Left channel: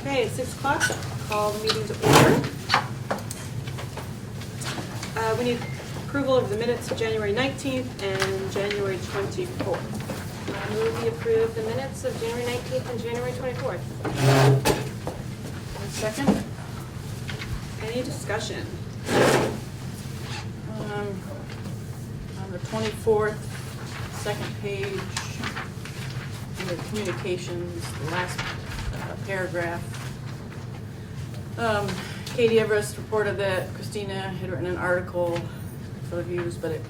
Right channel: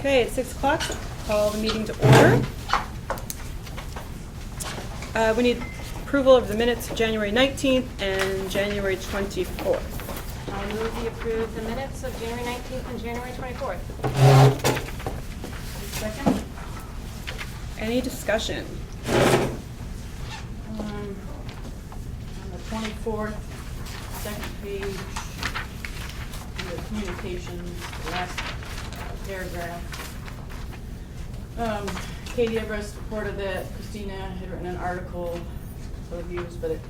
Okay, it's 6 o'clock. Call the meeting to order. We need approval of the minutes of January 19th and January 24th. I move we approve the minutes of January 19th and January 24th. Second. Any discussion? On the 24th, second page, under communications, the last paragraph. Katie Everest reported that Christina had written an article for reviews, but it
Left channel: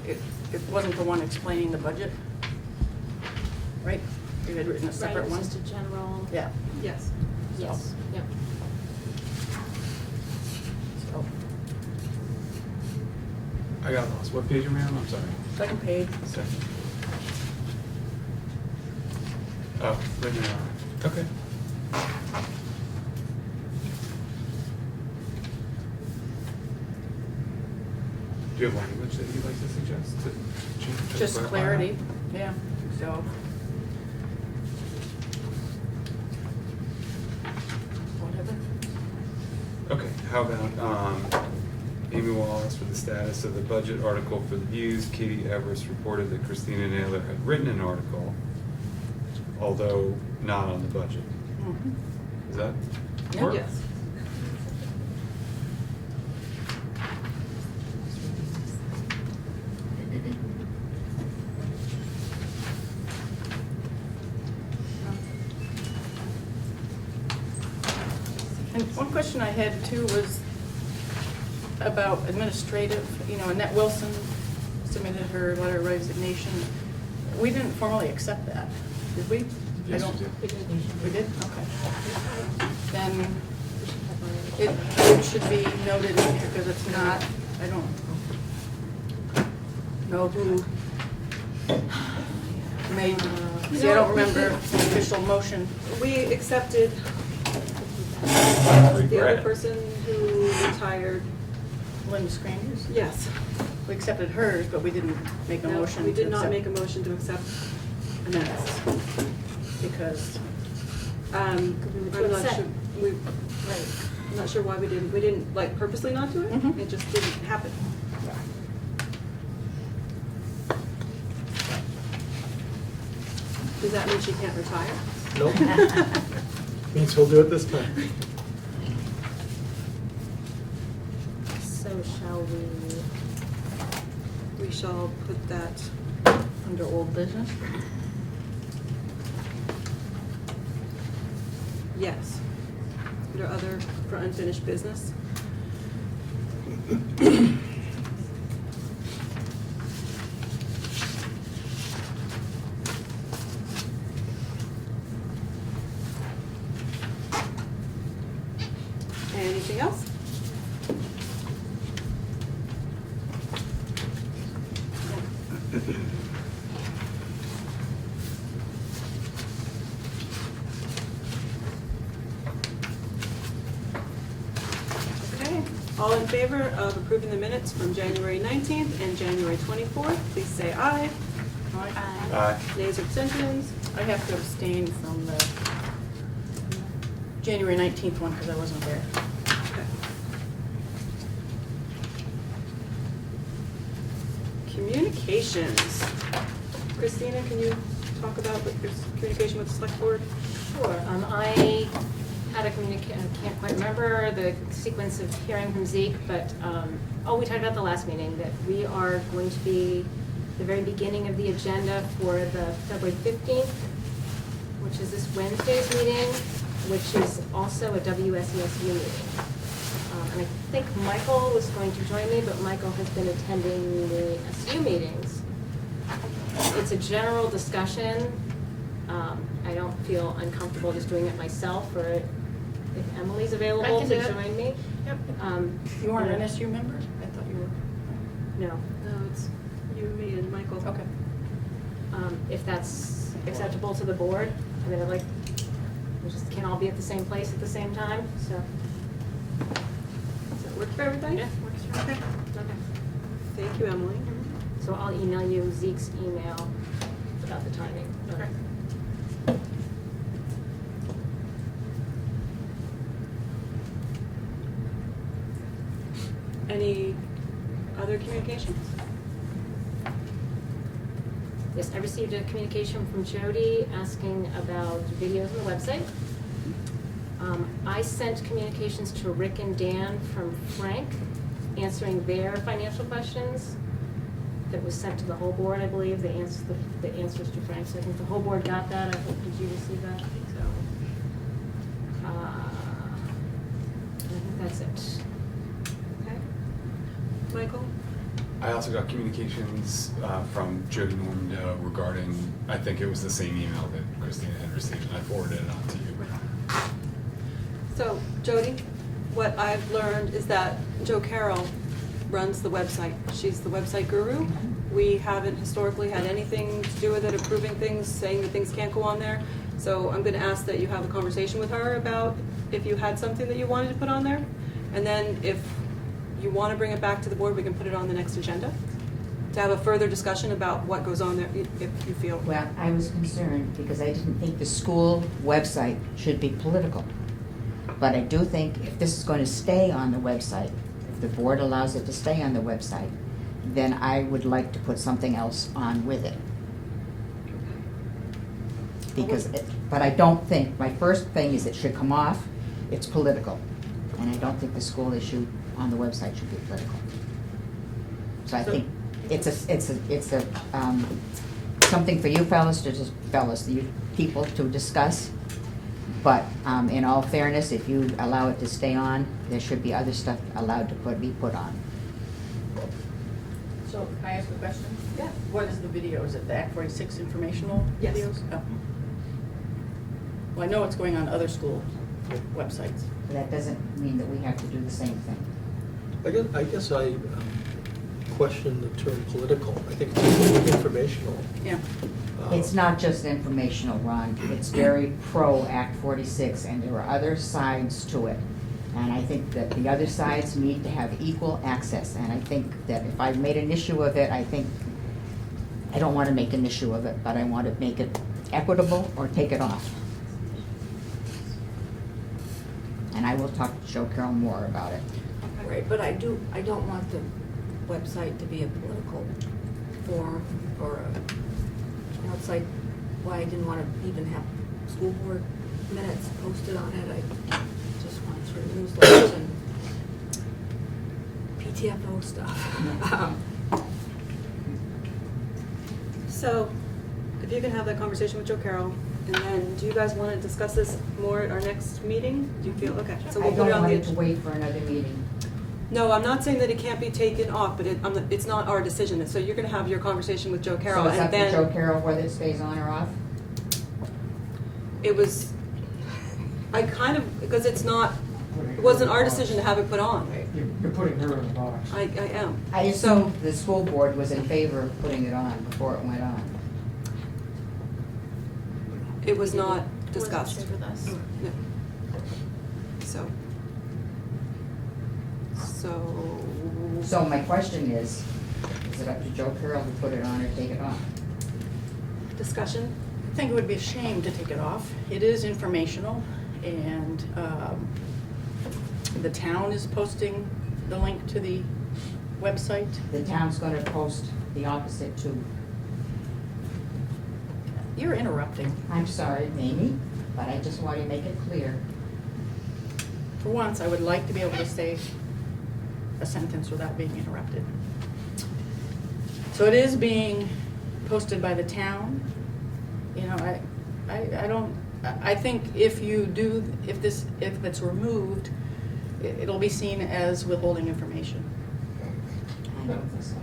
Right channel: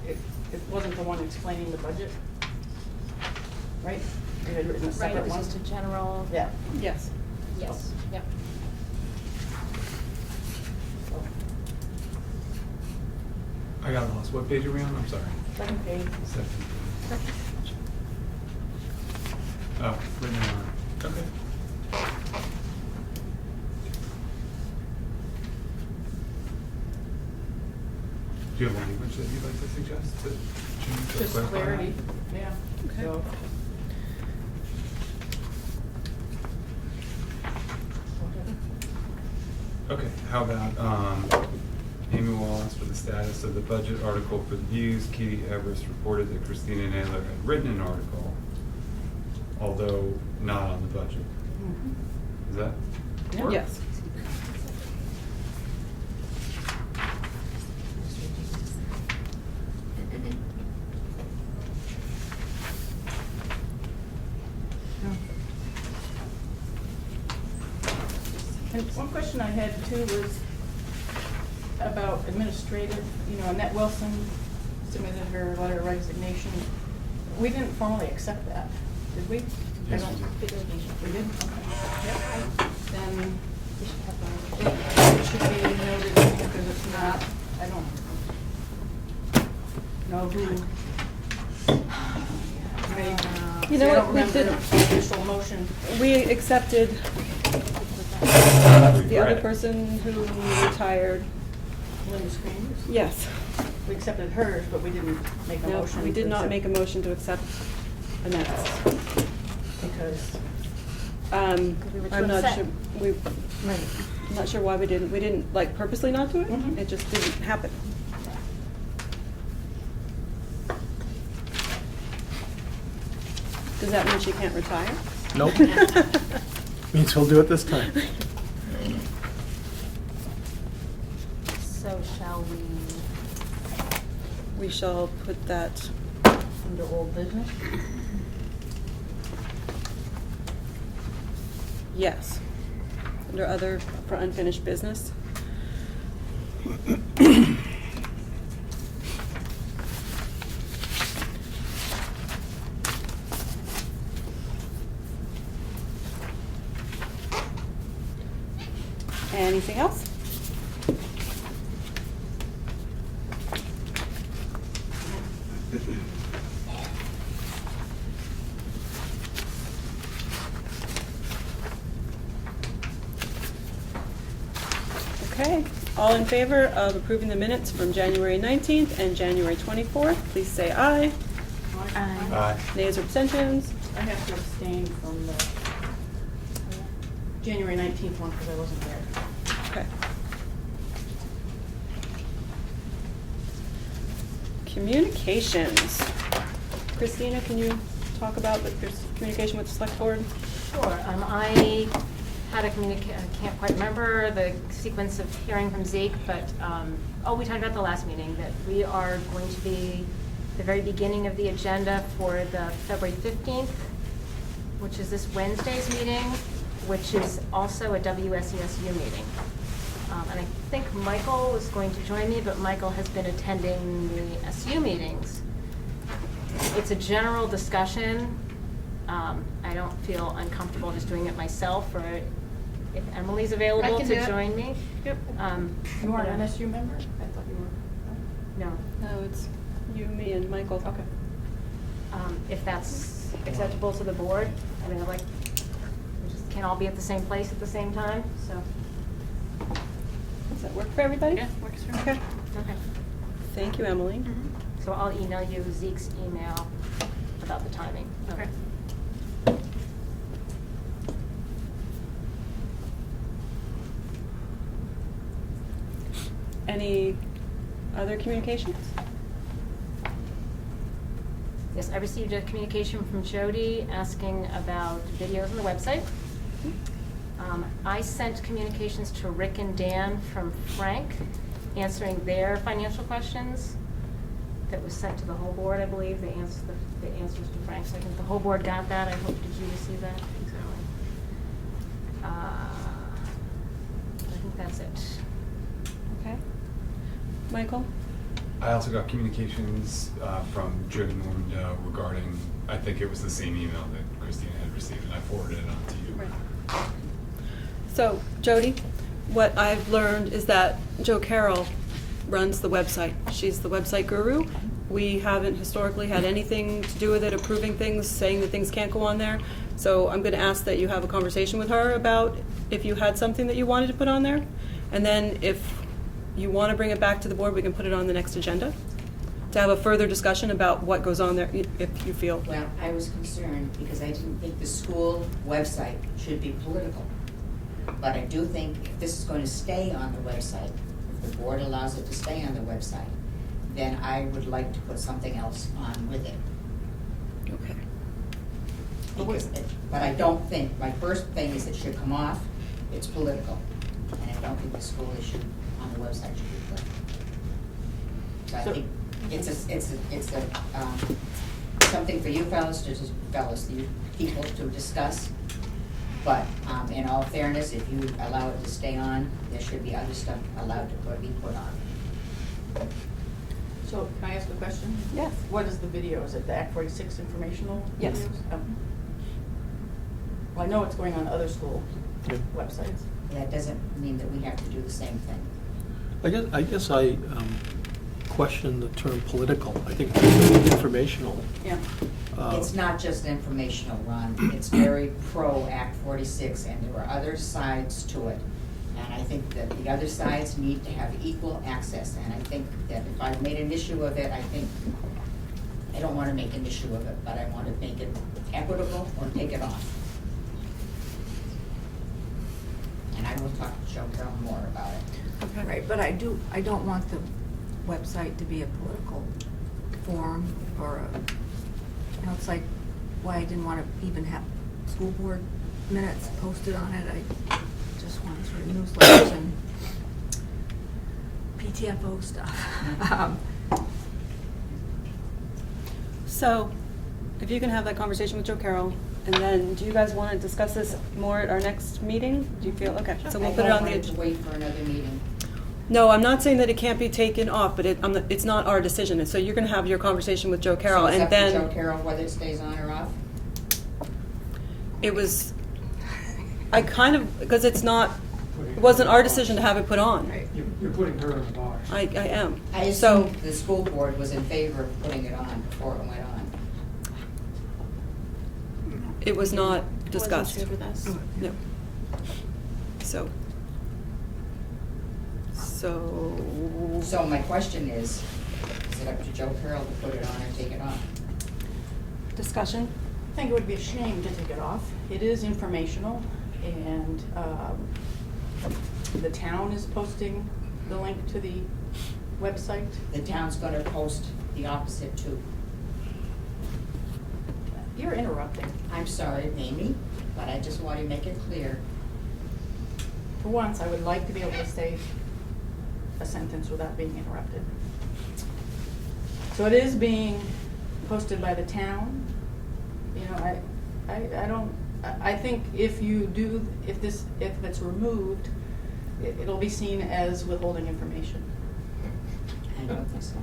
wasn't the one explaining the budget, right? You had written a separate Right, it one. was just a general. Yeah. Yes. Yes. Yep. So, I got lost. What page are we on? I'm sorry. second page. Second. Oh, written on. Okay. Do you have language that you'd like to suggest to change? to Just clarify clarity, that? yeah, Okay. so. Whatever. Okay, how about Amy Wallace for the status of the budget article for the views. Katie Everest reported that Christina Naylor had written an article, although not on the budget. Is that Yeah. work? Yes. And one question I had too was about administrative, Annette Wilson submitted her letter of resignation. We didn't formally accept that, did we? Yes, I don't- we did. We did? Okay. Then it should be noted, because it's not, I don't know who made, You see, I know don't what, we remember did- the official motion. We accepted the other Regret. person who retired. Lynn Screeners? Yes. We accepted hers, but we didn't make a No, motion. we did to not accept make a motion to accept Annette's. Because, I'm not upset. sure, I'm not sure why we didn't like purposely not do it. Mhm. It just didn't happen. Does that mean she can't retire? Nope. Means he'll do it this time. So shall we? We shall put that, under old business, yes, under other, for unfinished business. Anything else? Okay, all in favor of approving the minutes from January 19th and January 24th, please say aye. Aye. Nays or abstentions? I have to abstain from the January 19th one because I wasn't there. Okay. Communications. Christina, can you talk about your communication with the select board? Sure. I had a I can't quite remember the sequence of hearing from Zeke, but, we talked about the last meeting, that we are going to be the very beginning of the agenda for the February 15th, which is this Wednesday's meeting, which is also a WSESU meeting. And I think Michael was going to join me, but Michael has been attending the SU meetings. It's a general discussion. I don't feel uncomfortable just doing it myself, or if Emily's I available can do to it. join me. Yep. You weren't an SU member? I thought you were. No. No, it's you, me, and Michael. Okay. If that's acceptable to the board, I mean, I'd like, We just can't all be at the same place at the same time, so. Does that work for everybody? Yeah, works for me. Okay. Okay. Thank you, Emily. So I'll email you Zeke's email about the timing. Okay. Any other communications? Yes, I received a communication from Jody asking about videos on the website. I sent communications to Rick and Dan from Frank, answering their financial questions. That was sent to the whole board, I believe, the answers to Frank. So I think the whole board got that. I hope, did you receive that? I think so. I think that's it. Okay. Michael? I also got communications from Jody Normando regarding, I think it was the same email that Christina had received, and I forwarded it on to you. So, Jody, what I've learned is that Jo Carroll runs the website. She's the website guru. We haven't historically had anything to do with it, approving things, saying that things can't go on there. So I'm going to ask that you have a conversation with her about if you had something that you wanted to put on there. And then if you want to bring it back to the board, we can put it on the next agenda to have a further discussion about what goes on there, if you feel. Well, I was concerned because I didn't think the school website should be political. But I do think if this is going to stay on the website, if the board allows it to stay on the website, then I would like to put something else on with it. Okay. Because, but I don't think, my first thing is it should come off, it's political. And I don't think the school issue on the website should be political. So I think it's something for you fellas, you people to discuss. But in all fairness, if you allow it to stay on, there should be other stuff allowed to be put on. So, can I ask a question? Yes. What is the video? Is it the Act 46 informational Yes. videos? Oh. Well, I know it's going on other school Yeah. websites. That doesn't mean that we have to do the same thing. I guess I question the term political. I think it's informational. Yeah. It's not just informational, Ron. It's very pro Act 46, and there are other sides to it. And I think that the other sides need to have equal access. And I think that if I made an issue of it, I don't want to make an issue of it, but I want to make it equitable or take it off. And I will talk to Jo Carroll more about it. Okay. Right, but I don't want the website to be a political forum or it's like why I didn't want to even have school board minutes posted on it. I just want sort of newsletters and PTFO stuff. So, if you can have that conversation with Jo Carroll, and then, do you guys want to discuss this more at our next meeting? Do you feel, okay, so we'll put it on the. I don't want to wait for another meeting. No, I'm not saying that it can't be taken off, but it's not our decision. So you're going to have your conversation with Jo Carroll, So it's and up then. to Jo Carroll whether it stays on or off? It was, because it wasn't our decision to have it put on. You're putting her in a box. I am. I So, assumed the school board was in favor of putting it on before it went on. it was not discussed. Wasn't shared with us. No. So my question is it up to Jo Carroll to put it on or take it off? Discussion? I think it would be a shame to take it off. It is informational, and the town is posting the link to the website. The town's gonna post the opposite too. You're interrupting. I'm sorry, Amy, but I just want to make it clear. For once, I would like to be able to say a sentence without being interrupted. So it is being posted by the town. You know, I think if it's removed, it'll be seen as withholding information. I don't think so.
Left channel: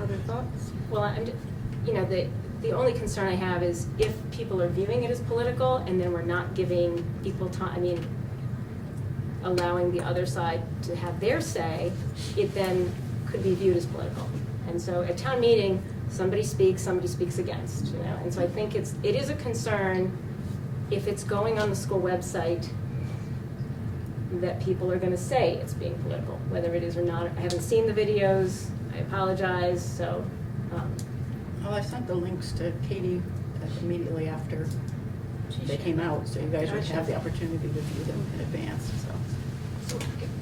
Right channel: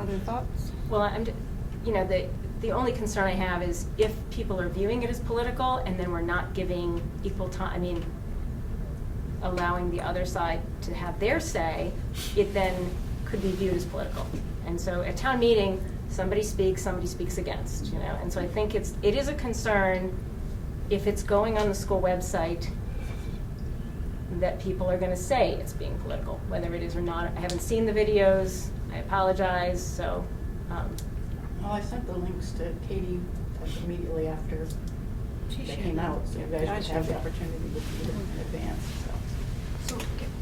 Other thoughts? Well, the only concern I have is if people are viewing it as political and then we're not giving equal time, allowing the other side to have their say, it then could be viewed as political. And so at town meeting, somebody speaks against, and so I think it is a concern if it's going on the school website, that people are gonna say it's being political, whether it is or not. I haven't seen the videos, I apologize, so, Well, I sent the links to Katie immediately after they came out, so you guys would have the opportunity to view them in advance, so.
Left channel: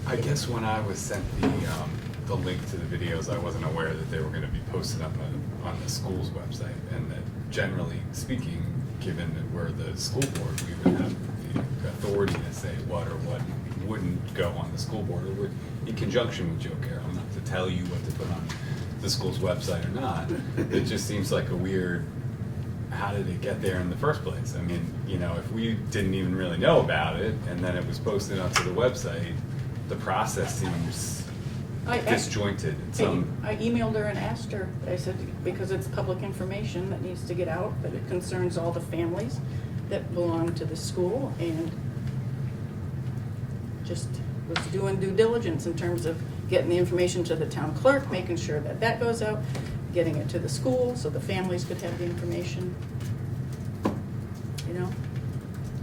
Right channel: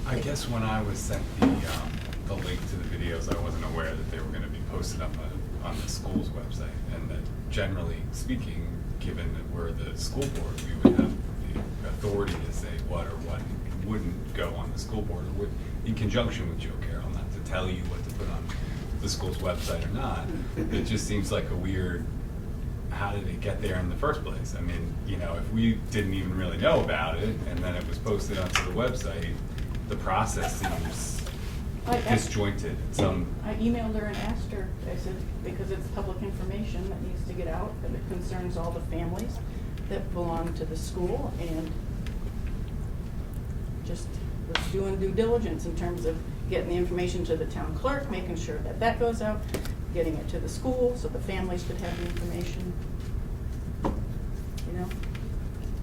I guess when I was sent the link to the videos, I wasn't aware that they were gonna be posted up on the school's website, and that generally speaking, given that we're the school board, we would have the authority to say what or what wouldn't go on the school board, or would, in conjunction with Joe Carroll, not to tell you what to put on the school's website or not. It just seems like a weird, how did it get there in the first place? I mean, you know, if we didn't even really know about it, and then it was posted onto the website, the process seems disjointed in some. I emailed her and asked her, I said, because it's public information that needs to get out, but it concerns all the families that belong to the school, and just was doing due diligence in terms of getting the information to the town clerk, making sure that that goes out, getting it to the school so the families could have the information. You know,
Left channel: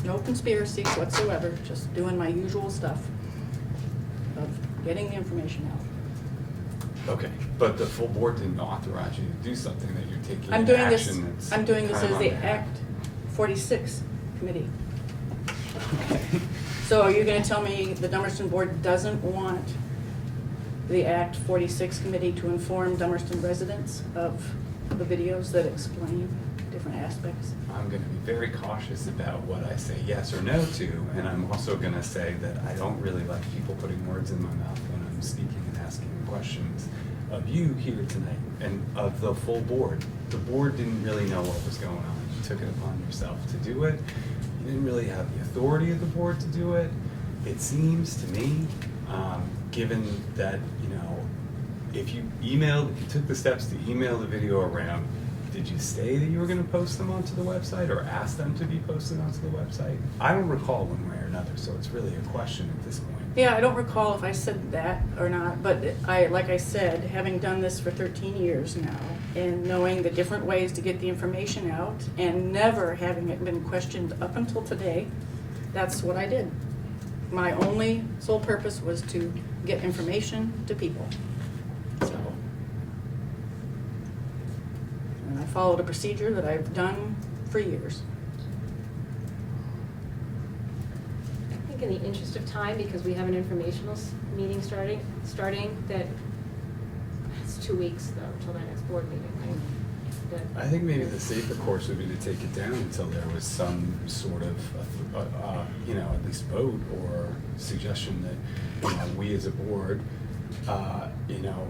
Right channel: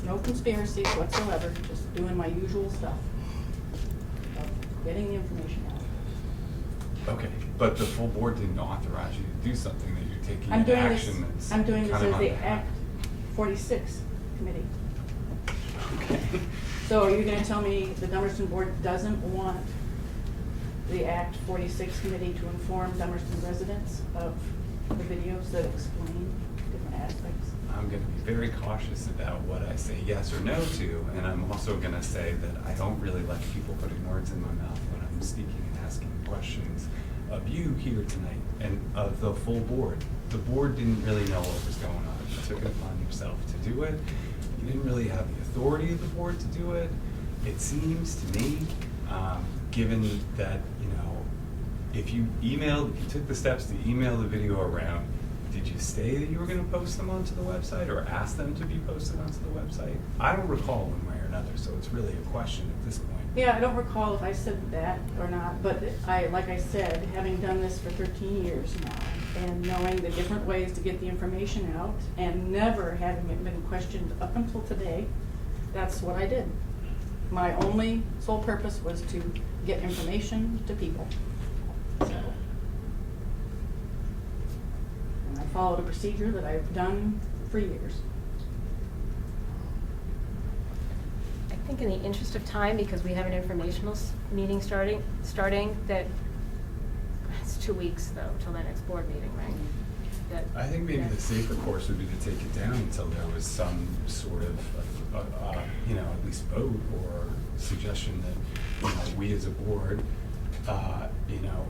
no conspiracies whatsoever, just doing my usual stuff of getting the information out. Okay, but the full board didn't authorize you to do something, that you're taking I'm an doing this, action that's I'm doing this kind as of the unfair. Act 46 committee. Okay. So are you gonna tell me the Dummerston Board doesn't want the Act 46 committee to inform Dummerston residents of the videos that explain different aspects? I'm gonna be very cautious about what I say yes or no to, and I'm also gonna say that I don't really like people putting words in my mouth when I'm speaking and asking questions of you here tonight, and of the full board. The board didn't really know what was going on. You took it upon yourself to do it. You didn't really have the authority of the board to do it. It seems to me, given that, you know, if you took the steps to email the video around, did you say that you were gonna post them onto the website, or ask them to be posted onto the website? I don't recall one way or another, so it's really a question at this point. Yeah, I don't recall if I said that or not, but like I said, having done this for 13 years now, and knowing the different ways to get the information out, and never having it been questioned up until today, that's what I did. My only sole purpose was to get information to people. So, and I followed a procedure that I've done for years. I think in the interest of time, because we have an informational meeting starting, that, it's 2 weeks though, till the next board meeting, right? That- I think maybe the safer course would be to take it down until there was some sort of, you know, at least vote or suggestion that, you know, we as a board, you know,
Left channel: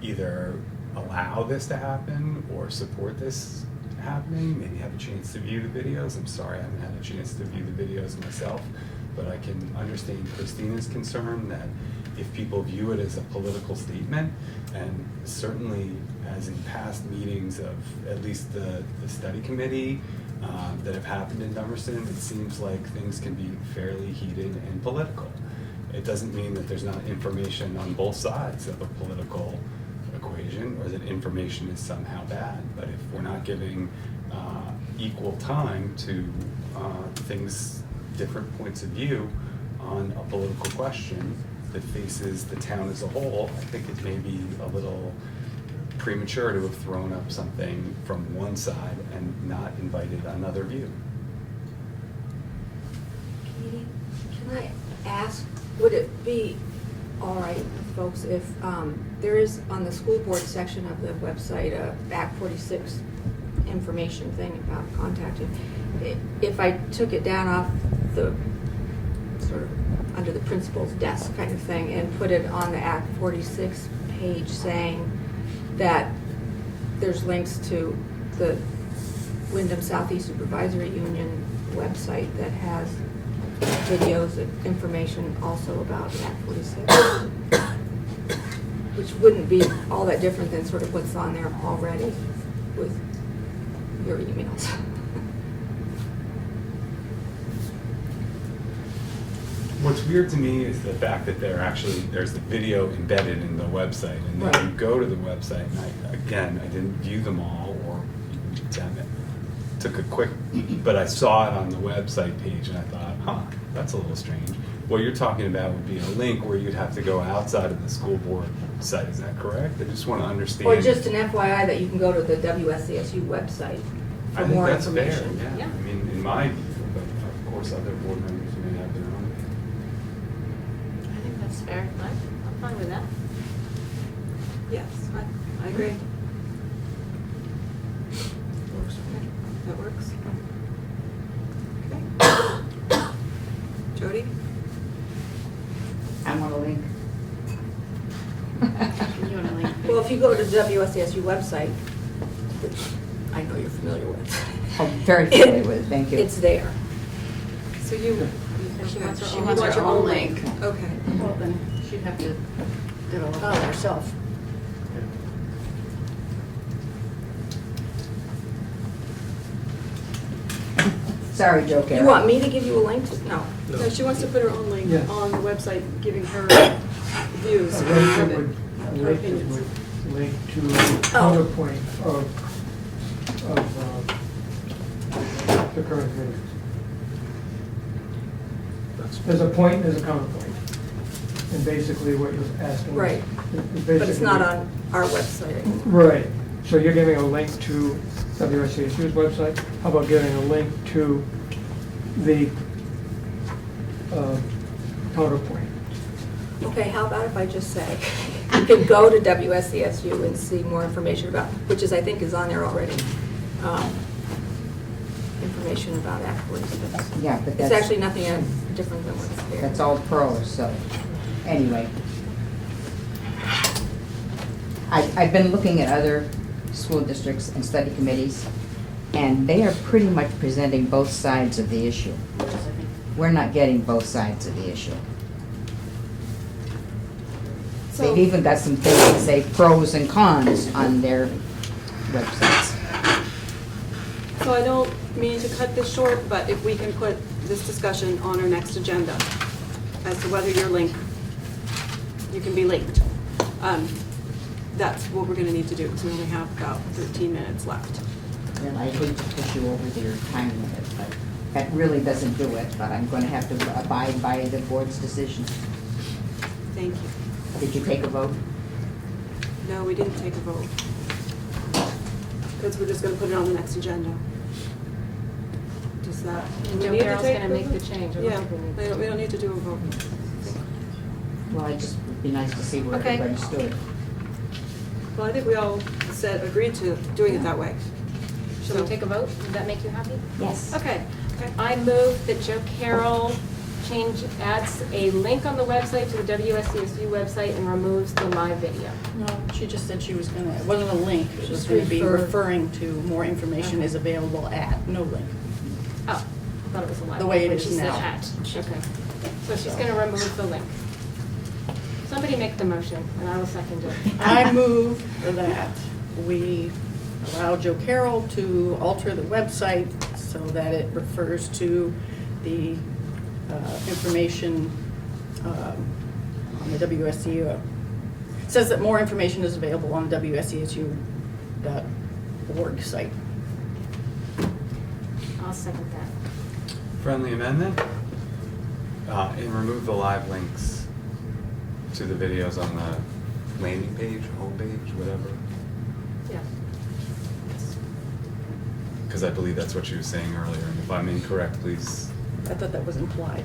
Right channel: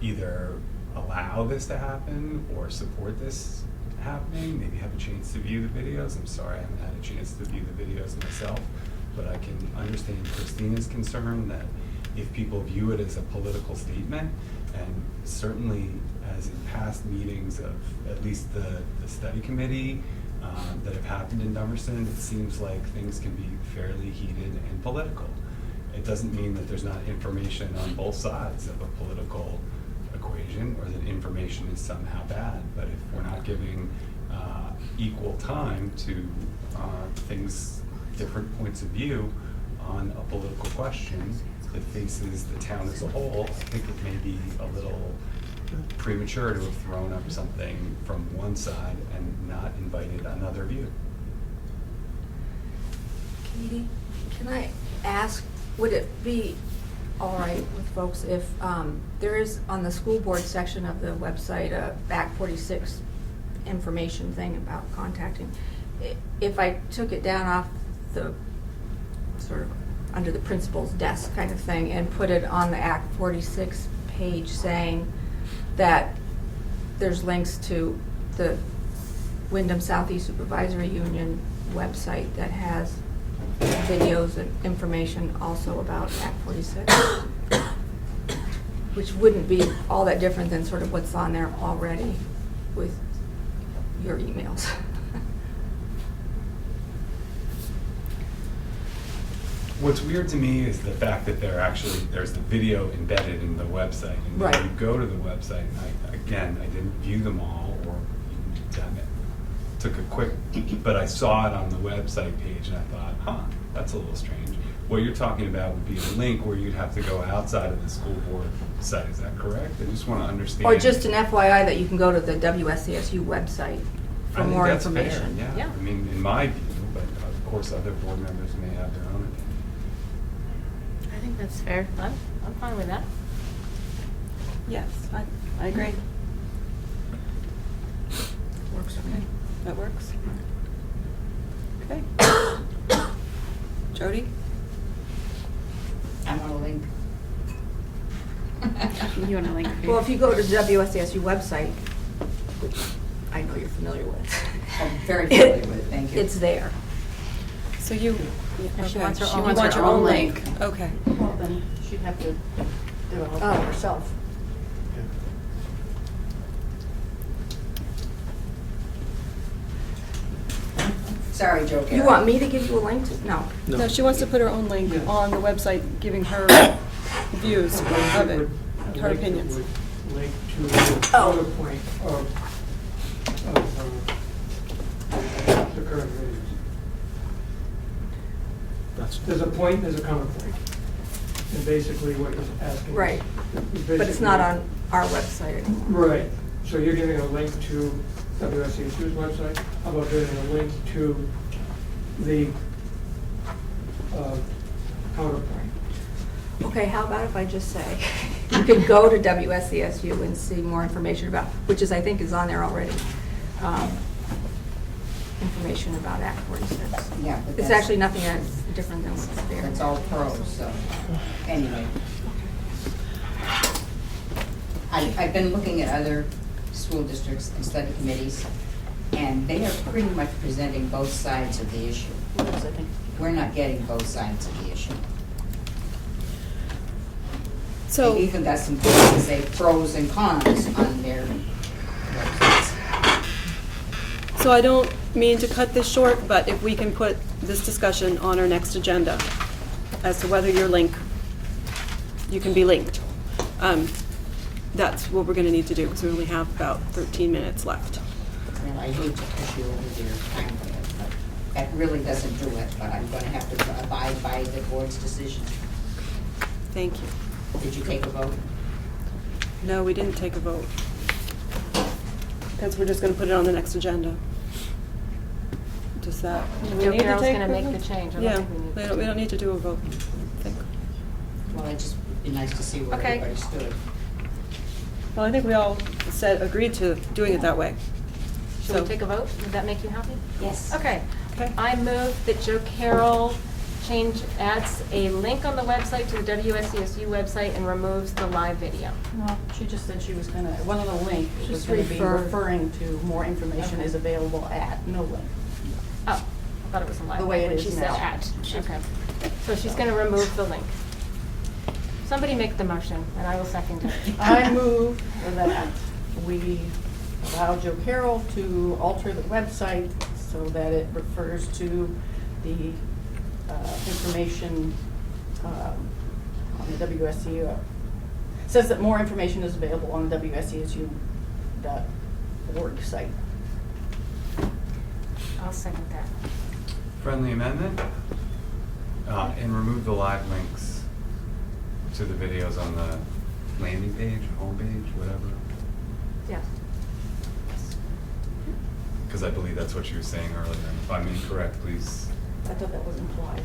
either allow this to happen or support this happening, maybe have a chance to view the videos. I'm sorry I haven't had a chance to view the videos myself, but I can understand Christina's concern that if people view it as a political statement, and certainly as in past meetings of at least the study committee that have happened in Dummerston, it seems like things can be fairly heated and political. It doesn't mean that there's not information on both sides of a political equation, or that information is somehow bad, but if we're not giving equal time to things, different points of view on a political question that faces the town as a whole, I think it may be a little premature to have thrown up something from one side and not invited another view. Katie, can I ask, would it be all right with folks if there is on the school board section of the website a Act 46 information thing about contacting? If I took it down off the sort of under the principal's desk kind of thing and put it on the Act 46 page saying that there's links to the Wyndham Southeast Supervisory Union website that has videos and information also about Act 46, which wouldn't be all that different than sort of what's on there already with your emails. What's weird to me is the fact that there's the video embedded in the website, and then Right. you go to the website, and I didn't view them all, or even took a quick, but I saw it on the website page and I thought, huh, that's a little strange. What you're talking about would be a link where you'd have to go outside of the school board site, is that correct? I just want to understand. Or just an FYI that you can go to the WSCSU website I for think more that's fair, information. yeah. Yeah. I mean, in my view, but of course other board members may have their own opinion. I think that's fair. I'm fine with that. Yes, I agree. Works for me. That works. Okay. Jody? I'm on a link. You want a link? Well, if you go to the WSCSU website, which I know you're familiar with. I'm very familiar with it, thank you. It's there. So you, And she wants her she own- wants your own link. link. Okay. Well, then she'd have to develop Oh. it herself. Sorry, Joe Carroll. You want me to give you a link to, no. No, she wants to put her own link Yes. on the website, giving her views of it, her opinions. Link to the counterpoint of the current views. That's, There's a point, there's a counterpoint. And basically what you're asking. Right. is But it's basically- not on our website anymore. Right, so you're giving a link to WSCSU's website? How about giving a link to the counterpoint? Okay, how about if I just say, you can go to WSCSU and see more information about, which is, I think, is on there already. Information about Act 46. Yeah, but It's that's- actually nothing different than what's there. That's all pros, so, anyway. I've been looking at other school districts and study committees, and they are pretty much presenting both sides of the issue. Yes, I think. We're not getting both sides of the issue. So, They've even got some things that say pros and cons on their websites. so I don't mean to cut this short, but if we can put this discussion on our next agenda as to whether you're linked, you can be linked. That's what we're gonna need to do, because we only have about 13 minutes left. And I hate to push you over your time limit, but that really doesn't do it, but I'm gonna have to abide by the board's decision. Thank you. Did you take a vote? No, we didn't take a vote. Because we're just gonna put it on the next agenda. Does that, do we Joe need to Carroll's take gonna the make vote? the change. I don't Yeah, think we need- we don't need to do a vote. I think. Well, it just would be nice to see where Okay. everybody stood. Well, I think we all agreed to doing it that way. Should So- we take a vote? Does that make you happy? Yes. Okay. Okay. I move that Joe Carroll adds a link on the website to the WSCSU website and removes the live video. No, she just said she was gonna, it wasn't a link, she was Just gonna be refer. referring to more information Okay. is available at, no link. Oh, I thought it was a live. The way it when is she said now. at. Okay. So she's gonna remove the link. Somebody make the motion, and I will second it. I move that we allow Joe Carroll to alter the website so that it refers to the information on the WSCU. Says that more information is available on the WSCSU.org site. I'll second that. Friendly amendment? And remove the live links to the videos on the landing page, homepage, whatever. Yes. Because I believe that's what she was saying earlier, and if I'm incorrect, please, I thought that was implied,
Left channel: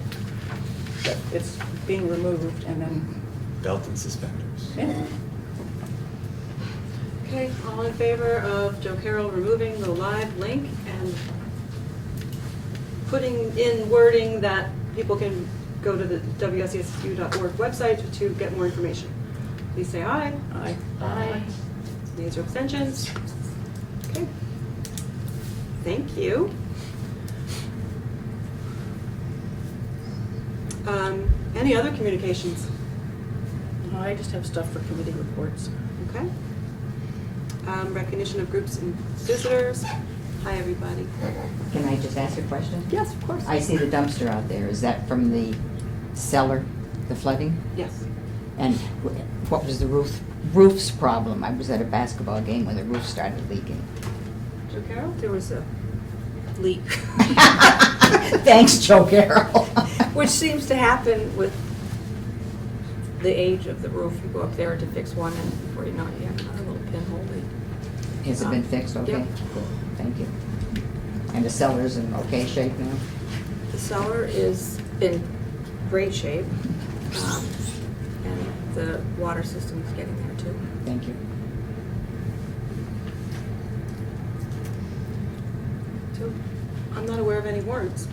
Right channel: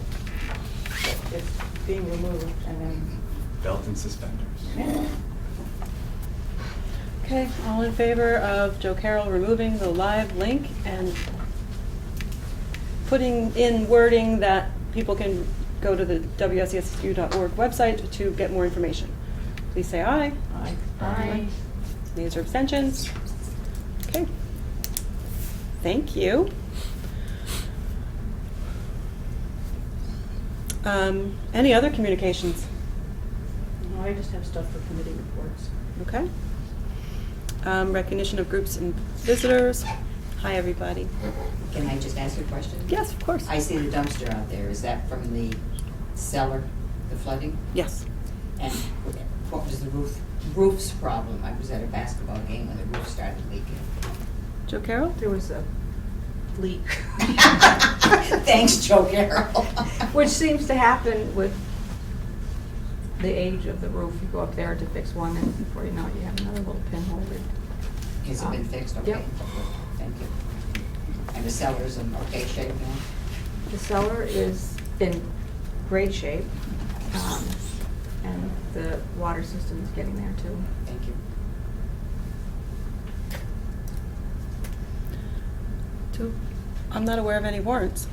that it's being removed and then, belt and suspenders. yeah. Okay, all in favor of Joe Carroll removing the live link and putting in wording that people can go to the WSCSU.org website to get more information? Please say aye. Aye. Aye. Nays or abstentions? Okay. Thank you. Any other communications? No, I just have stuff for committee reports. Okay. Recognition of groups and visitors. Hi, everybody. Can I just ask a question? Yes, of course. I see the dumpster out there. Is that from the cellar, the flooding? Yes. And what was the roof's problem? I was at a basketball game when the roof started leaking. Joe Carroll? There was a leak. Thanks, Joe Carroll. Which seems to happen with the age of the roof. You go up there to fix one, and before you know it, you have another little pinhole leak. Has it been fixed? Okay. Yep. Thank you. And the cellar's in okay shape now? The cellar is in great shape, and the water system is getting there too. Thank you. So, I'm not aware of any warrants.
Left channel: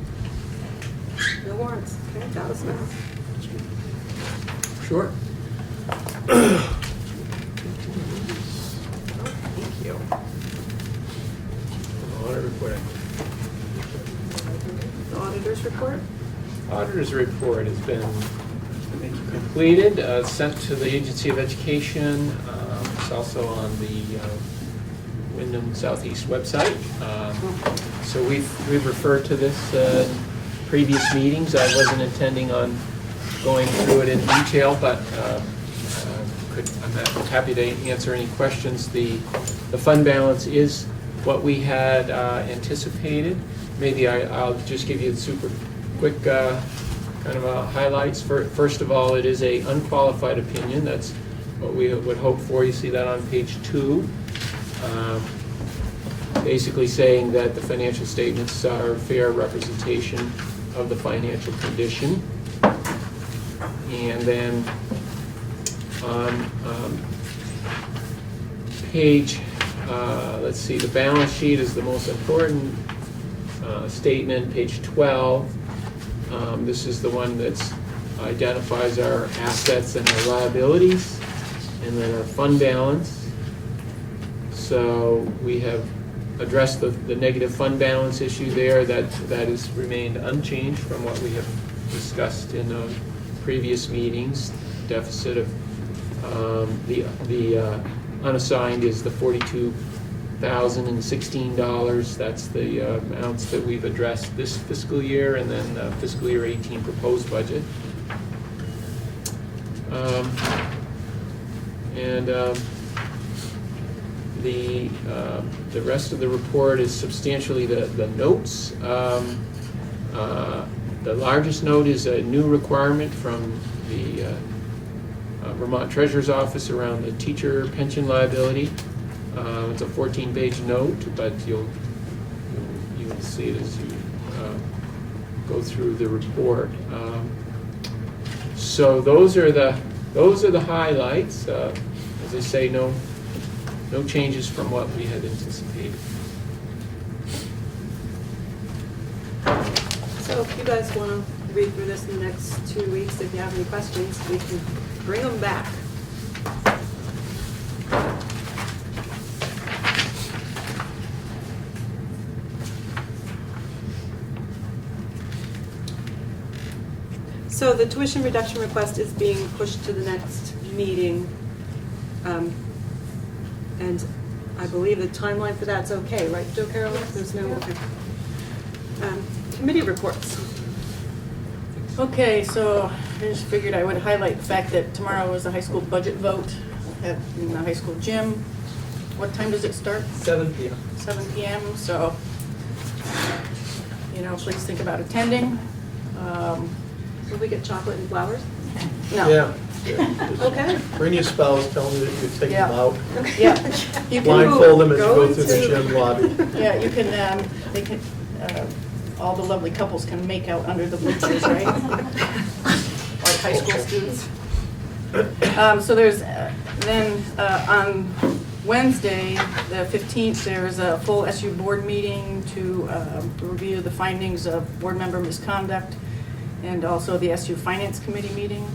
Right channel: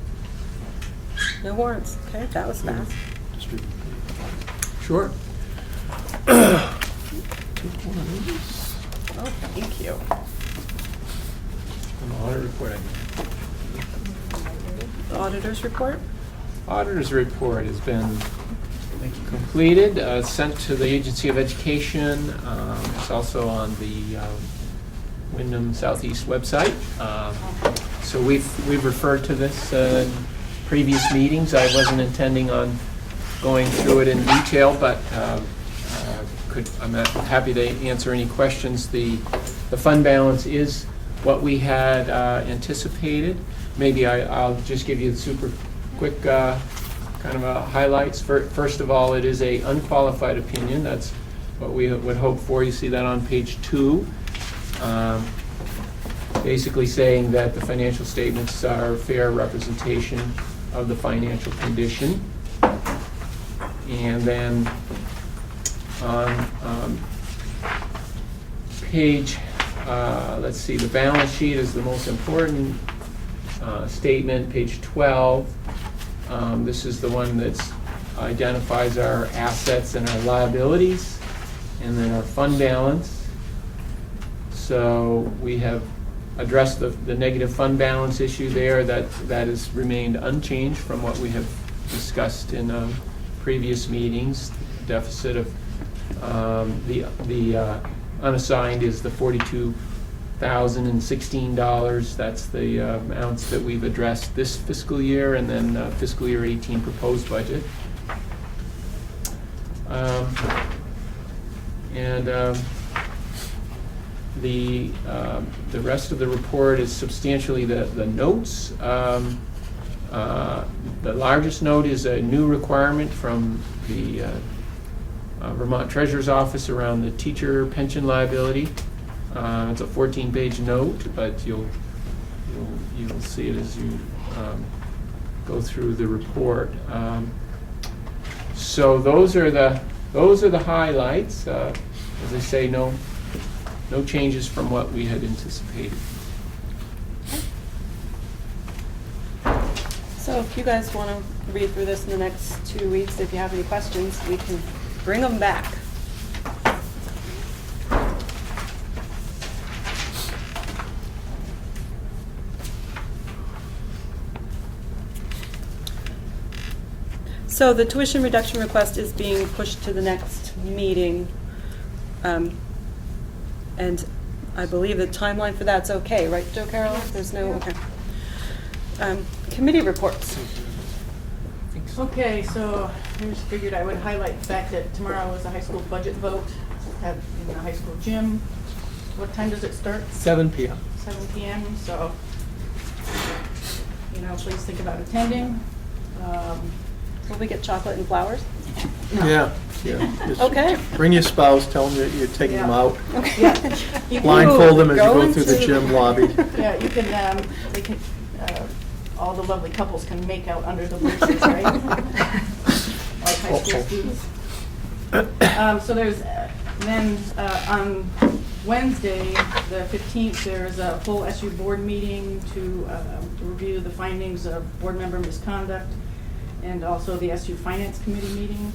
No warrants, okay, that was fast. Sure. Oh, thank you. An audit report. The auditor's report? Auditor's report has been completed, sent to the Agency of Education. It's also on the Wyndham Southeast website. So we've referred to this in previous meetings. I wasn't intending on going through it in detail, but I'm happy to answer any questions. The fund balance is what we had anticipated. Maybe I'll just give you the super quick kind of highlights. First of all, it is a unqualified opinion. That's what we would hope for. You see that on page 2. Basically saying that the financial statements are a fair representation of the financial condition. And then on page, let's see, the balance sheet is the most important statement, page 12. This is the one that identifies our assets and our liabilities, and then our fund balance. So we have addressed the negative fund balance issue there. That has remained unchanged from what we have discussed in previous meetings. Deficit of the unassigned is the $42,016. That's the amounts that we've addressed this fiscal year, and then fiscal year 18 proposed budget. The rest of the report is substantially the notes. The largest note is a new requirement from the Vermont Treasurer's Office around the teacher pension liability. It's a 14-page note, but you'll see it as you go through the report. So those are the highlights. As I say, no changes from what we had anticipated. So if you guys want to read through this in the next 2 weeks, if you have any questions, we can bring them back. So the tuition reduction request is being pushed to the next meeting. And I believe the timeline for that's okay, right, Joe Carroll? There's no, okay. Committee reports. Okay, so I just figured I would highlight the fact that tomorrow is a high school budget vote in the high school gym. What time does it start? 7 p.m. 7 p.m. So, please think about attending. Will we get chocolate and flowers? No. Yeah. Just Okay. Bring your spouse, tell them that you're taking them Yeah. out. Yeah. You can Blindfold them as you Go go through the into- gym lobby. Yeah, you can, they can, all the lovely couples can make out under the bleachers, right? Like high school students. So there's, then on Wednesday, the 15th, there's a full SU board meeting to review the findings of board member misconduct and also the SU Finance Committee meeting.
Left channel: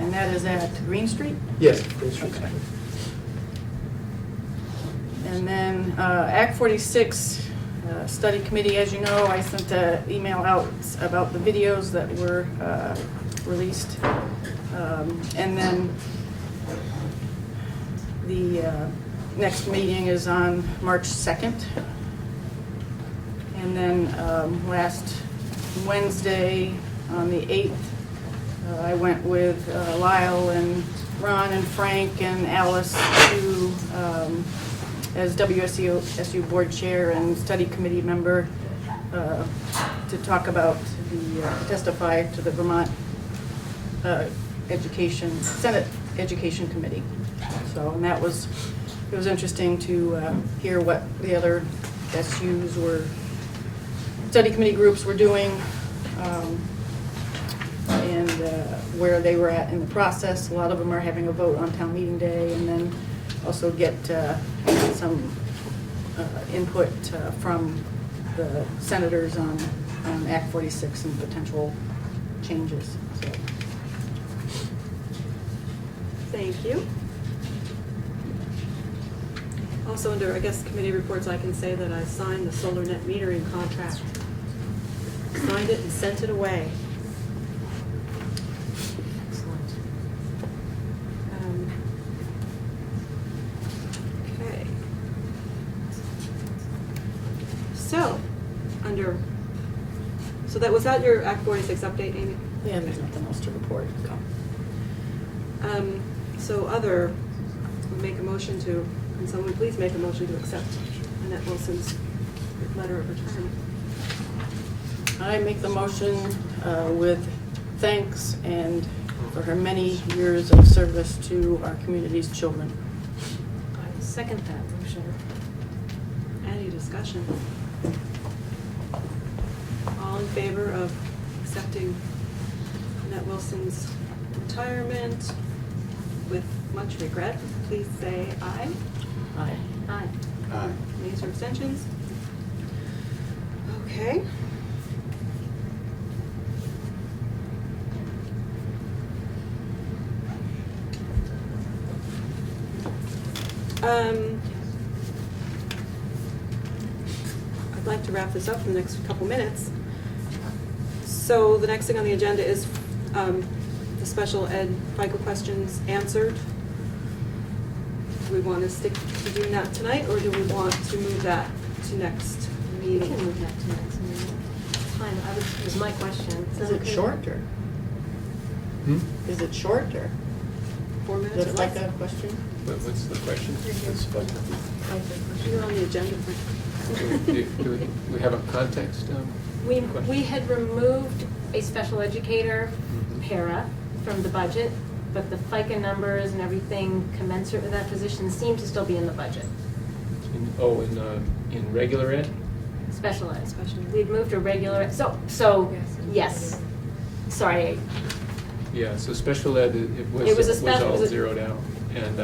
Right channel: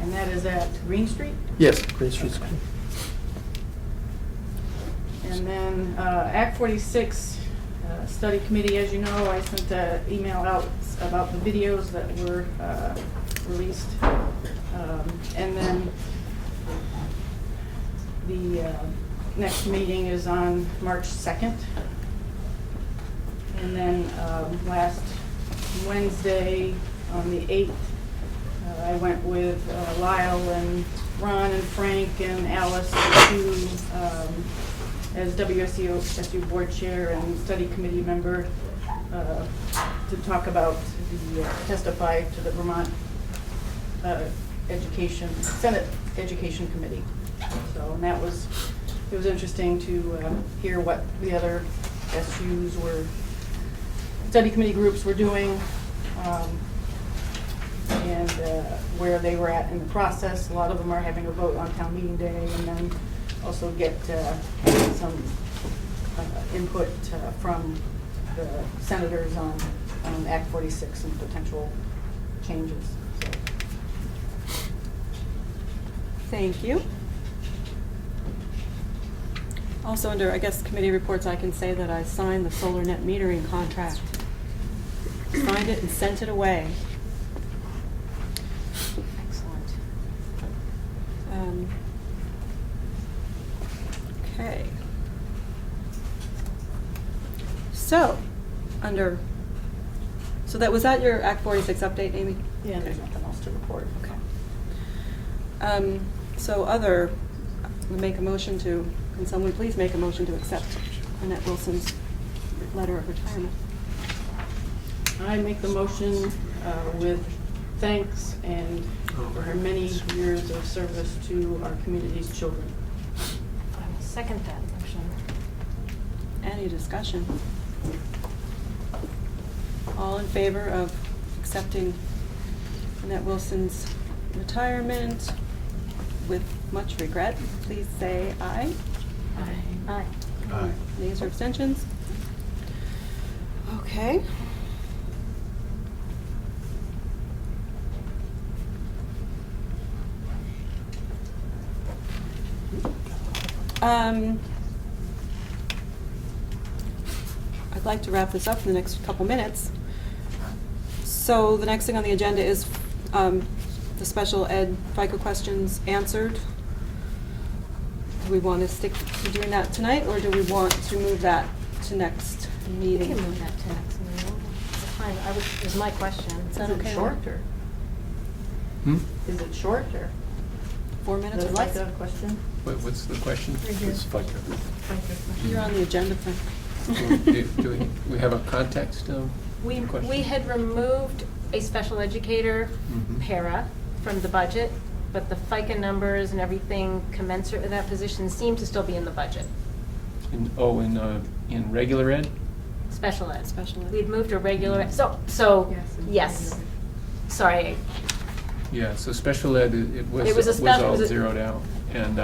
And that is at Green Street. Yes, Green Street's Okay. And then Act 46 Study Committee, as you know, I sent an email out about the videos that were released. And then the next meeting is on March 2nd. And then last Wednesday, on the 8th, I went with Lyle and Ron and Frank and Alice to, as WSU board chair and study committee member, to talk about testify to the Vermont Senate Education Committee. So, and it was interesting to hear what the other SUs study committee groups were doing, and where they were at in the process. A lot of them are having a vote on town meeting day, and then also get some input from the senators on Act 46 and potential changes. So. Thank you. Also under, I guess, committee reports, I can say that I signed the solar net metering contract. Signed it and sent it away. Excellent. Okay. So, so that was that your Act 46 update, Amy? Yeah, there's nothing else to report. Okay. So we'll make a motion to, can someone please make a motion to accept Annette Wilson's letter of retirement? I make the motion with thanks and for her many years of service to our community's children. I will second that motion. Any discussion? All in favor of accepting Annette Wilson's retirement with much regret, please say aye. Aye. Aye. Aye. Nays or abstentions? Okay. I'd like to wrap this up in the next couple minutes. So the next thing on the agenda is the special ed FICO questions answered. Do we want to stick to doing that tonight, or do we want to move that to next We meeting? can move that to next meeting. Fine, is my question. Is it shorter? Hmm? Is it shorter? 4 minutes or That's less? like a question? What's the question? It's You're on the agenda. Do we have a context? We question? had removed a special educator Mhm. para from the budget, but the FICA numbers and everything commensurate with that position seem to still be in the budget. In regular ed? Special ed. Special ed. We'd moved to regular ed, so, yes. Sorry, Yeah, so special ed, it was all zeroed out. And,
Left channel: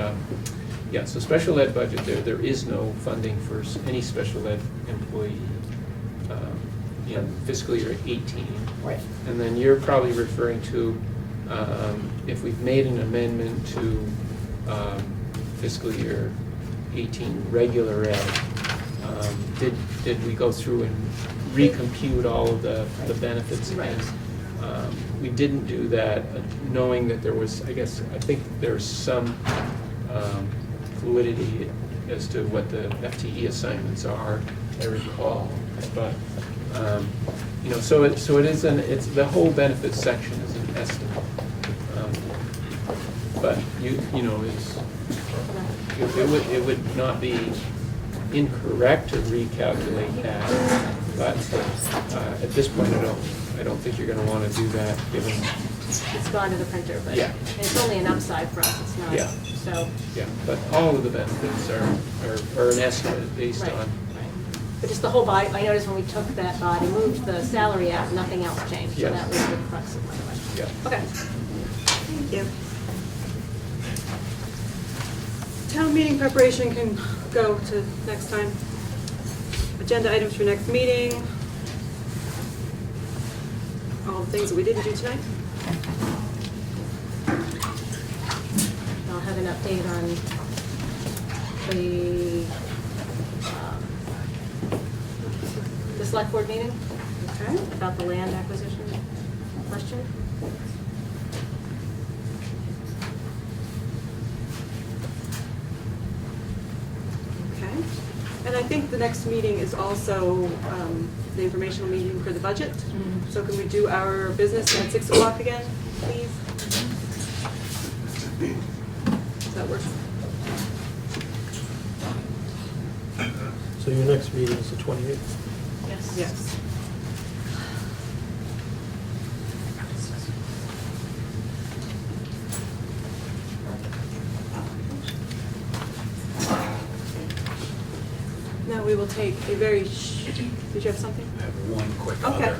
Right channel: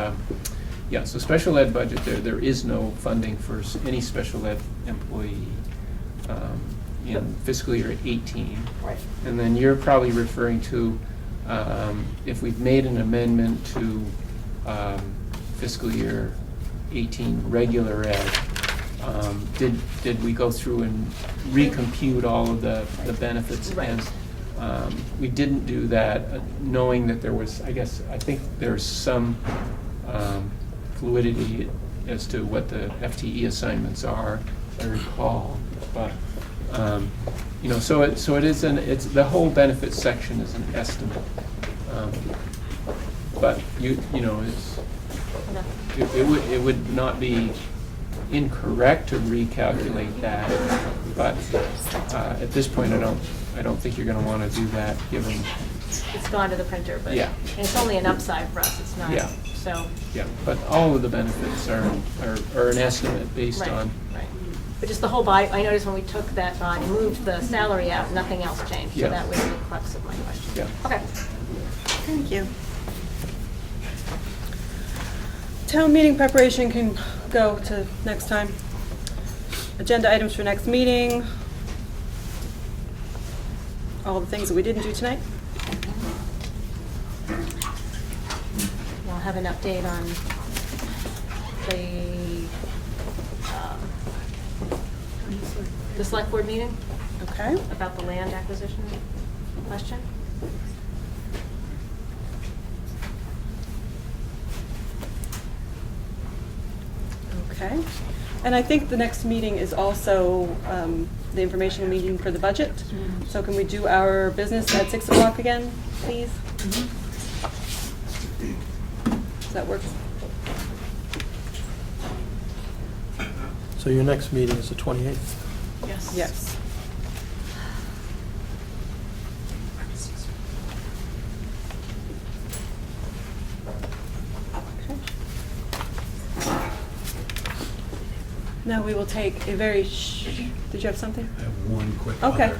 yeah, so special ed budget, there is no funding for any special ed employee in fiscal year 18. Right. And then you're probably referring to if we've made an amendment to fiscal year 18 regular ed, did we go through and recompute all of the benefits? Right. And we didn't do that, knowing that there was, I think there's some fluidity as to what the FTE assignments are, I recall. But so it is it's the whole benefits section is an estimate. But it would not be incorrect to recalculate that. But at this point, I don't think you're going to want to do that, given. it's gone to the printer, but Yeah. and it's only an upside for us, it's not, Yeah. so. Yeah, but all of the benefits are an estimate based Right, on. right. But just the whole body, I noticed when we took that body, moved the salary out, nothing else changed. So Yes. that was the crux of my question. Yeah. Okay. Thank you. Town meeting preparation can go to next time. Agenda items for next meeting. All the things that we didn't do tonight. I'll have an update on the select board meeting Okay. about the land acquisition question. Okay. And I think the next meeting is also the informational meeting for the budget. So can we do our business at 6 o'clock again, please? Does that work? So your next meeting is the 28th? Yes. Yes. Now we will take a very did you have something? I have one quick Okay. other.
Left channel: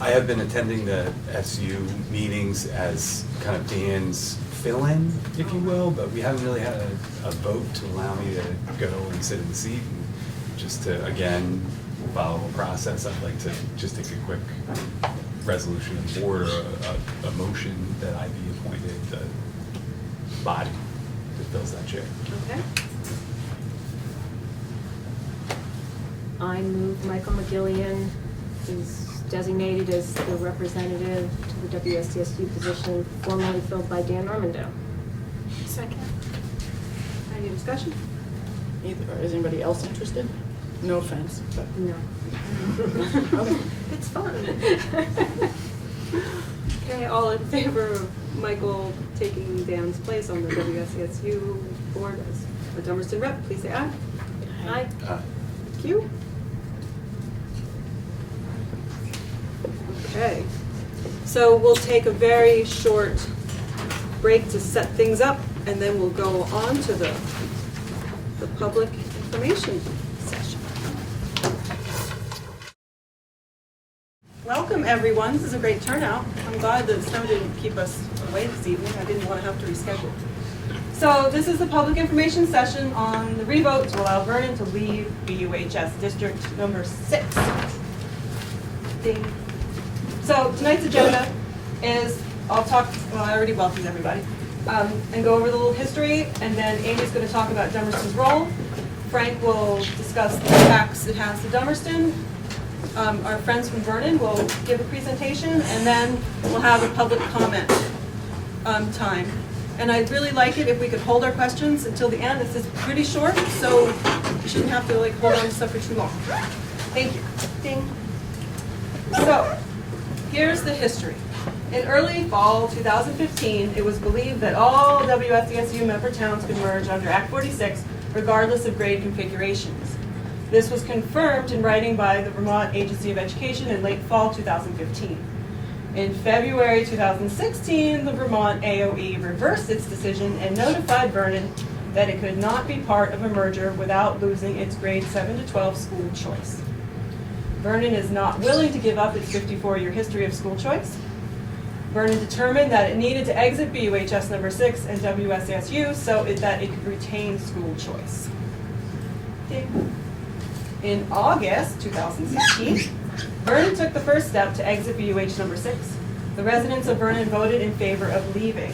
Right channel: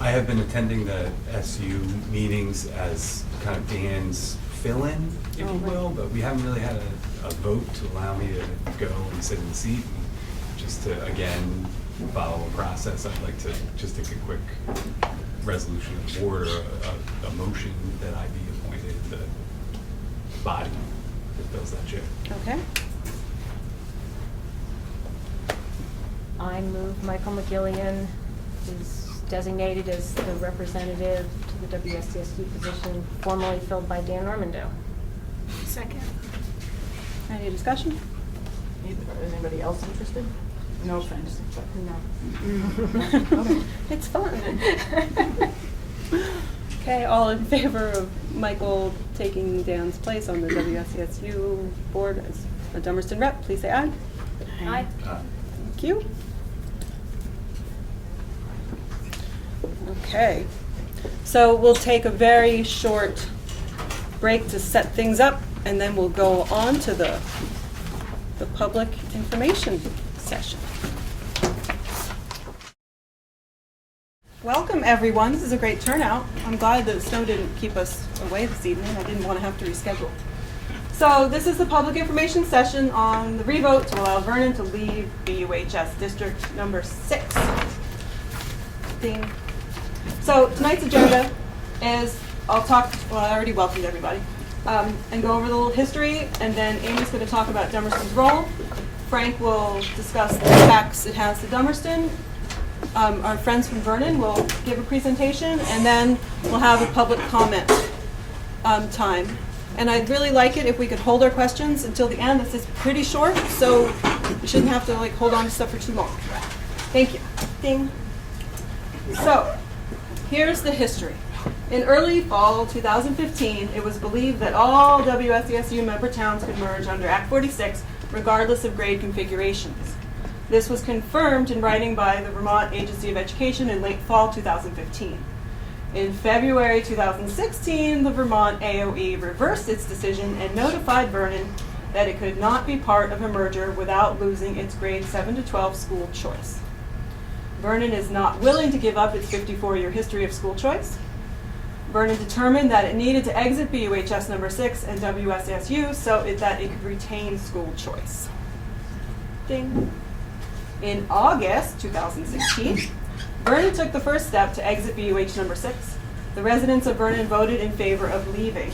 I have been attending the SU meetings as kind of Dan's fill-in, if you will, but we haven't really had a vote to allow me to go and sit in the seat. And just to, again, follow a process, I'd like to just take a quick resolution of the board or a motion that I be appointed the body that does that chair. Okay. I move Michael McGillian is designated as the representative to the WSDSU position formerly filled by Dan Normando. Second. Any discussion? Is anybody else interested? No offense, but. No. It's fun. Okay, all in favor of Michael taking Dan's place on the WSCSU board as a Dummerston rep, please say aye. Aye. Thank you. Okay, so we'll take a very short break to set things up, and then we'll go on to the public information session. Welcome, everyone. This is a great turnout. I'm glad that the snow didn't keep us away this evening. I didn't want to have to reschedule. So this is the public information session on the revote to allow Vernon to leave BUHS District Number 6. Ding. So tonight's agenda is, I already welcomed everybody, and go over the little history, and then Amy's going to talk about Dummerston's role. Frank will discuss the impacts it has to Dummerston. Our friends from Vernon will give a presentation, and then we'll have a public comment time. And I'd really like it if we could hold our questions until the end. This is pretty short, so you shouldn't have to hold on to stuff for too long. Thank you. Ding. So, here's the history. In early fall 2015, it was believed that all WSESU member towns could merge under Act 46, regardless of grade configurations. This was confirmed in writing by the Vermont Agency of Education in late fall 2015. In February 2016, the Vermont AOE reversed its decision and notified Vernon that it could not be part of a merger without losing its grade 7 to 12 school choice. Vernon is not willing to give up its 54-year history of school choice. Vernon determined that it needed to exit BUHS number 6 and WSSU so that it could retain school choice. Ding. In August 2016, Vernon took the first step to exit BUH number 6. The residents of Vernon voted in favor of leaving.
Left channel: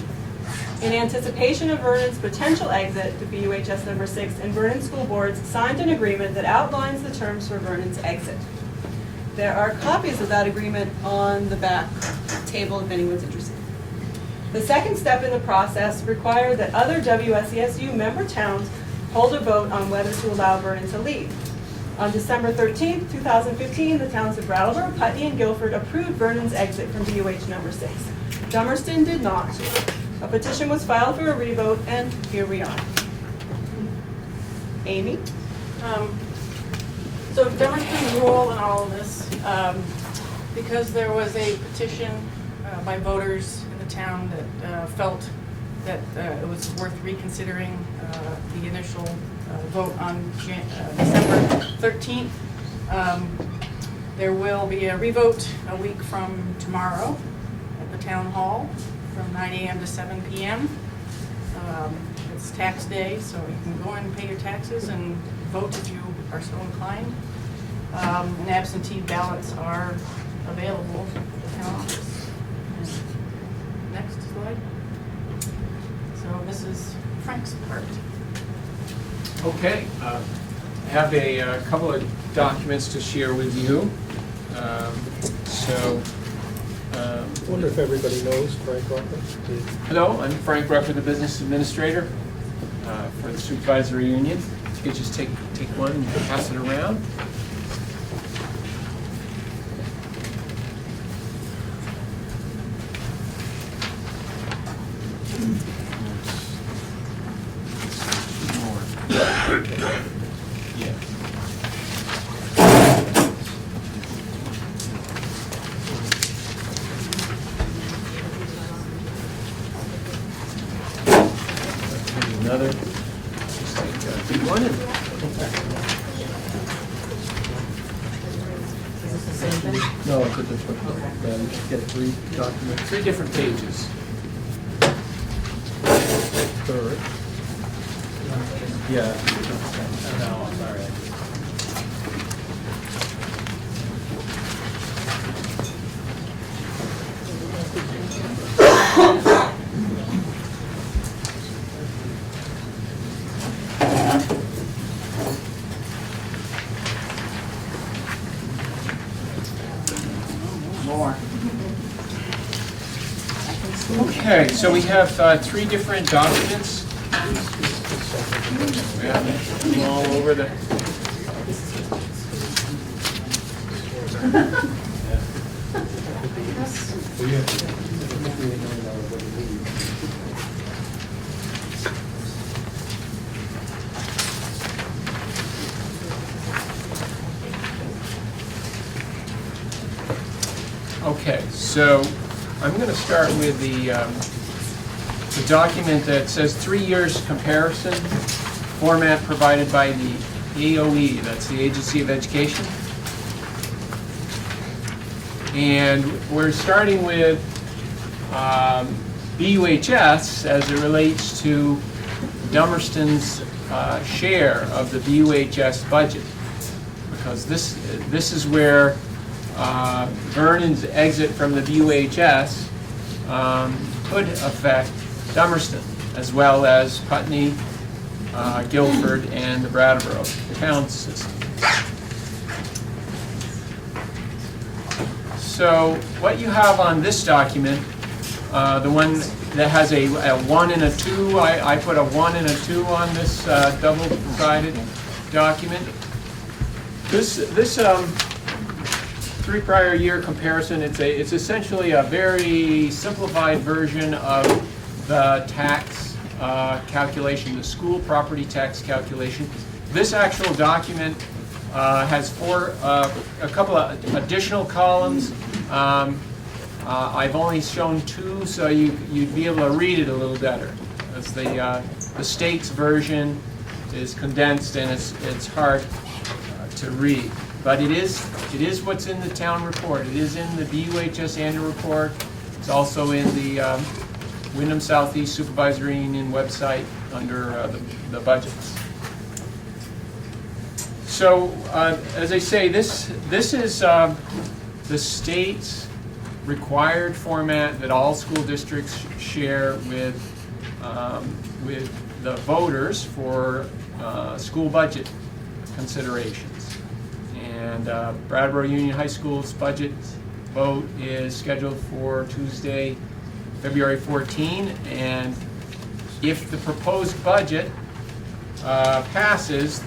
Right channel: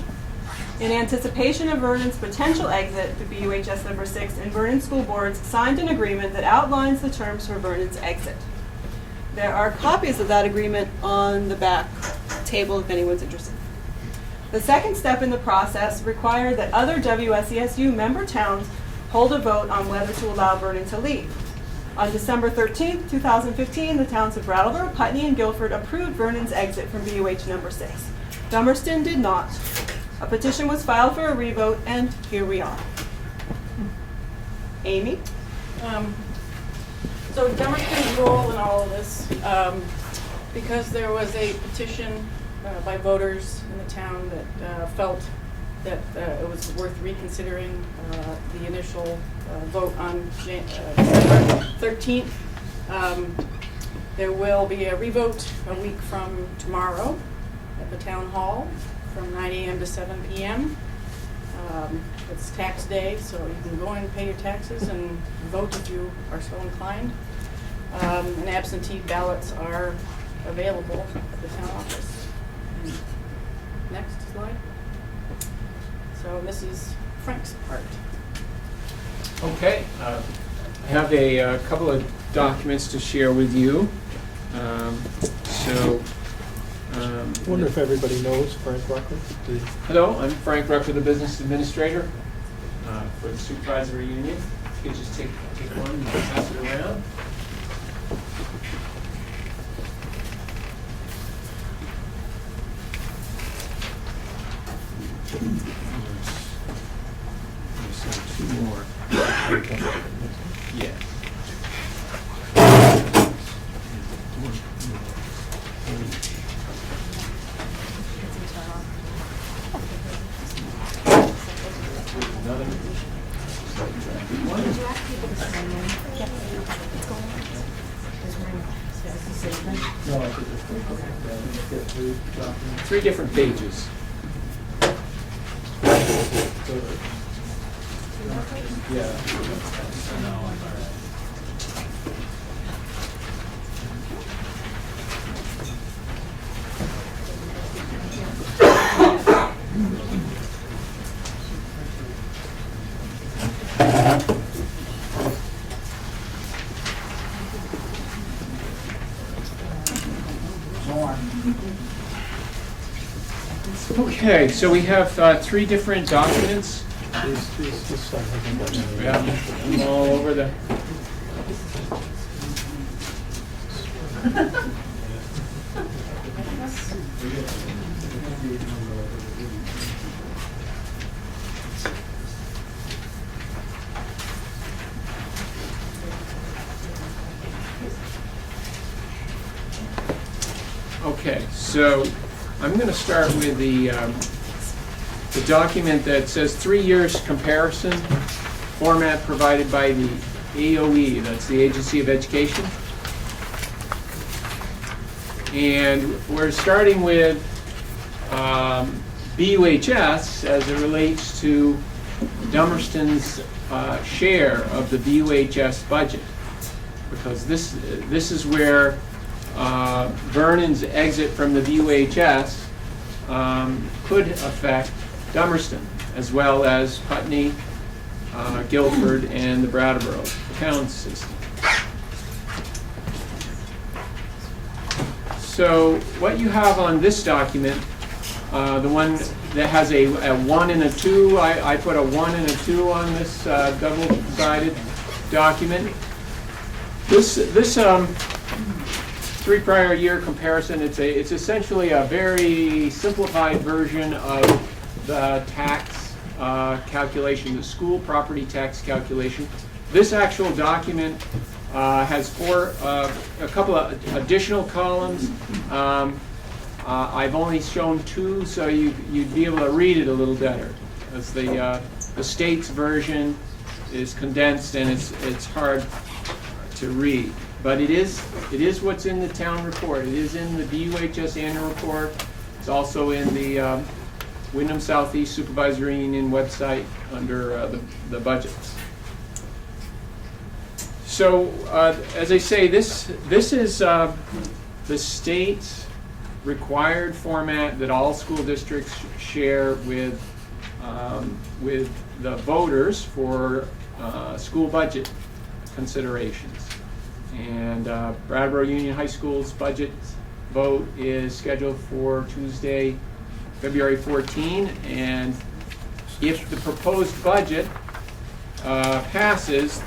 In anticipation of Vernon's potential exit, the BUHS number 6 and Vernon School Boards signed an agreement that outlines the terms for Vernon's exit. There are copies of that agreement on the back table if anyone's interested. The second step in the process required that other WSESU member towns hold a vote on whether to allow Vernon to leave. On December 13, 2015, the towns of Brattleboro, Putney, and Guilford approved Vernon's exit from BUH number 6. Dummerston did not. A petition was filed for a revote, and here we are. Amy? So Dummerston's role in all of this, because there was a petition by voters in the town that felt that it was worth reconsidering the initial vote on December 13th. There will be a revote a week from tomorrow at the town hall from 9 a.m. to 7 p.m. It's tax day, so you can go in and pay your taxes and vote if you are so inclined. And absentee ballots are available at the town office. Next slide. So this is Frank's part. Okay, I have a couple of documents to share with you. I wonder if everybody knows Frank Rucker. Hello, I'm Frank Rucker, the business administrator for the supervisory union. You can just take one and pass it around. Another. No, it's a different, yeah, we should get 3 documents. 3 different pages. Third. Yeah. More. Okay, so we have 3 different documents. Yeah, all over the. Okay, so I'm going to start with the document that says 3 years comparison format provided by the AOE, that's the Agency of Education. And we're starting with BUHS as it relates to Dummerston's share of the BUHS budget, because this is where Vernon's exit from the BUHS could affect Dummerston, as well as Putney, Guilford, and the Brattleboro town system. So what you have on this document, the one that has a 1 and a 2, I put a 1 and a 2 on this double-sided document. This 3 prior year comparison, it's essentially a very simplified version of the tax calculation, the school property tax calculation. This actual document has a couple of additional columns. I've only shown 2, so you'd be able to read it a little better, as the state's version is condensed and it's hard to read. But it is what's in the town report. It is in the BUHS annual report. It's also in the Wyndham Southeast Supervisory Union website under the budgets. So as I say, this is the state's required format that all school districts share with the voters for school budget considerations. And Brattleboro Union High School's budget vote is scheduled for Tuesday, February 14, and if the proposed budget passes,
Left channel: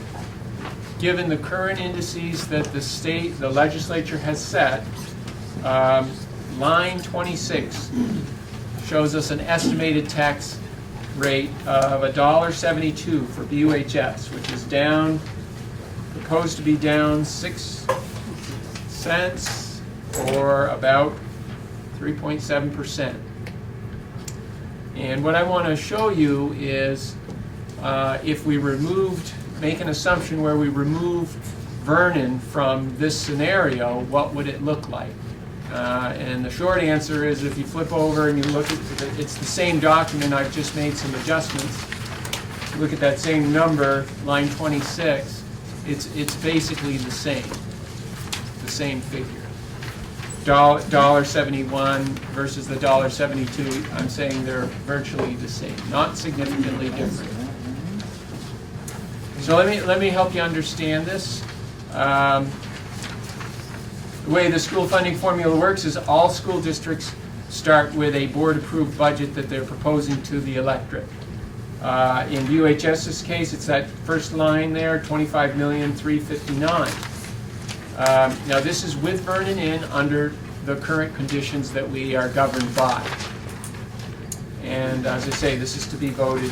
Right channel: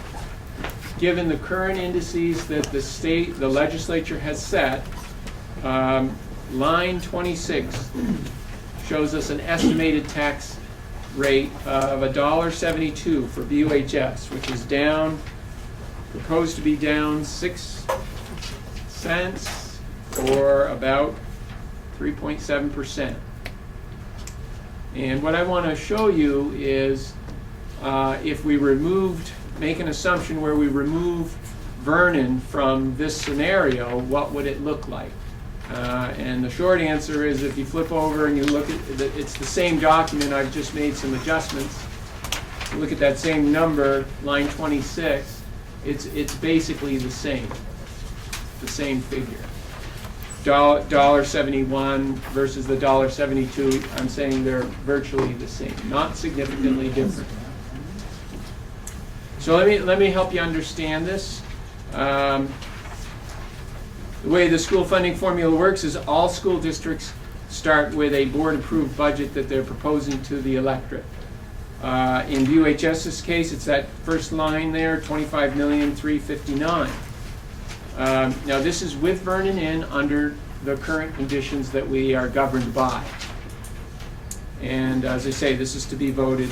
given the current indices that the legislature has set, line 26 shows us an estimated tax rate of $1.72 for BUHS, which is proposed to be down 6 cents, or about 3.7%. And what I want to show you is if we make an assumption where we remove Vernon from this scenario, what would it look like? And the short answer is, if you flip over and you look at it's the same document, I've just made some adjustments. Look at that same number, line 26. It's basically the same figure. $1.71 versus the $1.72. I'm saying they're virtually the same, not significantly different. So let me help you understand this. The way the school funding formula works is all school districts start with a board-approved budget that they're proposing to the electorate. In BUHS's case, it's that first line there, $25,359,000. Now this is with Vernon in under the current conditions that we are governed by. And as I say, this is to be voted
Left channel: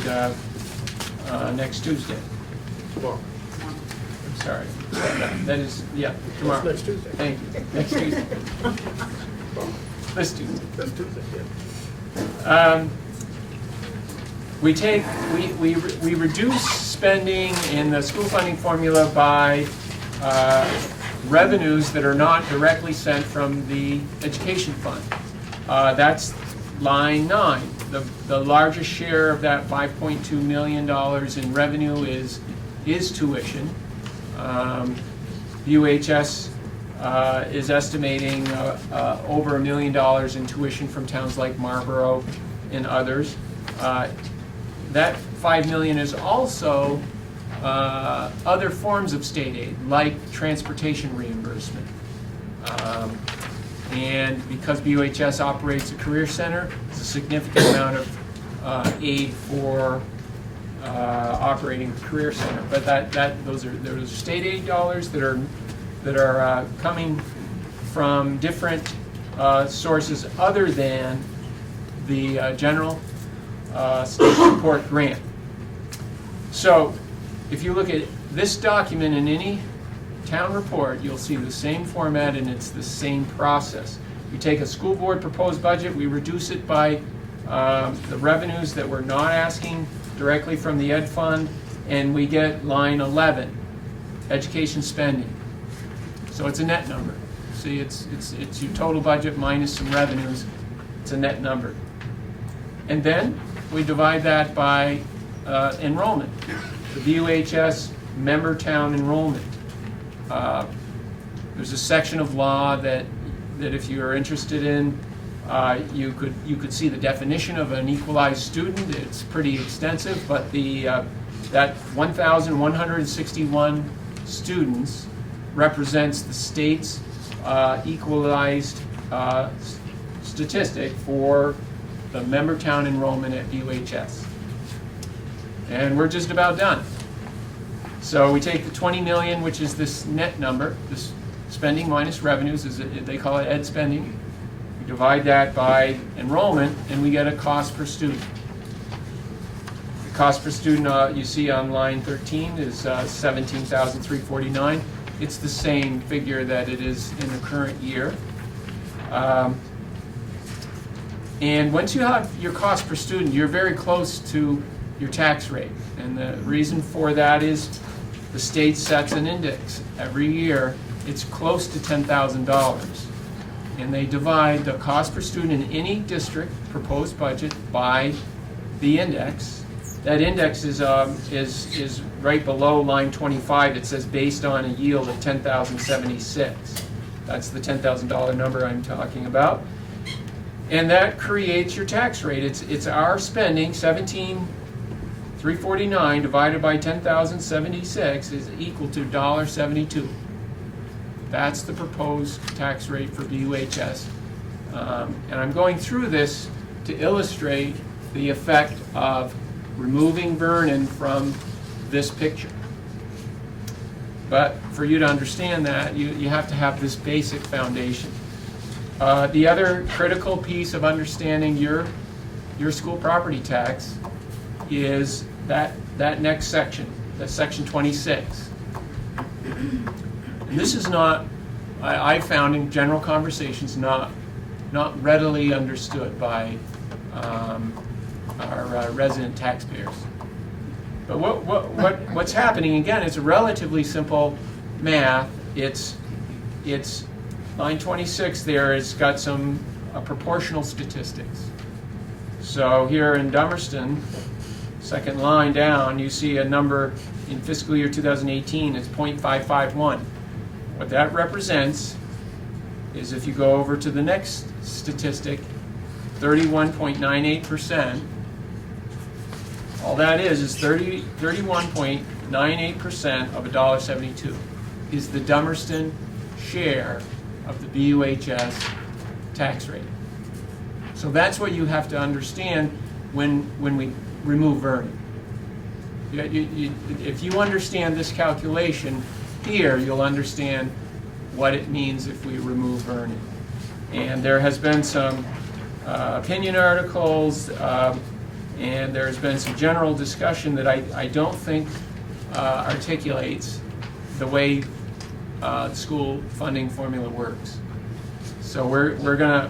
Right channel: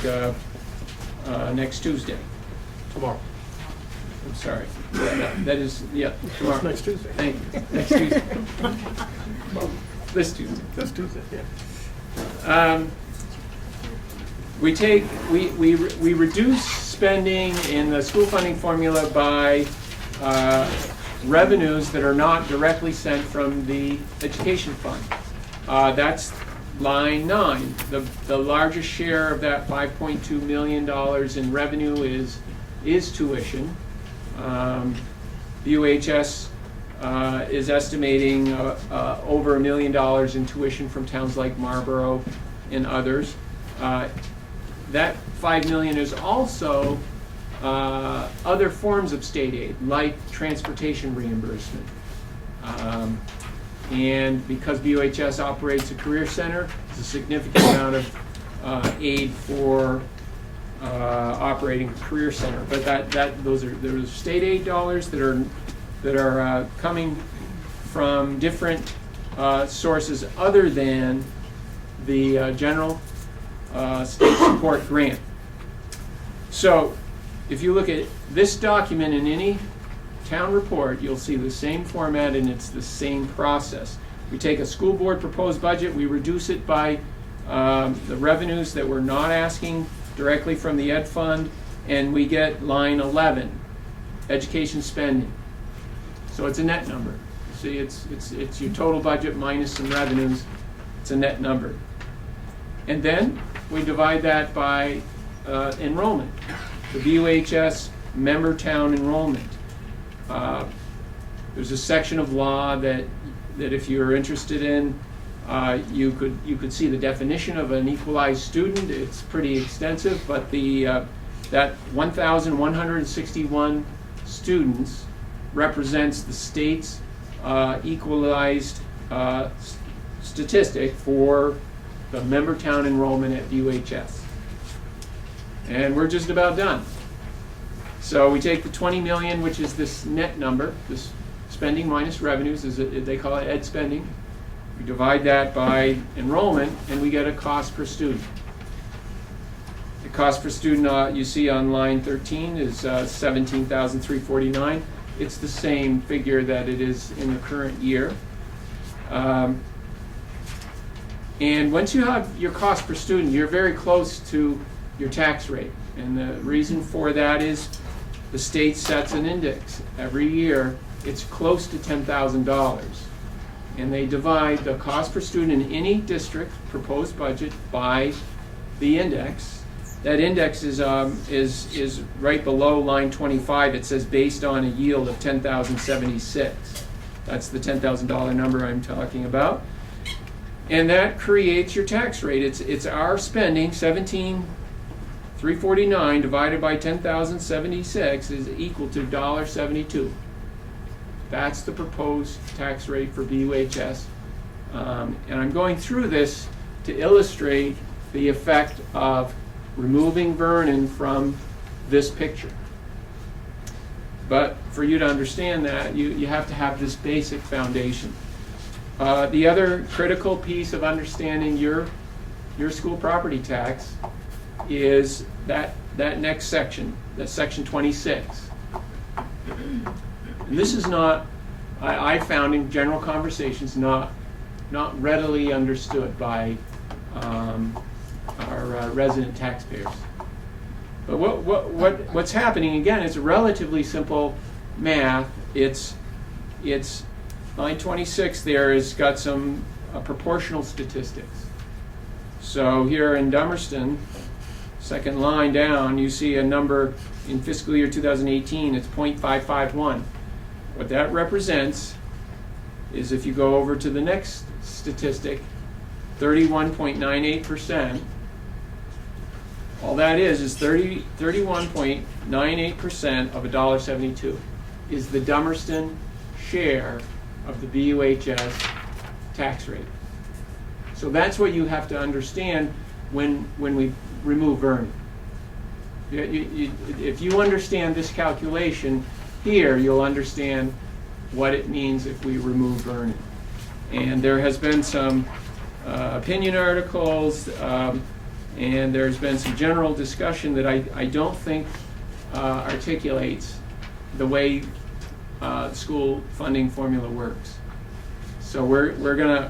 next Tuesday. Tomorrow. I'm sorry. That is, yeah, tomorrow. Next Tuesday. Thank you. Next Tuesday. This Tuesday. That's Tuesday, yeah. We reduce spending in the school funding formula by revenues that are not directly sent from the education fund. That's line 9. The largest share of that $5.2 million in revenue is tuition. UHS is estimating over $1 million in tuition from towns like Marlborough and others. That $5 million is also other forms of state aid, like transportation reimbursement. And because BUHS operates a career center, there's a significant amount of aid for operating the career center. But those are state aid dollars that are coming from different sources other than the general state support grant. So if you look at this document in any town report, you'll see the same format and it's the same process. We take a school board proposed budget, we reduce it by the revenues that we're not asking directly from the ed fund, and we get line 11, education spending. So it's a net number. See, it's your total budget minus some revenues. It's a net number. And then we divide that by enrollment. The VUHS member town enrollment. There's a section of law that if you're interested in, you could see the definition of an equalized student. It's pretty extensive, but that 1,161 students represents the state's equalized statistic for the member town enrollment at UHS. And we're just about done. So we take the 20 million, which is this net number, this spending minus revenues, they call it ed spending. We divide that by enrollment, and we get a cost per student. The cost per student you see on line 13 is $17,349. It's the same figure that it is in the current year. And once you have your cost per student, you're very close to your tax rate. And the reason for that is the state sets an index every year. It's close to $10,000. And they divide the cost per student in any district proposed budget by the index. That index is right below line 25. It says based on a yield of 10,076. That's the $10,000 number I'm talking about. And that creates your tax rate. It's our spending, $17,349 divided by 10,076 is equal to $1.72. That's the proposed tax rate for BUHS. And I'm going through this to illustrate the effect of removing Vernon from this picture. But for you to understand that, you have to have this basic foundation. The other critical piece of understanding your school property tax is that next section, that's section 26. And this is not, I found in general conversations, not readily understood by our resident taxpayers. But what's happening, again, it's relatively simple math. It's line 26 there has got some proportional statistics. So here in Dummerston, second line down, you see a number in fiscal year 2018, it's 0.551. What that represents is, if you go over to the next statistic, 31.98%. All that is 31.98% of $1.72 is the Dummerston share of the BUHS tax rate. So that's what you have to understand when we remove Vernon. If you understand this calculation here, you'll understand what it means if we remove Vernon. And there has been some opinion articles, and there's been some general discussion that I don't think articulates the way school funding formula works. So we're gonna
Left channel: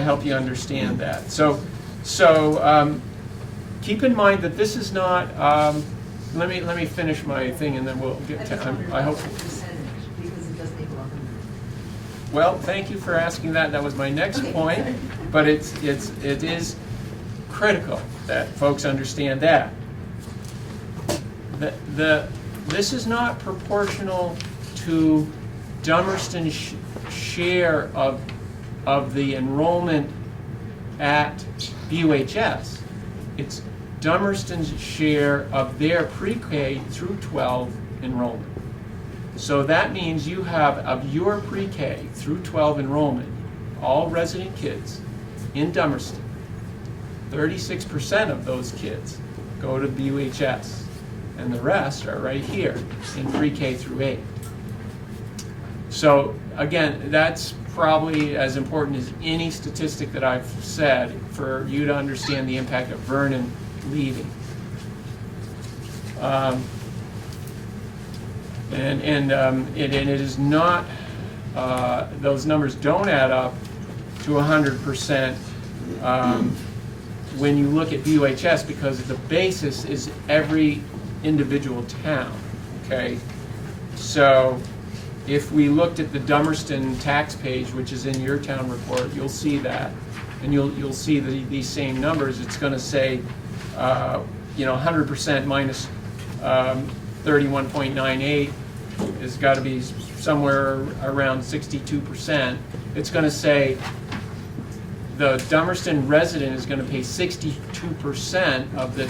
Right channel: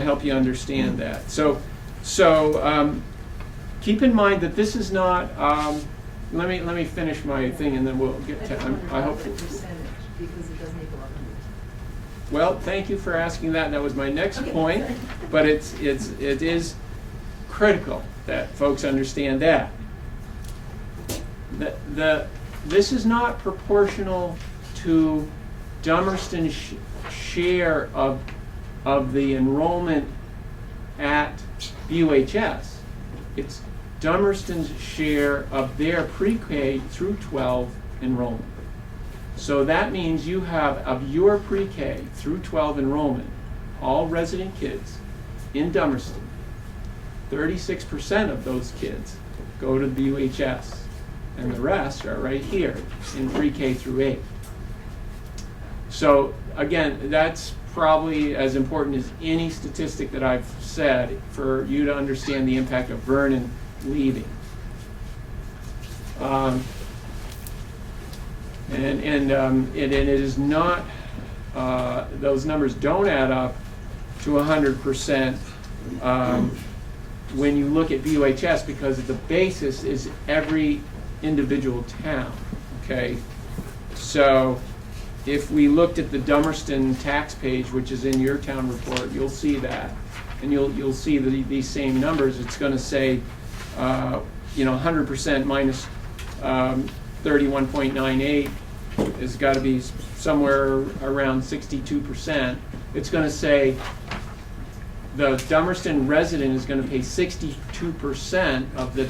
help you understand that. So keep in mind that this is not let me finish my thing and then we'll get to, I hope. Well, thank you for asking that. That was my next point, but it is critical that folks understand that. This is not proportional to Dummerston's share of the enrollment at BUHS. It's Dummerston's share of their pre-K through 12 enrollment. So that means you have, of your pre-K through 12 enrollment, all resident kids in Dummerston, 36% of those kids go to BUHS, and the rest are right here in pre-K through 8. So again, that's probably as important as any statistic that I've said for you to understand the impact of Vernon leaving. It is not, those numbers don't add up to 100% when you look at BUHS, because the basis is every individual town, okay? So if we looked at the Dummerston tax page, which is in your town report, you'll see that, and you'll see these same numbers. It's going to say, 100% minus 31.98 has got to be somewhere around 62%. It's going to say the Dummerston resident is going to pay 62% of the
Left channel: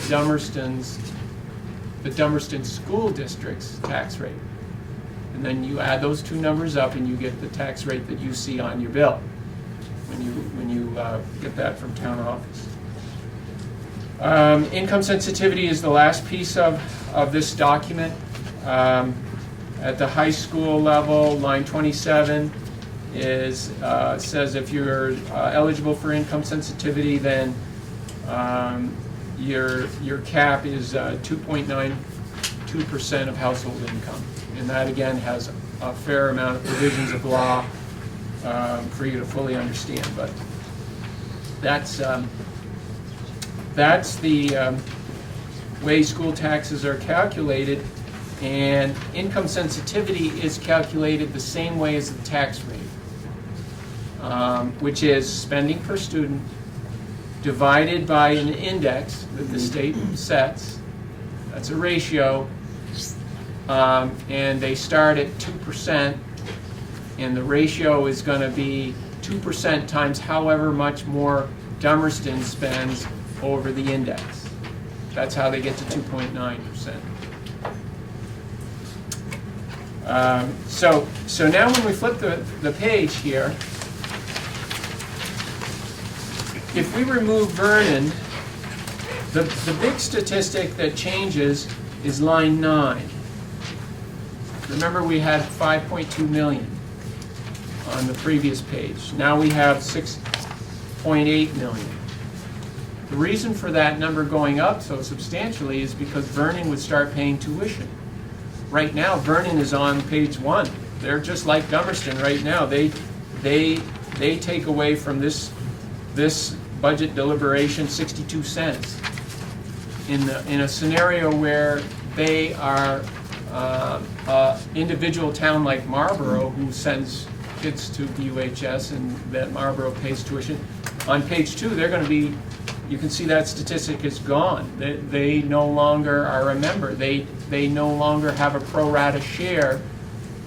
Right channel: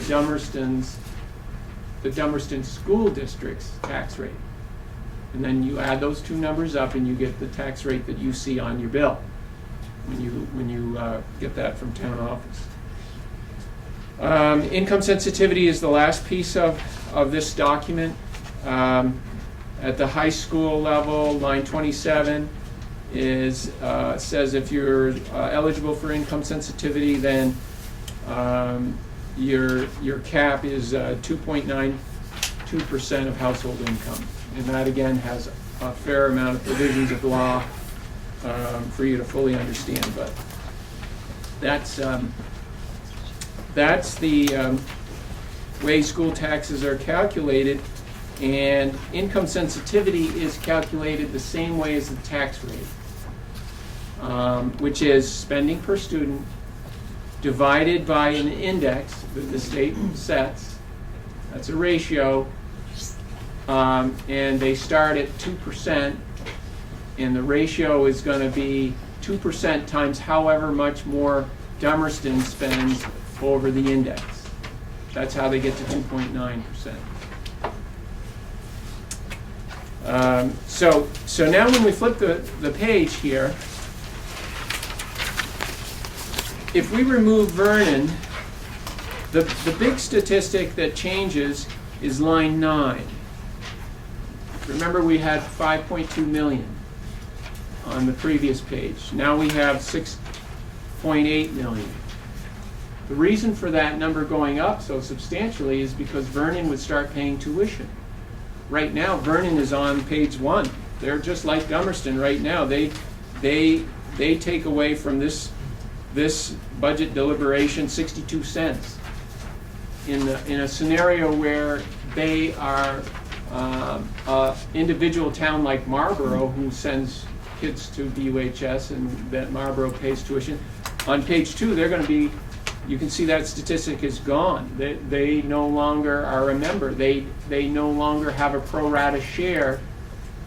Dummerston School District's tax rate. And then you add those two numbers up and you get the tax rate that you see on your bill when you get that from town office. Income sensitivity is the last piece of this document. At the high school level, line 27 says if you're eligible for income sensitivity, then your cap is 2.92% of household income. And that again has a fair amount of provisions of law for you to fully understand. But that's the way school taxes are calculated, and income sensitivity is calculated the same way as the tax rate, which is spending per student divided by an index that the state sets. That's a ratio, and they start at 2%, and the ratio is going to be 2% times however much more Dummerston spends over the index. That's how they get to 2.9%. So now when we flip the page here, if we remove Vernon, the big statistic that changes is line 9. Remember, we had 5.2 million on the previous page. Now we have 6.8 million. The reason for that number going up so substantially is because Vernon would start paying tuition. Right now, Vernon is on page 1. They're just like Dummerston right now. They take away from this budget deliberation 62 cents. In a scenario where they are an individual town like Marlboro, who sends kids to BUHS and that Marlboro pays tuition, on page 2 they're going to be, you can see that statistic is gone. They no longer are a member. They no longer have a pro rata share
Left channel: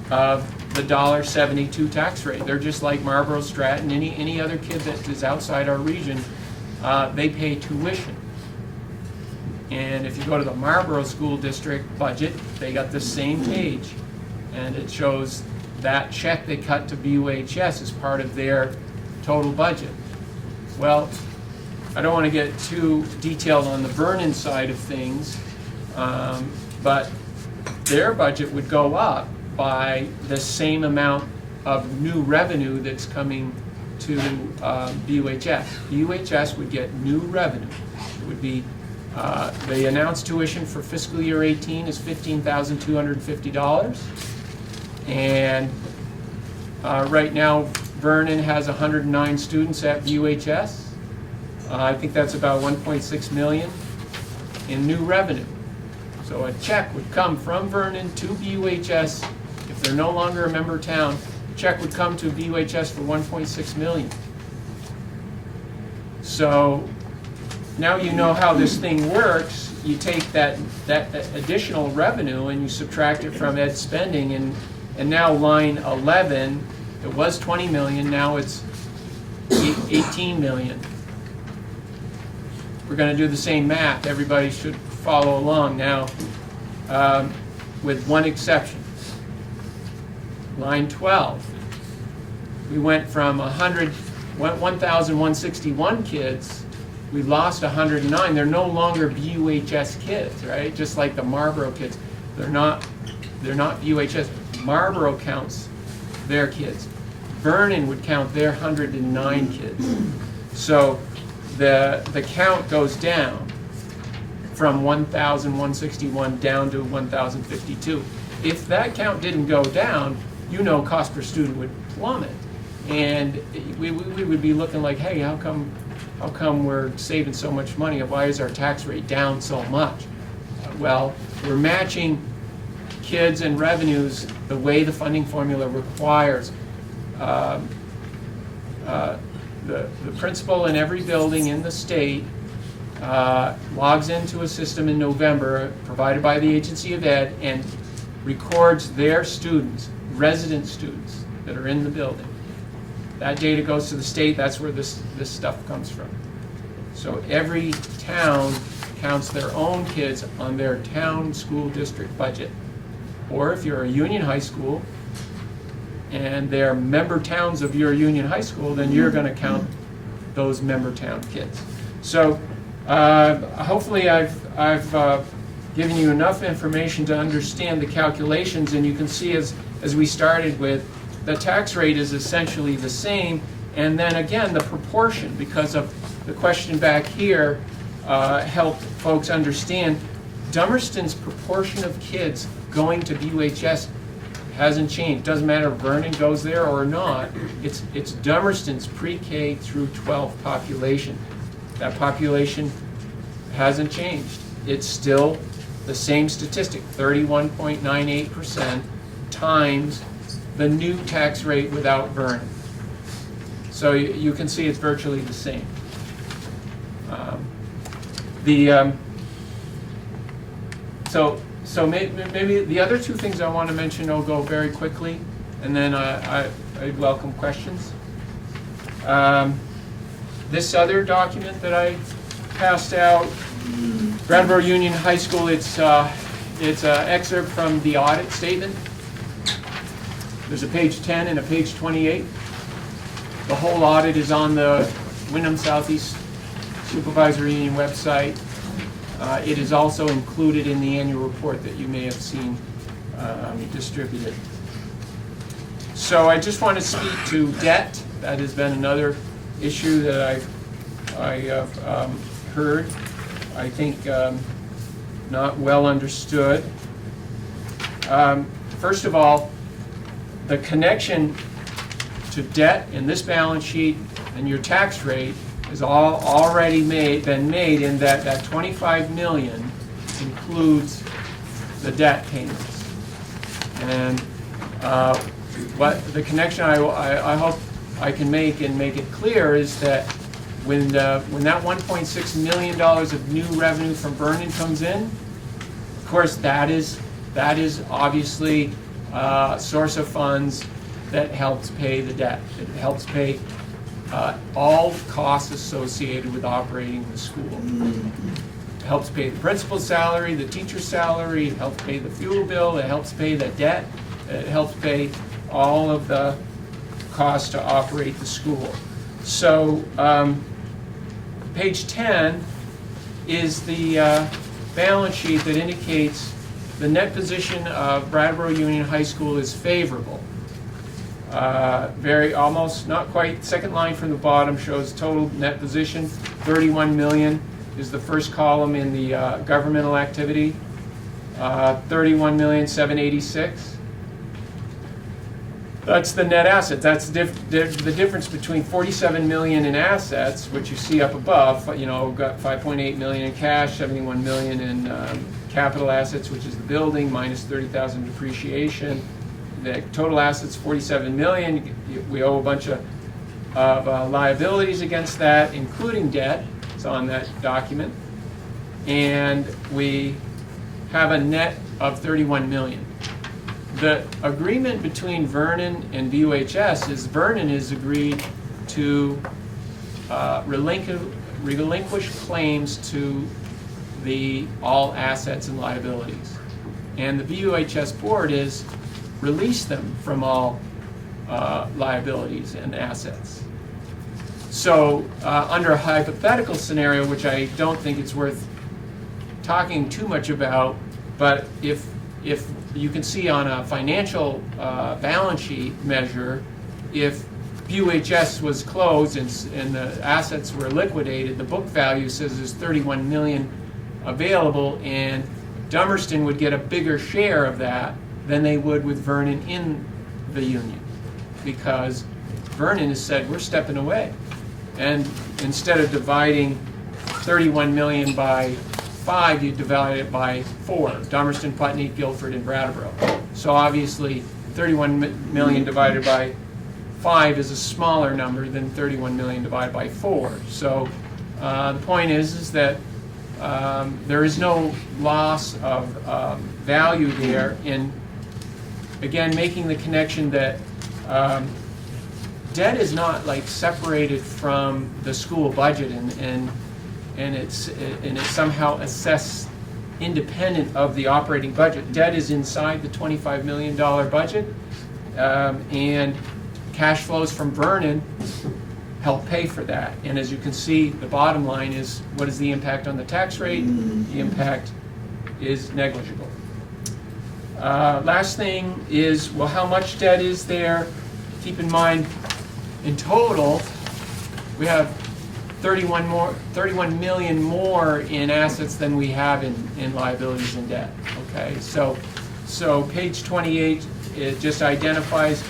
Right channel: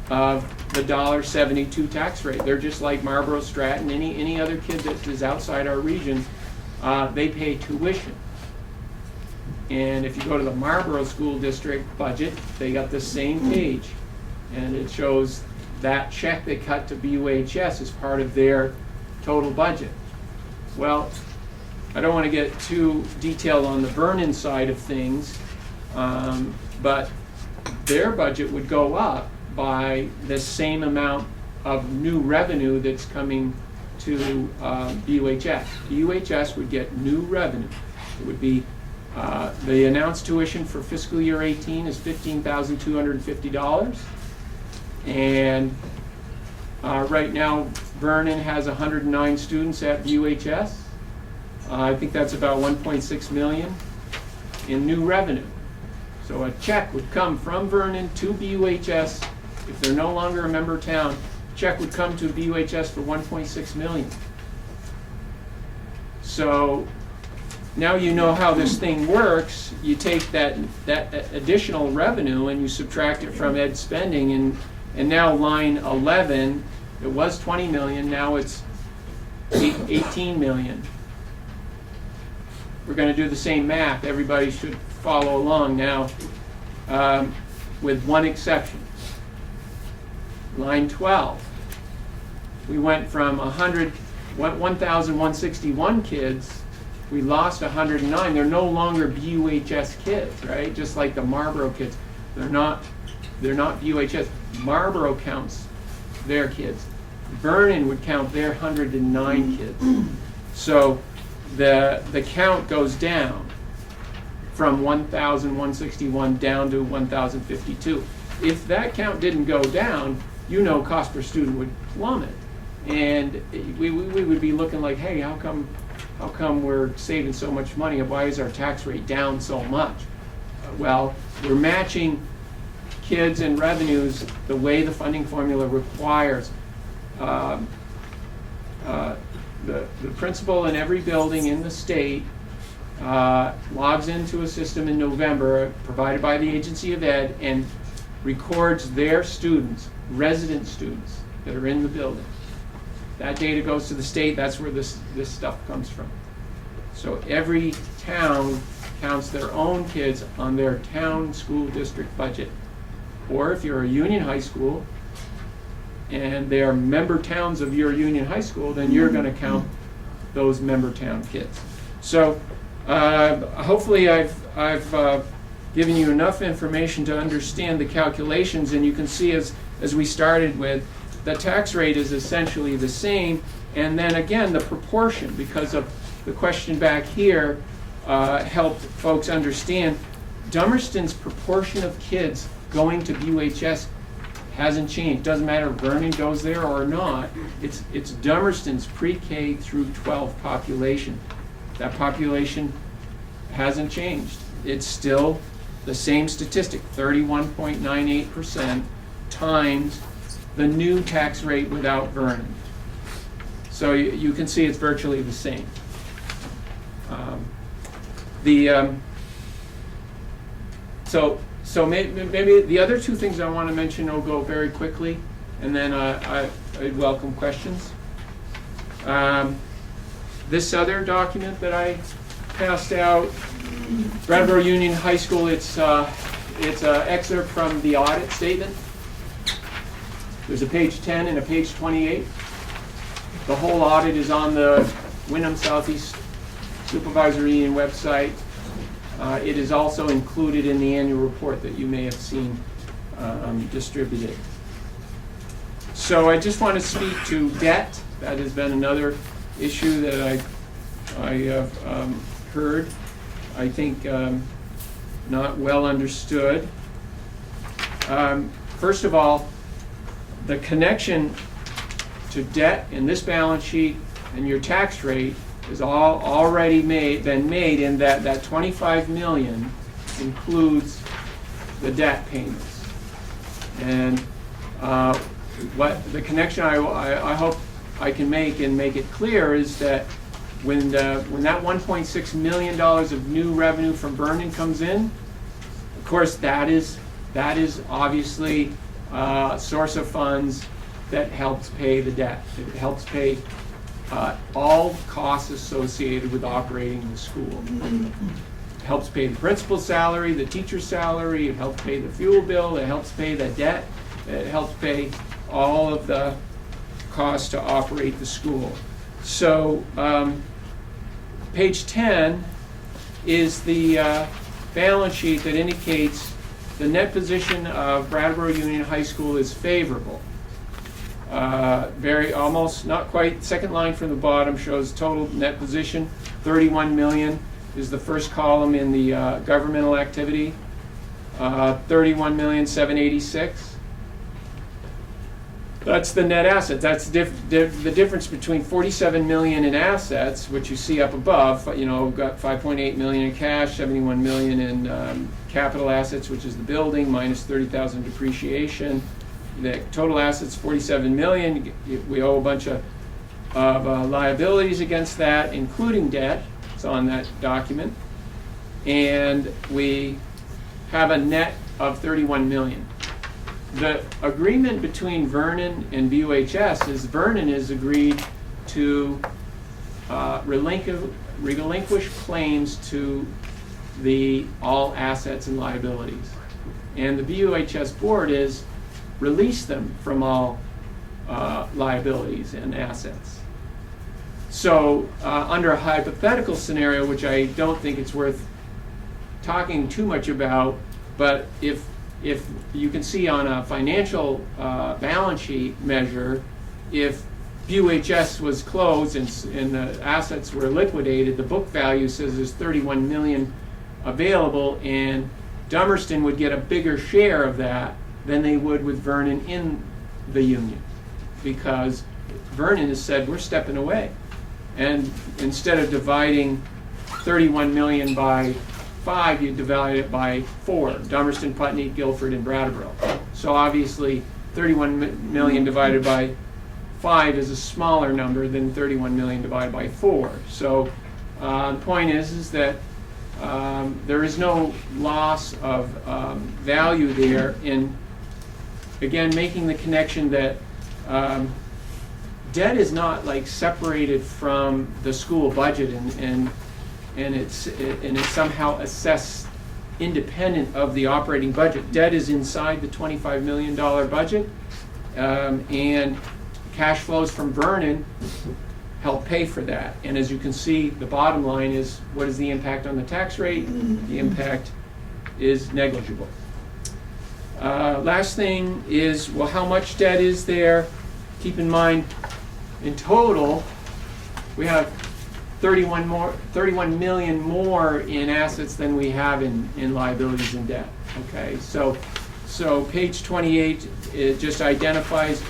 of the $1.72 tax rate. They're just like Marlboro, Stratton, any other kid that is outside our region. They pay tuition. And if you go to the Marlboro School District budget, they got the same page, and it shows that check they cut to BUHS as part of their total budget. Well, I don't want to get too detailed on the Vernon side of things, but their budget would go up by the same amount of new revenue that's coming to BUHS. BUHS would get new revenue. It would be the announced tuition for fiscal year 18 is $15,250, and right now Vernon has 109 students at BUHS. I think that's about 1.6 million in new revenue. So a check would come from Vernon to BUHS. If they're no longer a member town, a check would come to BUHS for 1.6 million. So now you know how this thing works. You take that additional revenue and you subtract it from ed spending, and now line 11, it was 20 million, now it's 18 million. We're going to do the same math. Everybody should follow along now, with one exception. Line 12. We went from 1,161 kids. We lost 109. They're no longer BUHS kids, right? Just like the Marlboro kids. They're not BUHS. Marlboro counts their kids. Vernon would count their 109 kids. So the count goes down from 1,161 down to 1,052. If that count didn't go down, you know cost per student would plummet. And we would be looking like, hey, how come we're saving so much money? Why is our tax rate down so much? Well, we're matching kids and revenues the way the funding formula requires. The principal in every building in the state logs into a system in November provided by the Agency of Ed and records their students, resident students that are in the building. That data goes to the state. That's where this stuff comes from. So every town counts their own kids on their town school district budget. Or if you're a union high school and they're member towns of your union high school, then you're going to count those member town kids. So hopefully I've given you enough information to understand the calculations, and you can see as we started with, the tax rate is essentially the same, and then again the proportion, because of the question back here, helped folks understand Dummerston's proportion of kids going to BUHS hasn't changed. Doesn't matter if Vernon goes there or not. It's Dummerston's pre-K through 12 population. That population hasn't changed. It's still the same statistic, 31.98% times the new tax rate without Vernon. So you can see it's virtually the same. So maybe the other two things I want to mention, I'll go very quickly, and then I'd welcome questions. This other document that I passed out, Brattleboro Union High School, it's an excerpt from the audit statement. There's a page 10 and a page 28. The whole audit is on the Wyndham Southeast Supervisory Union website. It is also included in the annual report that you may have seen distributed. So I just want to speak to debt. That has been another issue that I have heard. I think not well understood. First of all, the connection to debt in this balance sheet and your tax rate is already been made in that 25 million includes the debt payments. And what the connection I hope I can make and make it clear is that when that $1.6 million of new revenue from Vernon comes in, of course that is obviously a source of funds that helps pay the debt. It helps pay all costs associated with operating the school. It helps pay the principal's salary, the teacher's salary, it helps pay the fuel bill, it helps pay the debt, it helps pay all of the costs to operate the school. So page 10 is the balance sheet that indicates the net position of Brattleboro Union High School is favorable. Almost not quite, second line from the bottom shows total net position. 31 million is the first column in the governmental activity. 31,786,000. That's the net asset. That's the difference between 47 million in assets, which you see up above. You know, got 5.8 million in cash, 71 million in capital assets, which is the building, minus 30,000 depreciation. The total assets 47 million. We owe a bunch of liabilities against that, including debt. It's on that document, and we have a net of 31 million. The agreement between Vernon and BUHS is Vernon has agreed to relinquish claims to the all assets and liabilities. And the BUHS board is release them from all liabilities and assets. So under a hypothetical scenario, which I don't think it's worth talking too much about, but if you can see on a financial balance sheet measure, if BUHS was closed and the assets were liquidated, the book value says there's 31 million available, and Dummerston would get a bigger share of that than they would with Vernon in the union, because Vernon has said, we're stepping away. And instead of dividing 31 million by 5, you divide it by 4, Dummerston, Putney, Guilford, and Brattleboro. So obviously 31 million divided by 5 is a smaller number than 31 million divided by 4. So the point is that there is no loss of value there in, again, making the connection that debt is not like separated from the school budget and it's somehow assessed independent of the operating budget. Debt is inside the $25 million budget, and cash flows from Vernon help pay for that. And as you can see, the bottom line is, what is the impact on the tax rate? The impact is negligible. Last thing is, well, how much debt is there? Keep in mind, in total, we have 31 million more in assets than we have in liabilities and debt. Okay, so page 28, it just identifies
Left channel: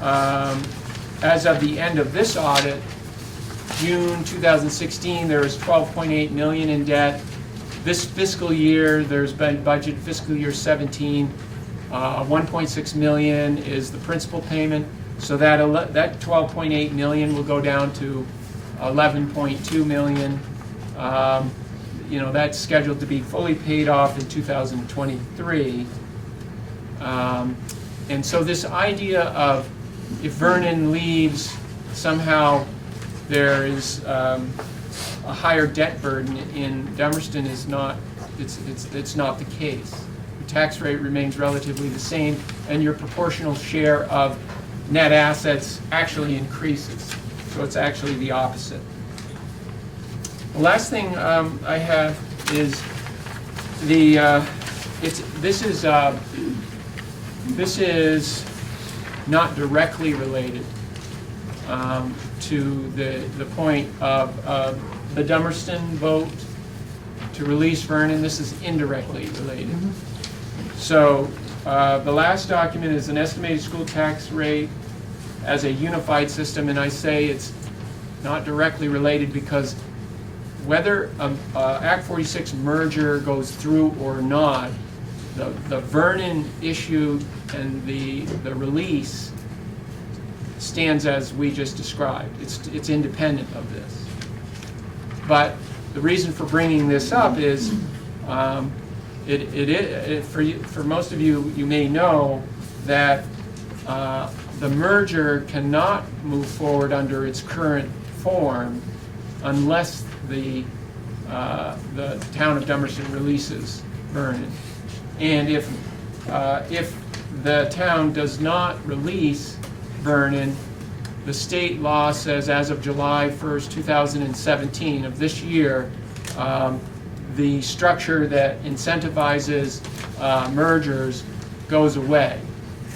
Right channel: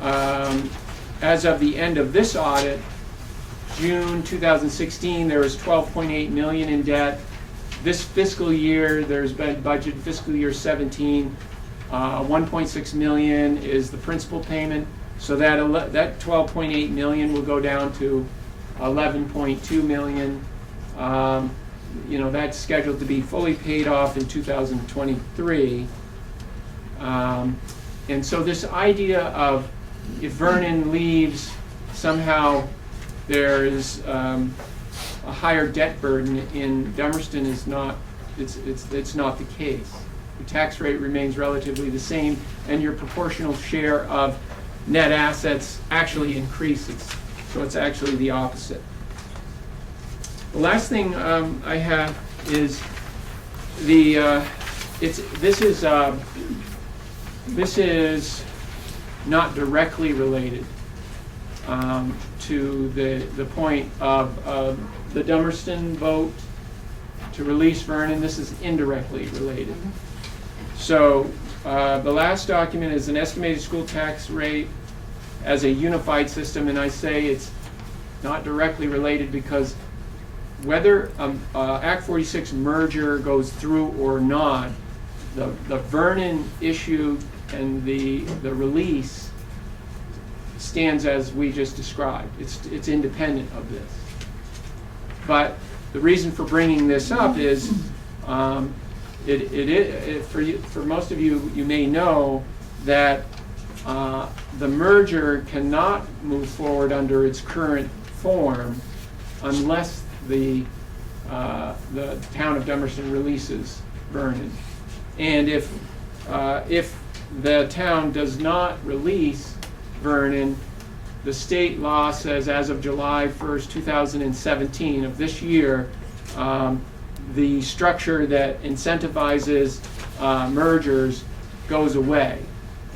as of the end of this audit, June 2016, there was 12.8 million in debt. This fiscal year, there's been budget fiscal year 17, 1.6 million is the principal payment. So that 12.8 million will go down to 11.2 million. You know, that's scheduled to be fully paid off in 2023. And so this idea of if Vernon leaves, somehow there is a higher debt burden in Dummerston is not, it's not the case. The tax rate remains relatively the same, and your proportional share of net assets actually increases. So it's actually the opposite. The last thing I have is this is not directly related to the point of the Dummerston vote to release Vernon. This is indirectly related. So the last document is an estimated school tax rate as a unified system, and I say it's not directly related because whether Act 46 merger goes through or not, the Vernon issue and the release stands as we just described. It's independent of this. But the reason for bringing this up is for most of you, you may know that the merger cannot move forward under its current form unless the town of Dummerston releases Vernon. And if the town does not release Vernon, the state law says as of July 1st, 2017 of this year, the structure that incentivizes mergers goes away.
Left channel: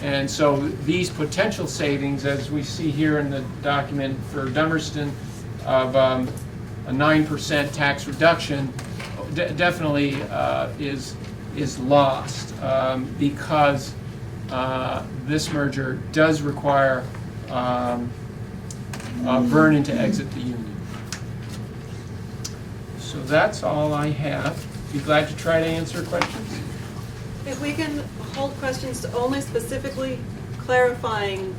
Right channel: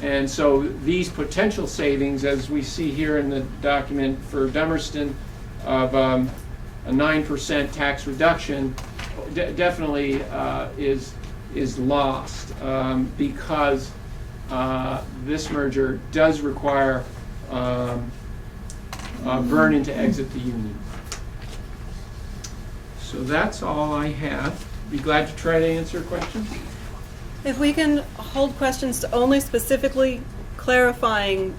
And so these potential savings, as we see here in the document for Dummerston, of a 9% tax reduction, definitely is lost because this merger does require Vernon to exit the union. So that's all I have. Be glad to try to answer questions. If we can hold questions to only specifically clarifying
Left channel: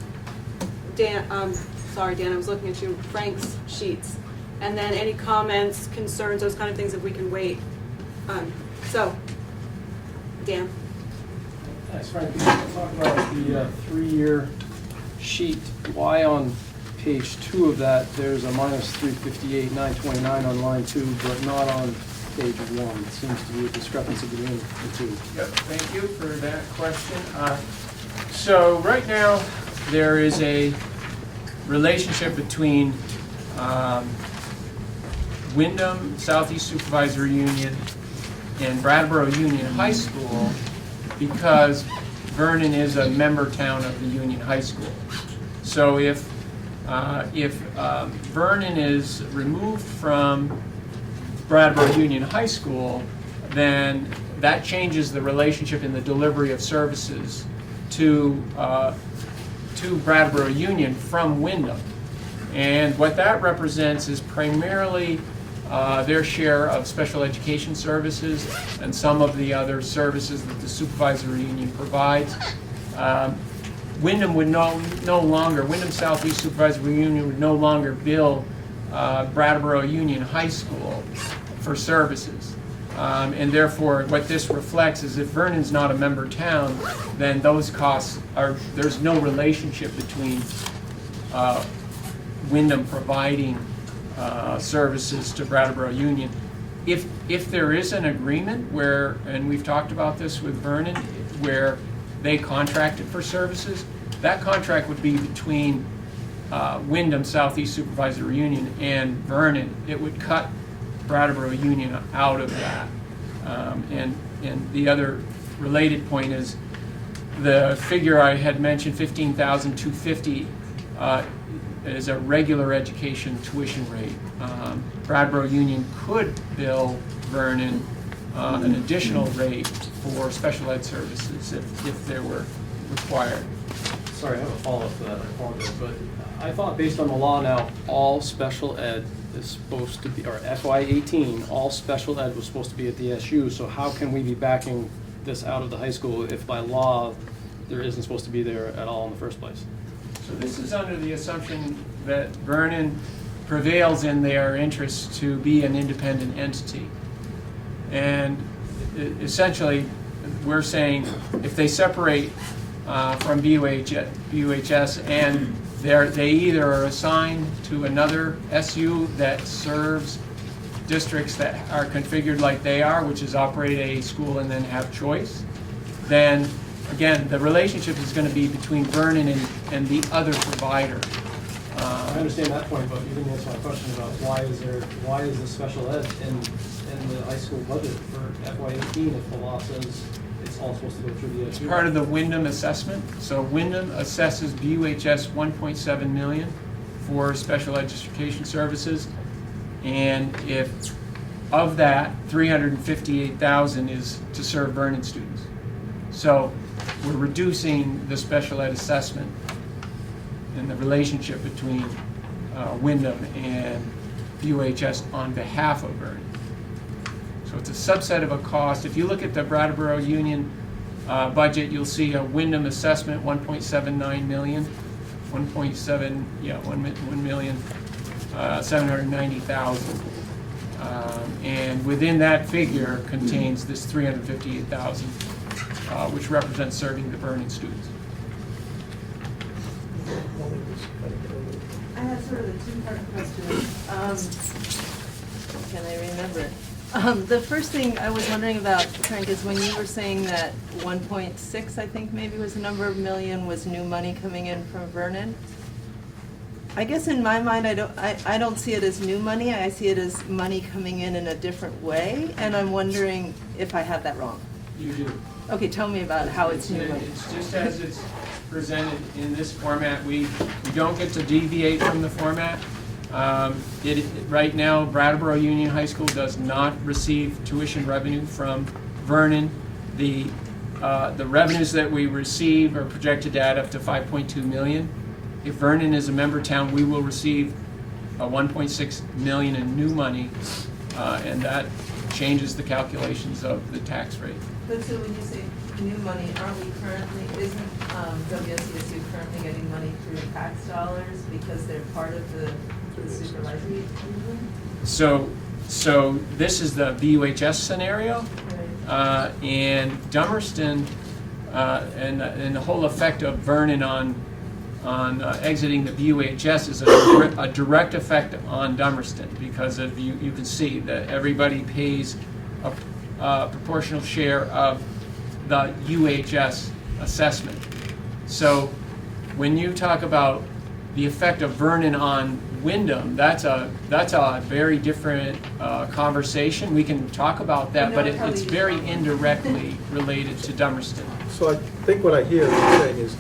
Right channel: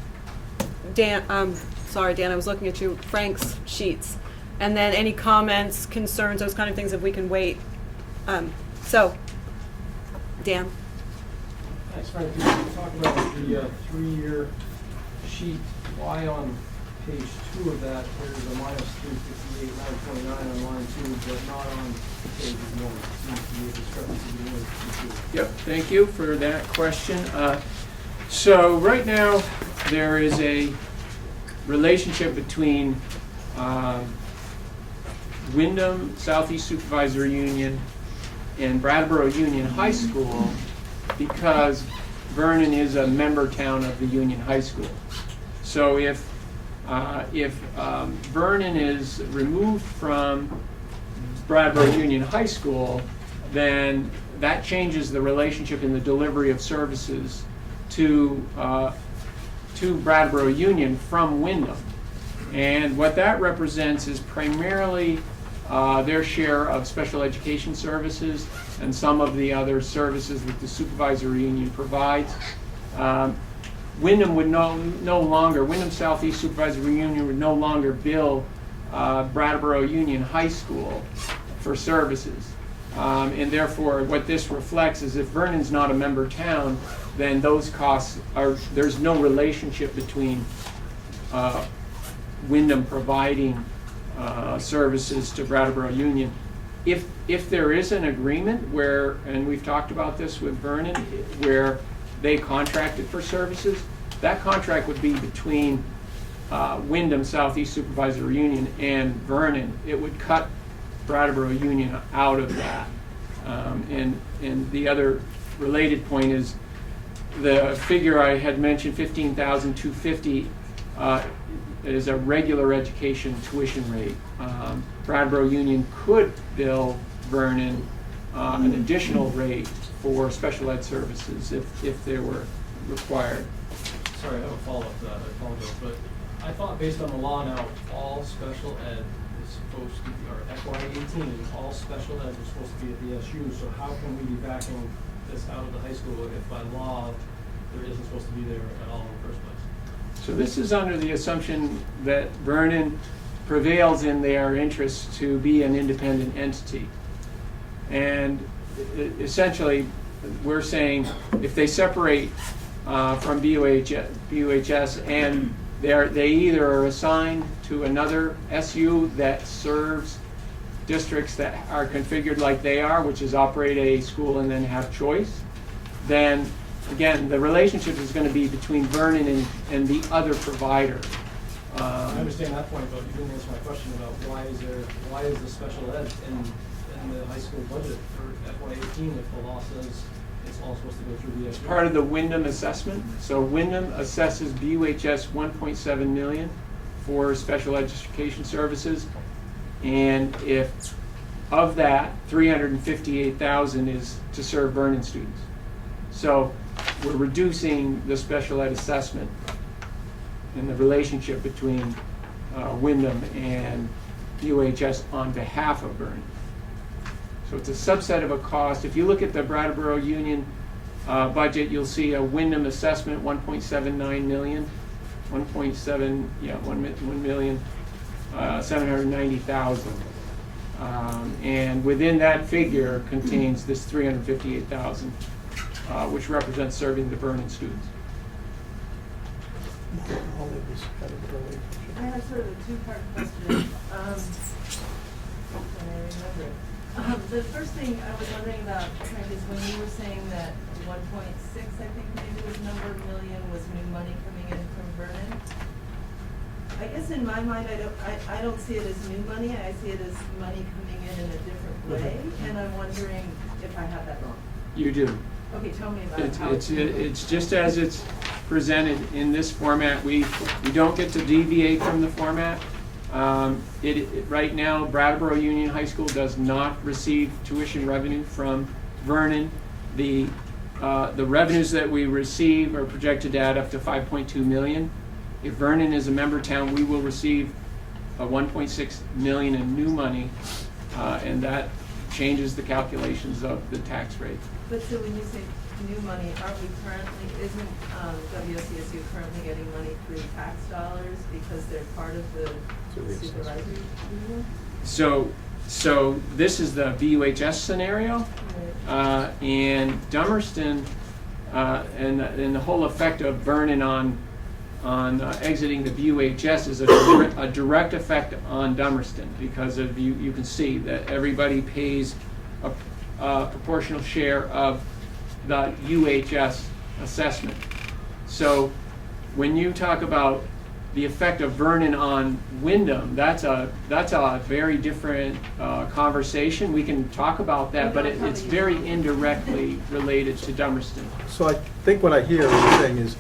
Dan, sorry Dan, I was looking at you, Frank's sheets. And then any comments, concerns, those kind of things, if we can wait. So, Dan. Thanks, Frank. You talked about the 3-year sheet. Why on page 2 of that, there's a minus 358, 929 on line 2, but not on page 1? It seems to be a discrepancy between the two. Yep, thank you for that question. So right now, there is a relationship between Wyndham Southeast Supervisory Union and Brattleboro Union High School because Vernon is a member town of the Union High School. So if Vernon is removed from Brattleboro Union High School, then that changes the relationship in the delivery of services to Brattleboro Union from Wyndham. And what that represents is primarily their share of special education services and some of the other services that the supervisory union provides. Wyndham would no longer, Wyndham Southeast Supervisory Union would no longer bill Brattleboro Union High School for services. And therefore, what this reflects is if Vernon's not a member town, then those costs are, there's no relationship between Wyndham providing services to Brattleboro Union. If there is an agreement where, and we've talked about this with Vernon, where they contracted for services, that contract would be between Wyndham Southeast Supervisory Union and Vernon. It would cut Brattleboro Union out of that. And the other related point is the figure I had mentioned, $15,250, is a regular education tuition rate. Brattleboro Union could bill Vernon an additional rate for special ed services if they were required. Sorry, I have a follow-up to that, I apologize, but I thought based on the law now, all special ed is supposed to be, or FY18, all special ed was supposed to be at the SU, so how can we be backing this out of the high school if by law there isn't supposed to be there at all in the first place? So this is under the assumption that Vernon prevails in their interests to be an independent entity. And essentially, we're saying if they separate from BUHS and they either are assigned to another SU that serves districts that are configured like they are, which is operate a school and then have choice, then again, the relationship is going to be between Vernon and the other provider. I understand that point, but you didn't answer my question about why is the special ed in the high school budget for FY18 if the law says it's all supposed to go through the SU? It's part of the Wyndham assessment. So Wyndham assesses BUHS $1.7 million for special education services, and if of that, $358,000 is to serve Vernon students. So we're reducing the special ed assessment and the relationship between Wyndham and BUHS on behalf of Vernon. So it's a subset of a cost. If you look at the Brattleboro Union budget, you'll see a Wyndham assessment, $1.79 million, $1,790,000. And within that figure contains this $358,000, which represents serving the Vernon students. I have sort of a two-part question. Can I remember it? The first thing I was wondering about, Frank, is when you were saying that 1.6, I think maybe was the number of million, was new money coming in from Vernon. I guess in my mind, I don't see it as new money. I see it as money coming in a different way, and I'm wondering if I have that wrong. You do. Okay, tell me about how it's new money. It's just as it's presented in this format. We don't get to deviate from the format. Right now, Brattleboro Union High School does not receive tuition revenue from Vernon. The the revenues that we receive are projected to add up to 5.2 million. If Vernon is a member town, we will receive 1.6 million in new money, and that changes the calculations of the tax rate. But so when you say new money, aren't we currently, isn't WSCSU currently getting money through tax dollars because they're part of the supervisory? So this is the BUHS scenario, Right. and Dummerston, and the whole effect of Vernon on exiting the BUHS is a direct effect on Dummerston, because of you can see that everybody pays a proportional share of the UHS assessment. So when you talk about the effect of Vernon on Wyndham, that's a very different conversation. We can talk about that, but it's very indirectly related to Dummerston. So I think what I hear you saying is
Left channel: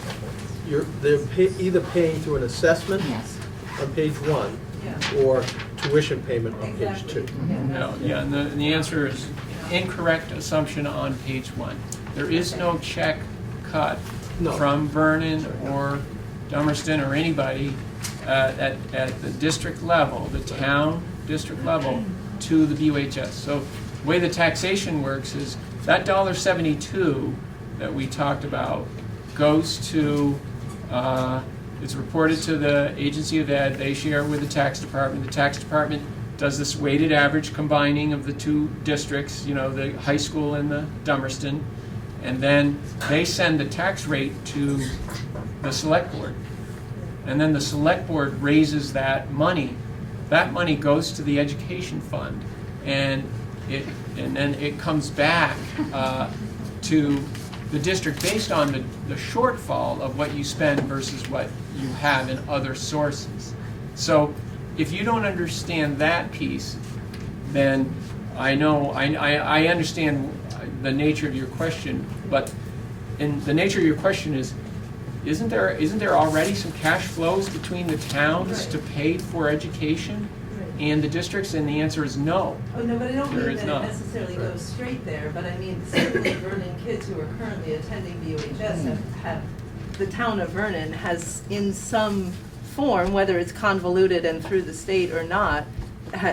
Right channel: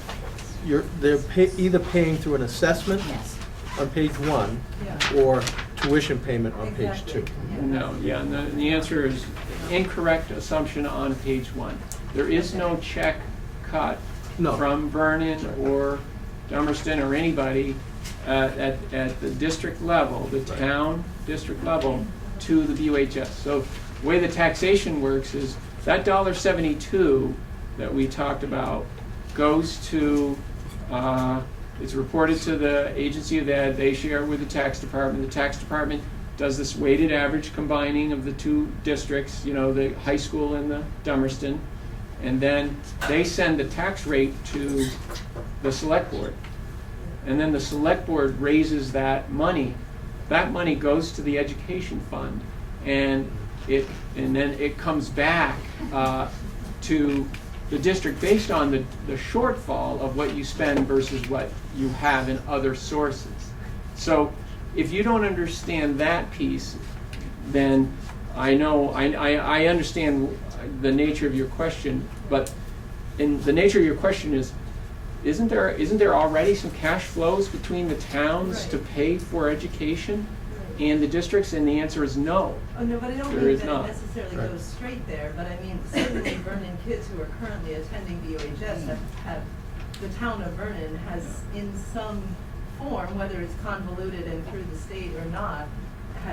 they're either paying through an assessment Yes. on page 1 Yeah. or tuition payment on page Exactly. 2. No, yeah, and the answer is incorrect assumption on page 1. There is no check cut No. from Vernon or Dummerston or anybody at the district level, the town district level, to the BUHS. So the way the taxation works is that $1.72 that we talked about goes to, it's reported to the Agency of Ed, they share with the tax department. The tax department does this weighted average combining of the two districts, the high school and the Dummerston, and then they send the tax rate to the select board. And then the select board raises that money. That money goes to the education fund, and then it comes back to the district based on the shortfall of what you spend versus what you have in other sources. So if you don't understand that piece, then I understand the nature of your question, but the nature of your question is, isn't there already some cash flows between the towns to pay for education and the districts? And the answer is no. Oh, no, but I don't There mean is that not. it necessarily goes straight there, but I mean, certainly Vernon kids who are currently attending BUHS have, the town of Vernon has in some form, whether it's convoluted and through the state or not,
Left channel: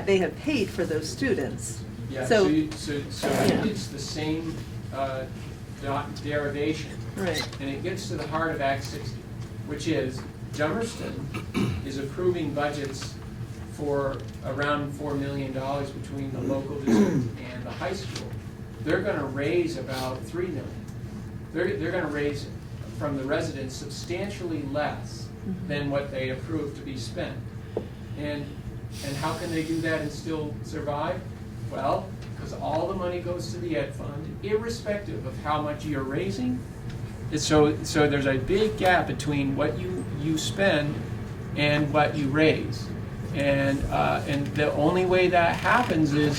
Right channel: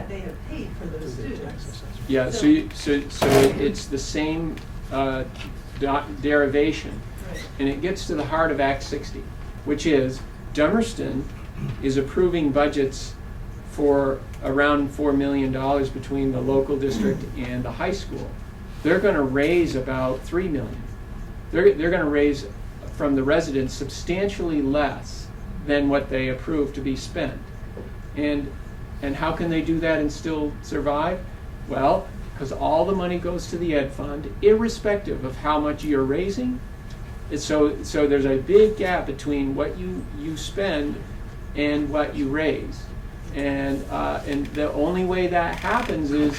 they have paid for those students. Yeah, so it's the same derivation. Right. And it gets to the heart of Act 60, which is Dummerston is approving budgets for around $4 million between the local district and the high school. They're going to raise about $3 million. They're going to raise from the residents substantially less than what they approve to be spent. And how can they do that and still survive? Well, because all the money goes to the ed fund, irrespective of how much you're raising. So there's a big gap between what you spend and what you raise. And the only way that happens is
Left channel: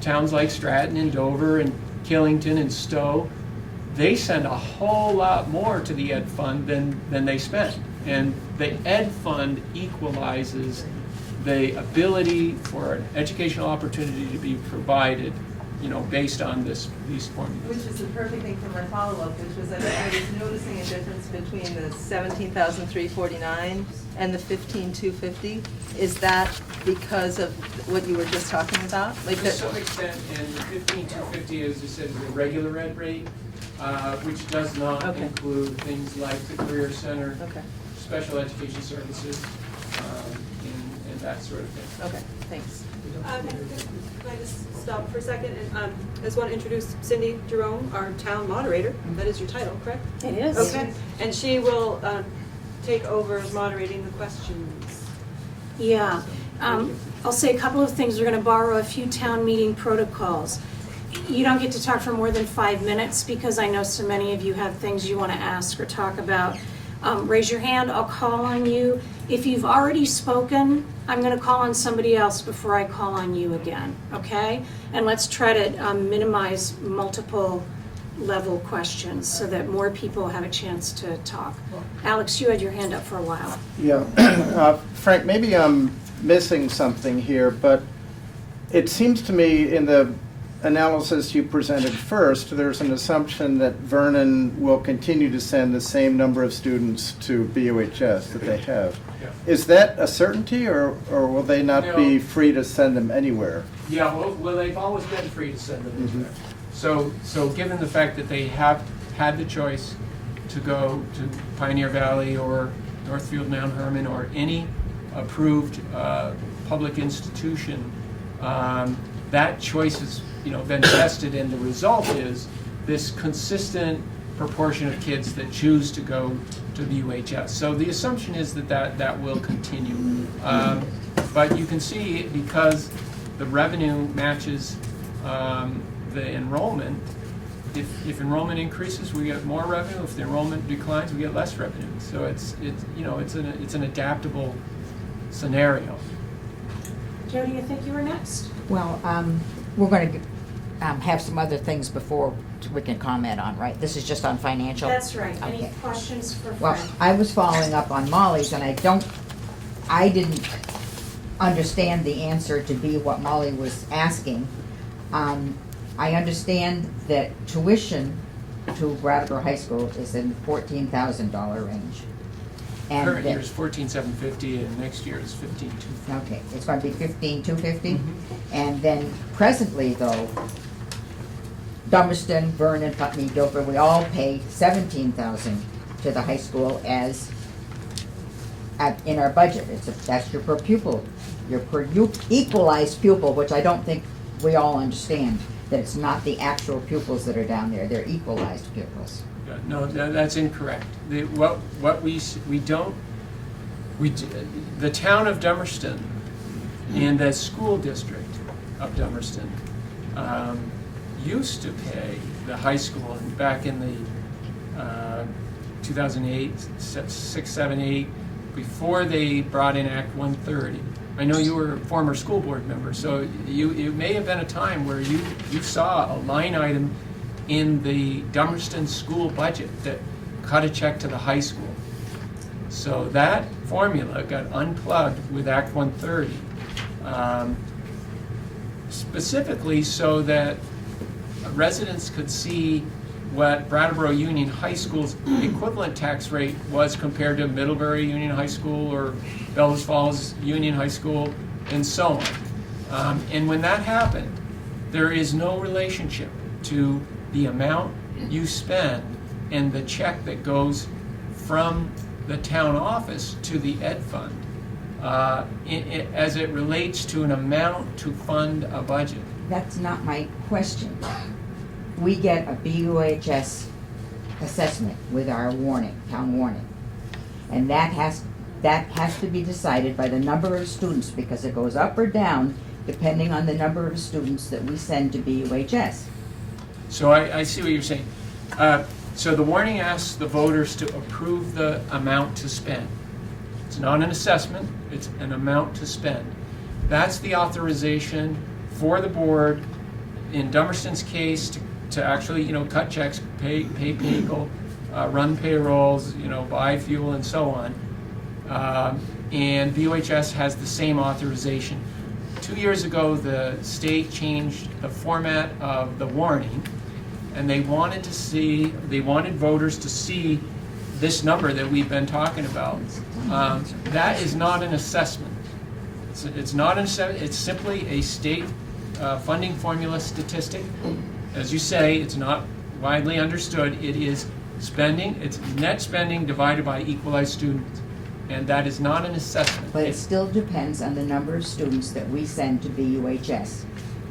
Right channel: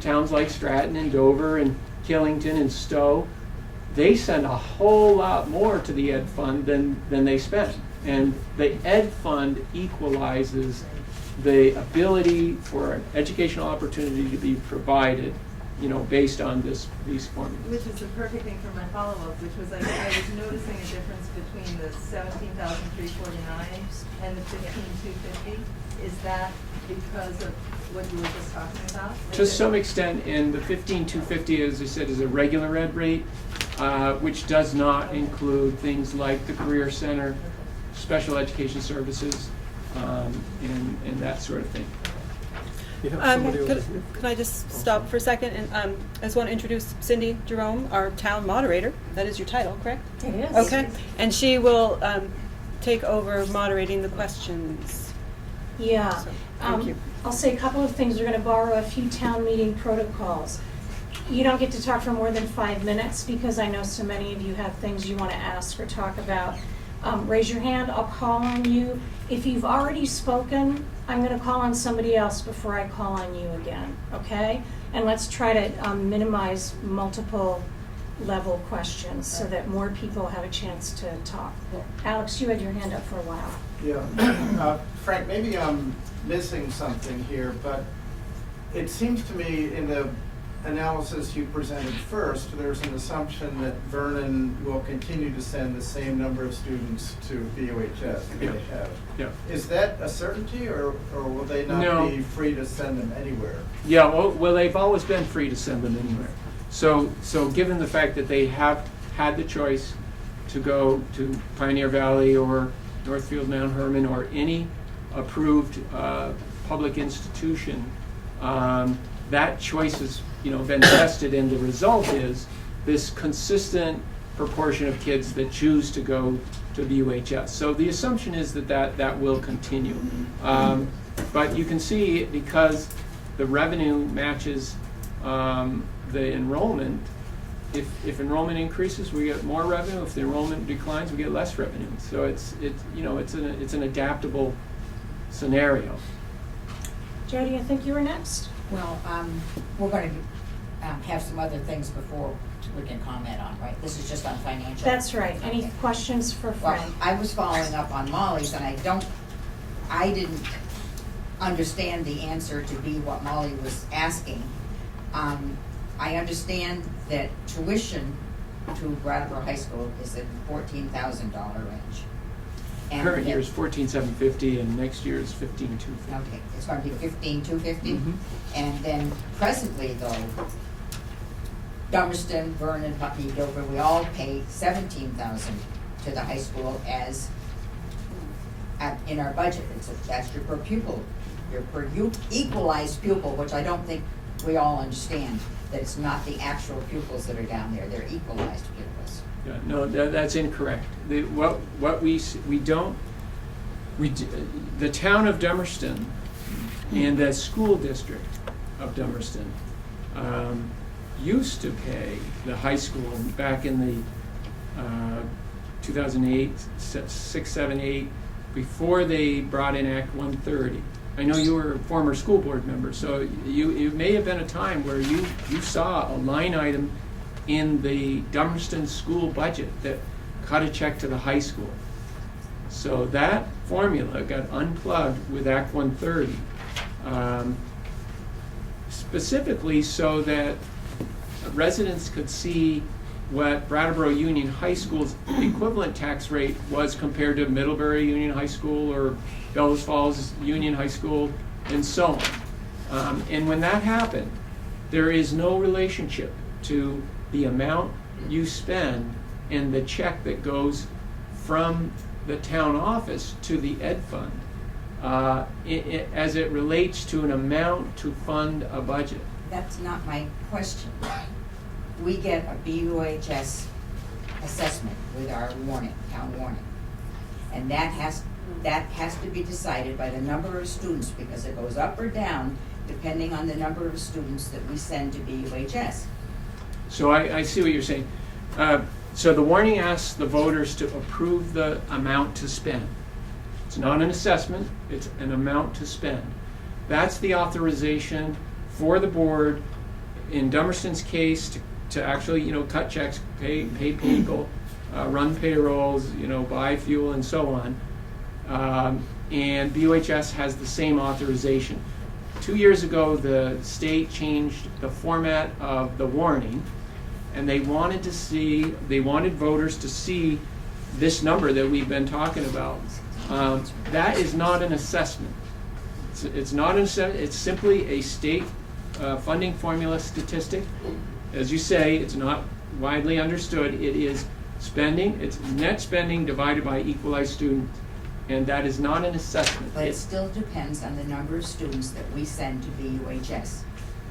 towns like Stratton and Dover and Killington and Stowe, they send a whole lot more to the ed fund than they spend. And the ed fund equalizes the ability for an educational opportunity to be provided, based on these formulas. Which is the perfect thing for my follow-up, which was that I was noticing a difference between the 17,349 and the 15,250. Is that because of what you were just talking about? To some extent, and the 15,250, as I said, is a regular ed rate, which does not Okay. include things like the Career Center, Okay, special education services, and that sort of thing. okay, thanks. You have somebody over Could I just stop for a second? And I just want to introduce Cindy Jerome, our town moderator. That is your title, correct? It is. Okay. And she will take over moderating the questions. Yeah. So, thank you. I'll say a couple of things. We're going to borrow a few town meeting protocols. You don't get to talk for more than 5 minutes because I know so many of you have things you want to ask or talk about. Raise your hand, I'll call on you. If you've already spoken, I'm going to call on somebody else before I call on you again, okay? And let's try to minimize multiple level questions so that more people have a chance to talk. Alex, you had your hand up for a while. Yeah, Frank, maybe I'm missing something here, but it seems to me in the analysis you presented first, there's an assumption that Vernon will continue to send the same number of students to BUHS that they have. Yeah. Is that a certainty, or will they not No. be free to send them anywhere? Yeah, well, they've always been free to send them anywhere. So given the fact that they have had the choice to go to Pioneer Valley or Northfield Mount Hermon or any approved public institution, that choice has been vested, and the result is this consistent proportion of kids that choose to go to BUHS. So the assumption is that will continue. But you can see, because the revenue matches the enrollment, if enrollment increases, we get more revenue. If the enrollment declines, we get less revenue. So it's an adaptable scenario. Jody, I think you were next. Well, we're going to have some other things before we can comment on, right? This is just on financial? That's right. Any Okay. questions for Well, Fred? I was following up on Molly's, and I didn't understand the answer to be what Molly was asking. I understand that tuition to Brattleboro High School is in the $14,000 range. And Current that- year is 14,750, and next year is 15,250. Okay, it's going to be 15,250? Mhm. And then presently, though, Dummerston, Vernon, Putney, Guilford, we all pay 17,000 to the high school as in our budget. That's your per pupil, your per equalized pupil, which I don't think we all understand, that it's not the actual pupils that are down there, they're equalized pupils. Yeah, no, that's incorrect. The town of Dummerston and the school district of Dummerston used to pay the high school back in the 2008, 6, 7, 8, before they brought in Act 130. I know you were a former school board member, so you may have been a time where you saw a line item in the Dummerston school budget that cut a check to the high school. So that formula got unplugged with Act 130, specifically so that residents could see what Brattleboro Union High School's equivalent tax rate was compared to Middlebury Union High School or Bellows Falls Union High School, and so on. And when that happened, there is no relationship to the amount you spend and the check that goes from the town office to the ed fund as it relates to an amount to fund a budget. That's not my question. We get a BUHS assessment with our warning, town warning. And that has to be decided by the number of students, because it goes up or down depending on the number of students that we send to BUHS. So I see what you're saying. So the warning asks the voters to approve the amount to spend. It's not an assessment, it's an amount to spend. That's the authorization for the board, in Dummerston's case, to actually, cut checks, pay people, run payrolls, buy fuel and so on. And BUHS has the same authorization. 2 years ago, the state changed the format of the warning, and they wanted voters to see this number that we've been talking about. That is not an assessment. It's not an assessment, it's simply a state funding formula statistic. As you say, it's not widely understood. It is spending, it's net spending divided by equalized students. And that is not an assessment. But it still depends on the number of students that we send to BUHS.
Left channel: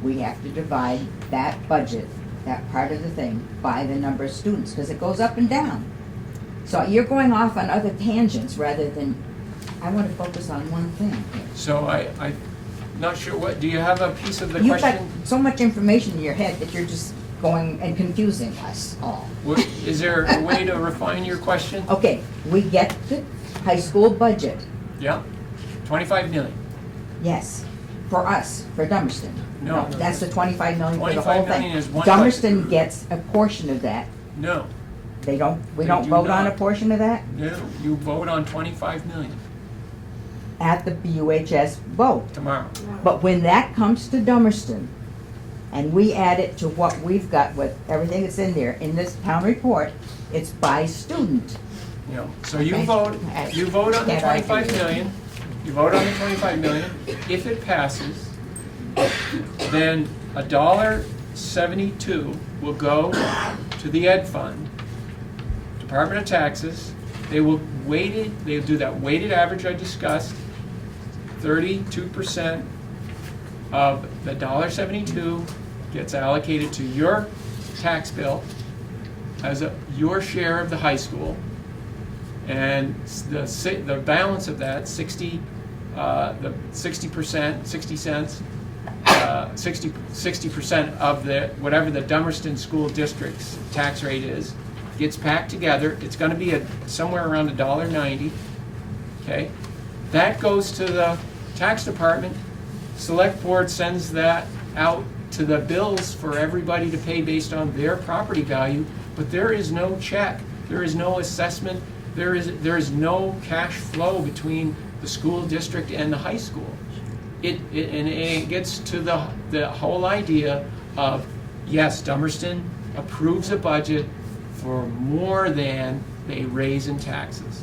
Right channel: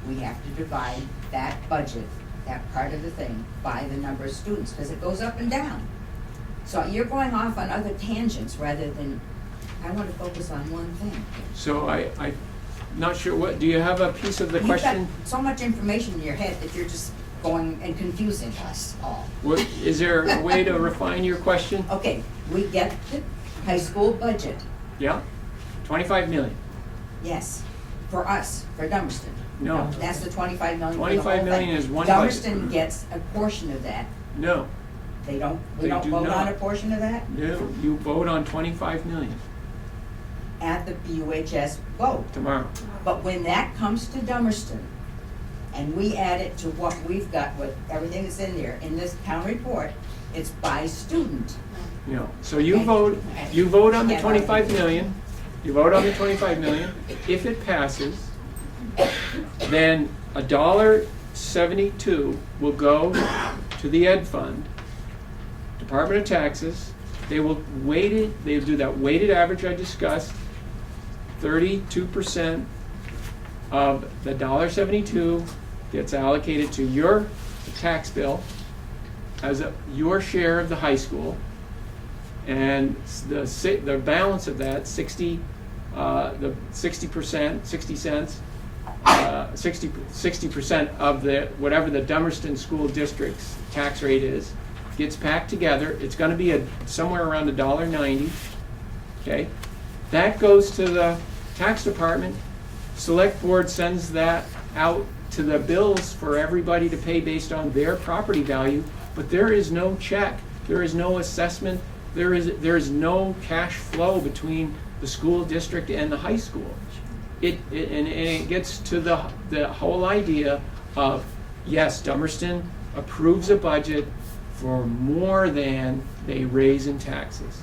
We have to divide that budget, that part of the thing, by the number of students, because it goes up and down. So you're going off on other tangents rather than, I want to focus on one thing. So I'm not sure, do you have a piece of the You've got question? so much information in your head that you're just going and confusing us all. Is there a way to refine your question? Okay, we get the high school budget, Yeah? 25 million. yes, for us, for Dummerston. No. That's the 25 million for the whole 25 thing. million is one Dummerston budget. gets a portion of that. No. We They don't do vote on not. a portion of that No, you vote on 25 million at the BUHS vote. tomorrow. But when that comes to Dummerston, and we add it to what we've got with everything that's in there, in this town report, it's by student. You know, so you vote on the 25 million, you vote on the 25 million. If it passes, then $1.72 will go to the ed fund, Department of Taxes. They'll do that weighted average I discussed. 32% of the $1.72 gets allocated to your tax bill as your share of the high school, and the balance of that, 60% 60% of whatever the Dummerston School District's tax rate is, gets packed together. It's going to be somewhere around $1.90. Okay, that goes to the tax department. Select board sends that out to the bills for everybody to pay based on their property value. But there is no check. There is no assessment. There is no cash flow between the school district and the high school. It gets to the whole idea of, yes, Dummerston approves a budget for more than they raise in taxes.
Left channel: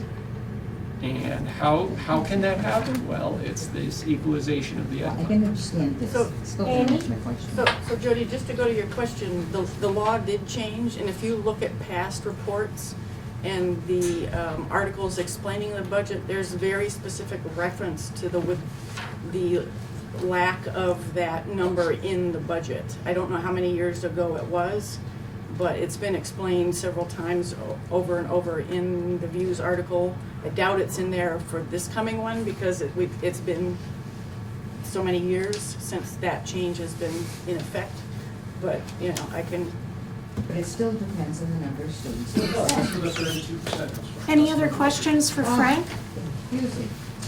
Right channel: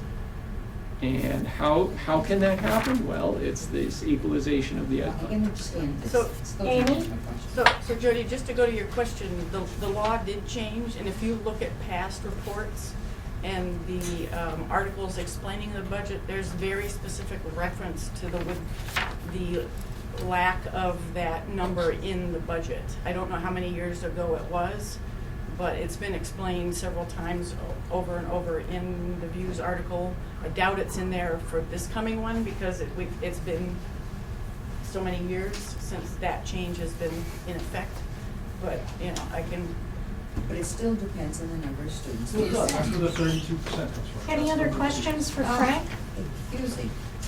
And how can that happen? Well, it's this equalization of the I can understand this. So, Still don't Amy? answer my question. So Jody, just to go to your question, the law did change, and if you look at past reports and the articles explaining the budget, there's very specific reference to the lack of that number in the budget. I don't know how many years ago it was, but it's been explained several times over and over in the Views article. I doubt it's in there for this coming one because it's been so many years since that change has been in effect. But, you know, I can... But it still depends on the number of students. That's where the 32% comes from. Any other questions for Frank?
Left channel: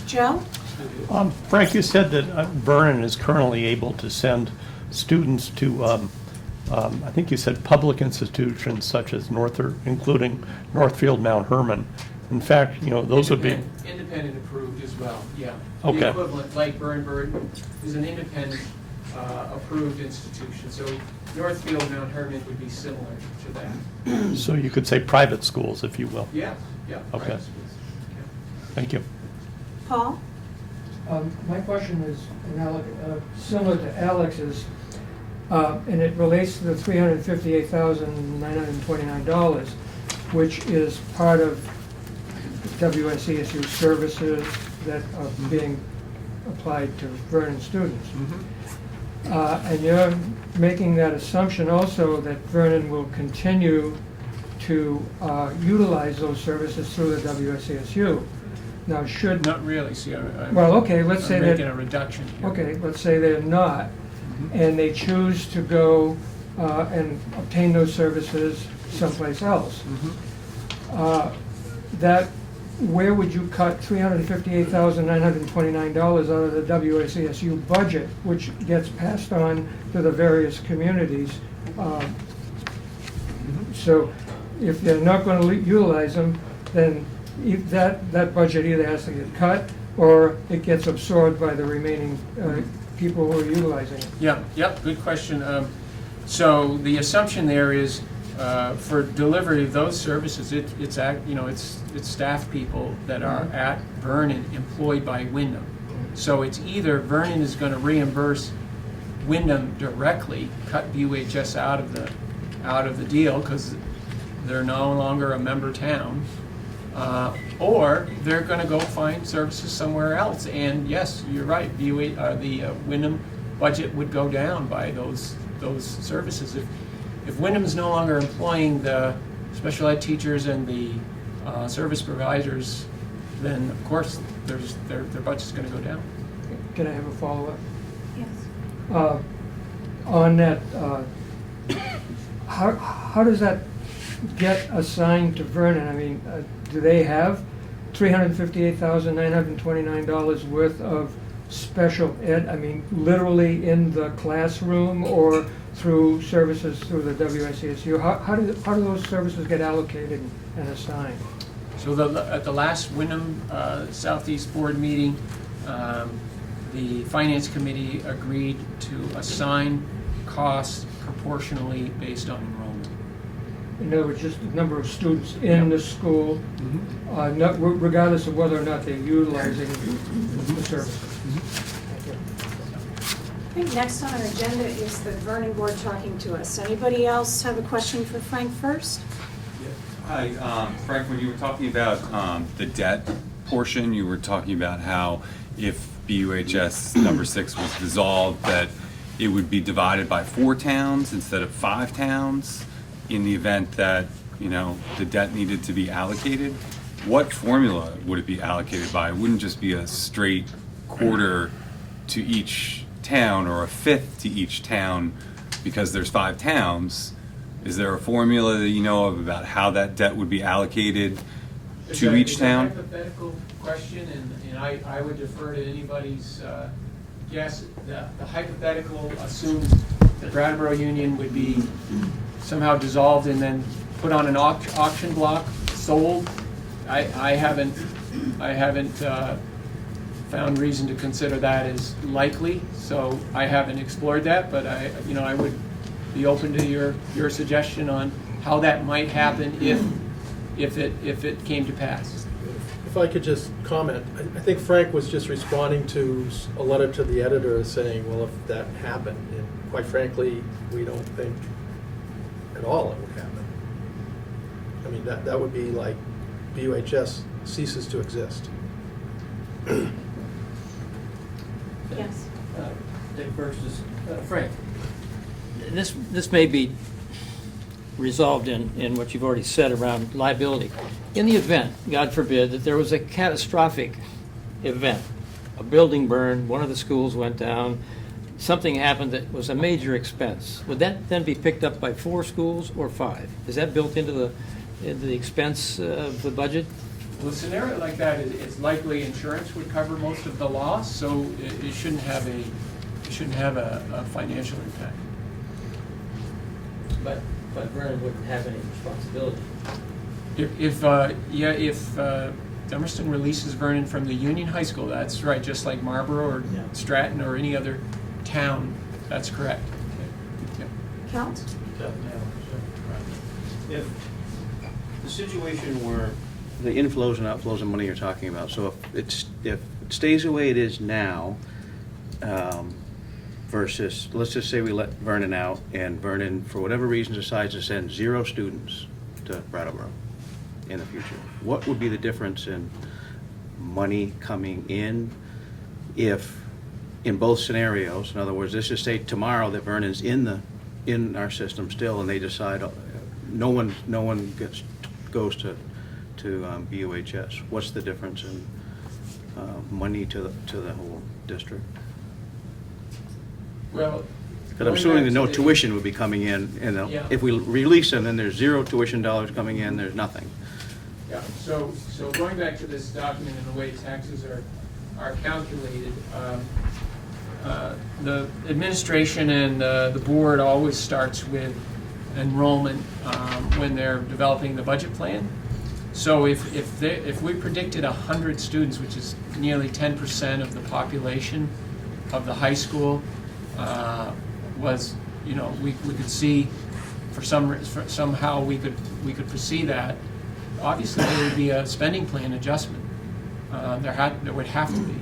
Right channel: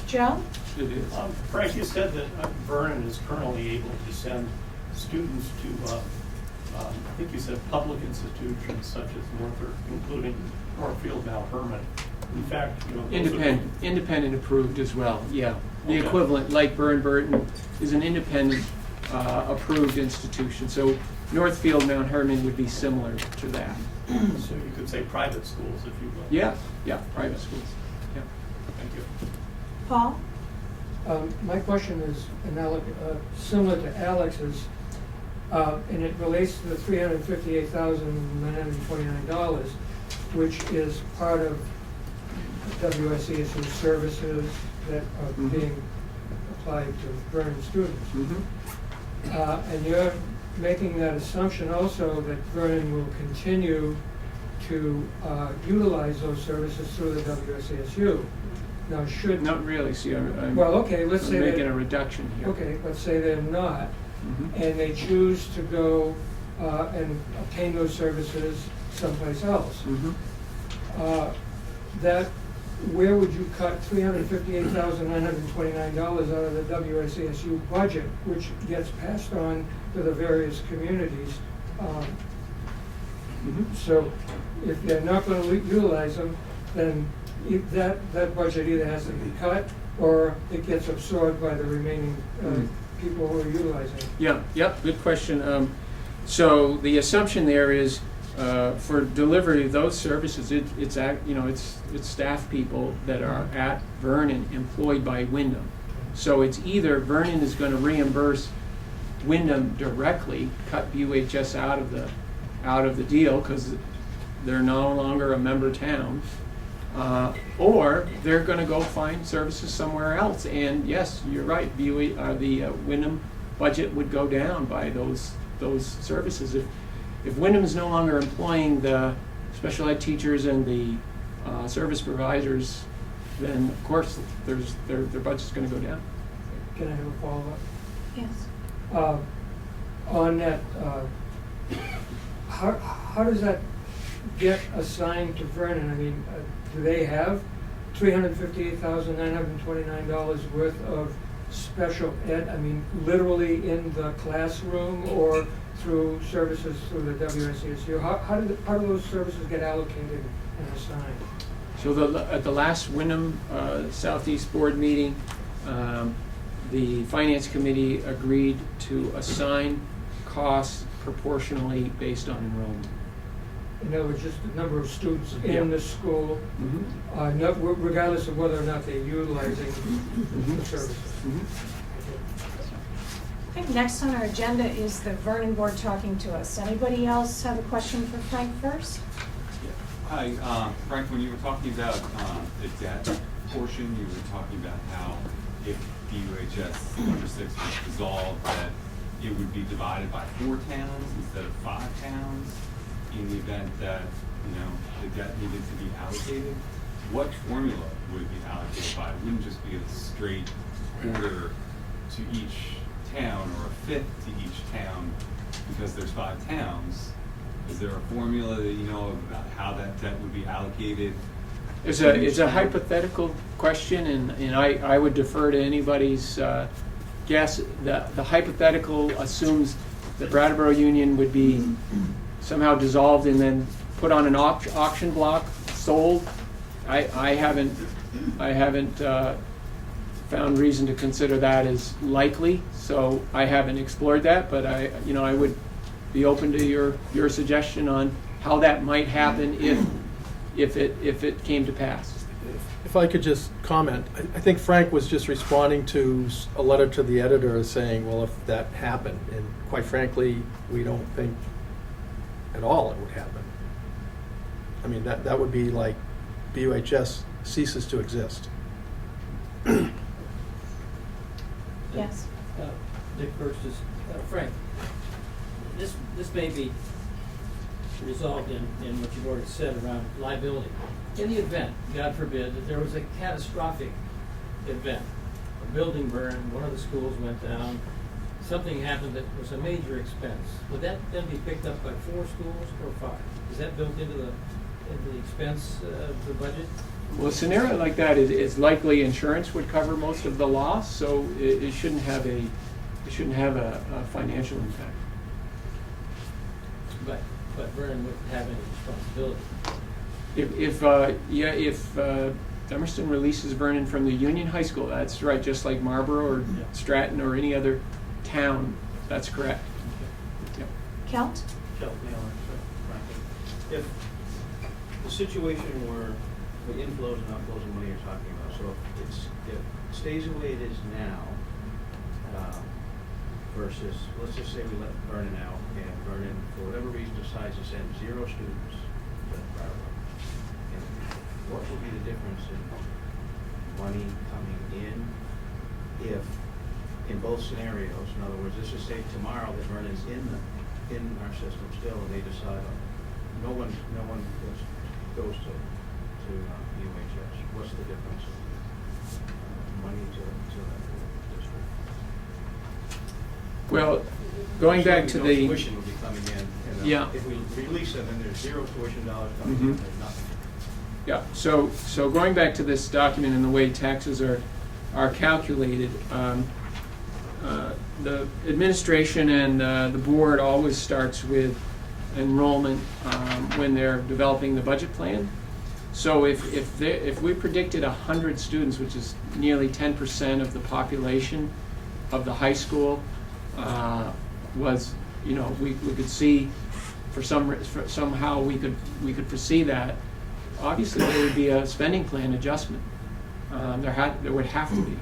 Joe? Frank, you said that Vernon is currently able to send students to, I think you said public institutions such as including Northfield, Mount Herman. In fact, you know, those would be... Independent approved as well, yeah. Okay. The equivalent, like Burton, is an independent approved institution. So Northfield, Mount Herman would be similar to that. So you could say private schools, if you will. Yeah, private Okay. schools. Yeah. Thank you. Paul? My question is similar to Alex's, and it relates to the $358,929, which is part of WSESU services that are being applied to Vernon students. And you're making that assumption also that Vernon will continue to utilize those services through the WSESU. Now, should... Not really, see, I'm Well, okay, let's say making that... a reduction here. Okay, let's say they're not, and they choose to go and obtain those services someplace else. Where would you cut $358,929 out of the WSESU budget, which gets passed on to the various communities? So if they're not going to utilize them, then that budget either has to get cut or it gets absorbed by the remaining people who are utilizing it. Yep, good question. So the assumption there is for delivery of those services, it's staff people that are at Vernon employed by Wyndham. So it's either Vernon is going to reimburse Wyndham directly, cut BUHS out of the deal because they're no longer a member town, or they're going to go find services somewhere else. And yes, you're right. The Wyndham budget would go down by those services. If Wyndham is no longer employing the special ed teachers and the service providers, then of course their budget's going to go down. Can I have a follow-up? Yes. On that, how does that get assigned to Vernon? I mean, do they have $358,929 worth of special ed? I mean, literally in the classroom or through services through the WSESU? How do those services get allocated and assigned? So at the last Wyndham Southeast Board meeting, the Finance Committee agreed to assign costs proportionally based on enrollment. In other words, just the number of students in the school, regardless of whether or not they're utilizing the services. I think next on our agenda is the Vernon Board talking to us. Anybody else have a question for Frank first? Hi, Frank, when you were talking about the debt portion, you were talking about how if BUHS number 6 was dissolved, that it would be divided by 4 towns instead of 5 towns in the event that, you know, the debt needed to be allocated. What formula would it be allocated by? It wouldn't just be a straight quarter to each town or a fifth to each town because there's 5 towns. Is there a formula that you know of about how that debt would be allocated to each It's a town? hypothetical question, and I would defer to anybody's guess. The hypothetical assumes the Brattleboro Union would be somehow dissolved and then put on an auction block, sold. I haven't found reason to consider that as likely, so I haven't explored that, but I would be open to your suggestion on how that might happen if it came to pass. If I could just comment, I think Frank was just responding to a letter to the editor saying, well, if that happened, and quite frankly, we don't think at all it would happen. I mean, that would be like BUHS ceases to exist. Yes. Dave Burks, Frank, this may be resolved in what you've already said around liability. In the event, God forbid, that there was a catastrophic event, a building burned, one of the schools went down, something happened that was a major expense, would that then be picked up by 4 schools or 5? Is that built into the expense of the budget? Well, a scenario like that, it's likely insurance would cover most of the loss, so it shouldn't have a financial impact. But Vernon wouldn't have any responsibility. If Dummerston releases Vernon from the Union High School, that's right, just like Marlboro or Stratton or any other town, that's correct. Yeah. Count? If the situation where the inflows and outflows of money you're talking about, so if it stays the way it is now, versus, let's just say we let Vernon out and Vernon, for whatever reason, decides to send 0 students to Brattleboro in the future, what would be the difference in money coming in if, in both scenarios, in other words, let's just say tomorrow that Vernon's in our system still and they decide no one goes to BUHS, what's the difference in money to the whole district? Well, I'm going assuming back that to no tuition would be coming in, Yeah. if we release them, then there's 0 tuition dollars coming in, there's nothing. Yeah, so going back to this document and the way taxes are calculated, the administration and the board always starts with enrollment when they're developing the budget plan. So if we predicted 100 students, which is nearly 10% of the population of the high school, was, we could see somehow we could foresee that. Obviously, there would be a spending plan adjustment. There would have to be,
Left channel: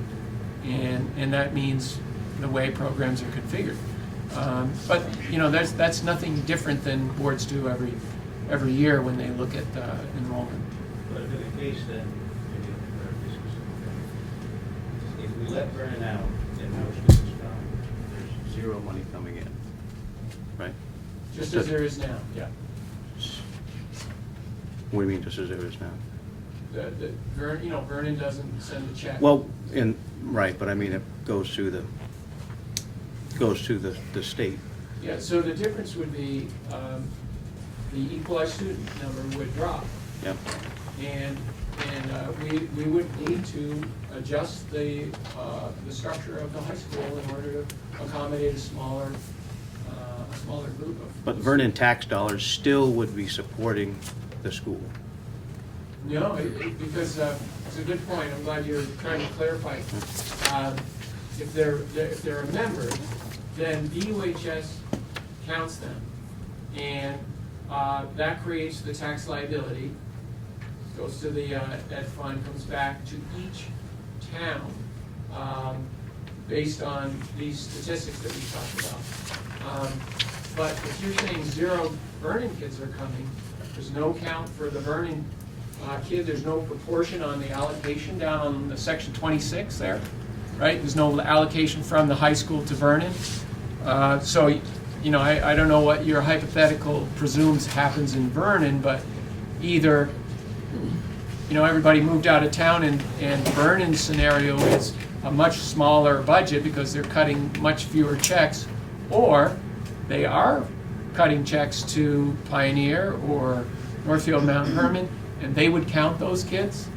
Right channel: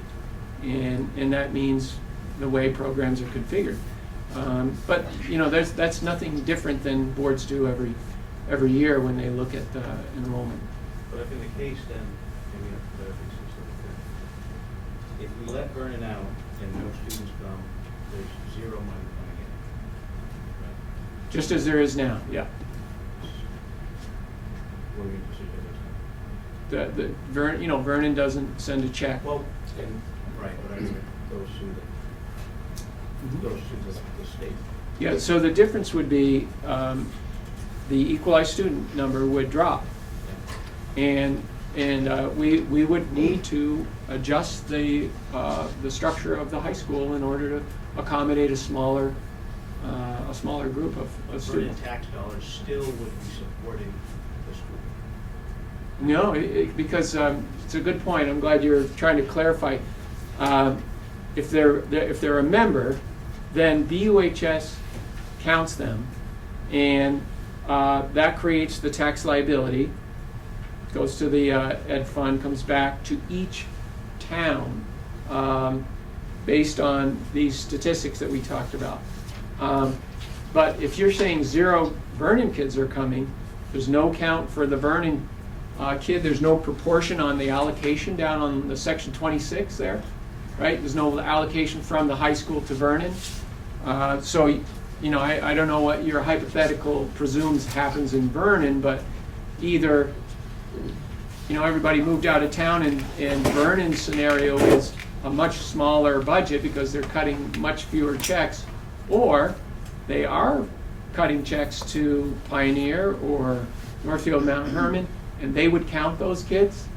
and that means the way programs are configured. But that's nothing different than boards do every year when they look at enrollment. But if in the case then, maybe a very specific thing, if we let Vernon out and no students come, there's 0 money coming in, right? Just as there is now, yeah. What do you mean, just as there is now? Vernon doesn't send a check. Well, right, but I mean, it goes to the state. Yeah, so the difference would be the equalized student number would drop. Yeah. And we would need to adjust the structure of the high school in order to accommodate a smaller group of. But of Vernon students. tax dollars still would be supporting the school. No, because it's a good point. I'm glad you're trying to clarify. If they're a member, then BUHS counts them, and that creates the tax liability, goes to the ed fund, comes back to each town based on these statistics that we talked about. But if you're saying 0 Vernon kids are coming, there's no count for the Vernon kid, there's no proportion on the allocation down on the section 26 there, right? There's no allocation from the high school to Vernon. So, you know, I don't know what your hypothetical presumes happens in Vernon, but either, you know, everybody moved out of town and Vernon's scenario is a much smaller budget because they're cutting much fewer checks, or they are cutting checks to Pioneer or Northfield Mount Herman, and they would count those kids,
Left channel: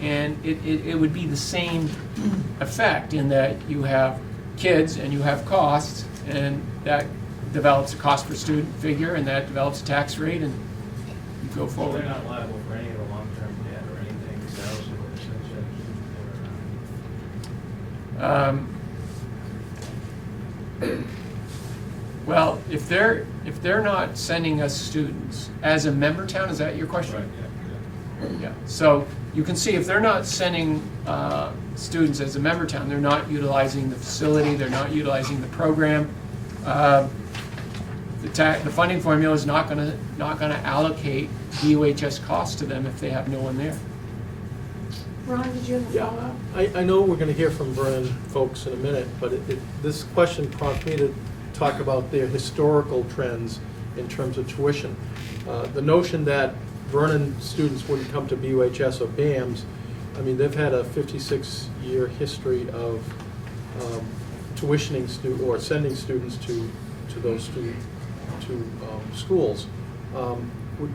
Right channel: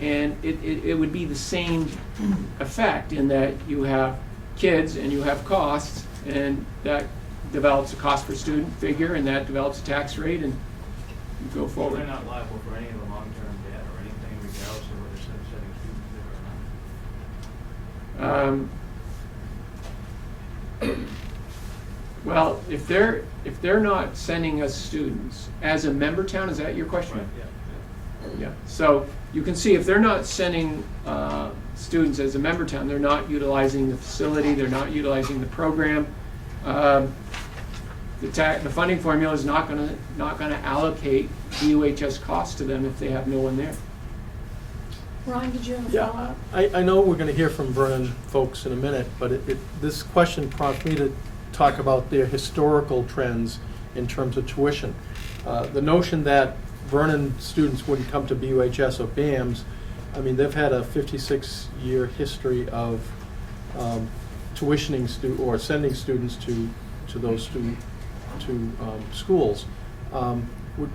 and it would be the same effect in that you have kids and you have costs, and that develops a cost per student figure, and that develops a tax rate, and you go forward. They're not liable for any of the long-term debt or anything, regardless of what the state's Well, if they're not sending us students as a member town, is that your question? Right, yeah. Yeah. So you can see if they're not sending students as a member town, they're not utilizing the facility, they're not utilizing the program. The funding formula is not going to allocate DOHS costs to them if they have no one there. Ron, did you have a Yeah, follow-up? I know we're gonna hear from Vernon folks in a minute, but this question prompts me to talk about their historical trends in terms of tuition. The notion that Vernon students wouldn't come to BUHS or BAMS, I mean, they've had a 56-year history of tuitioning or sending students to those schools.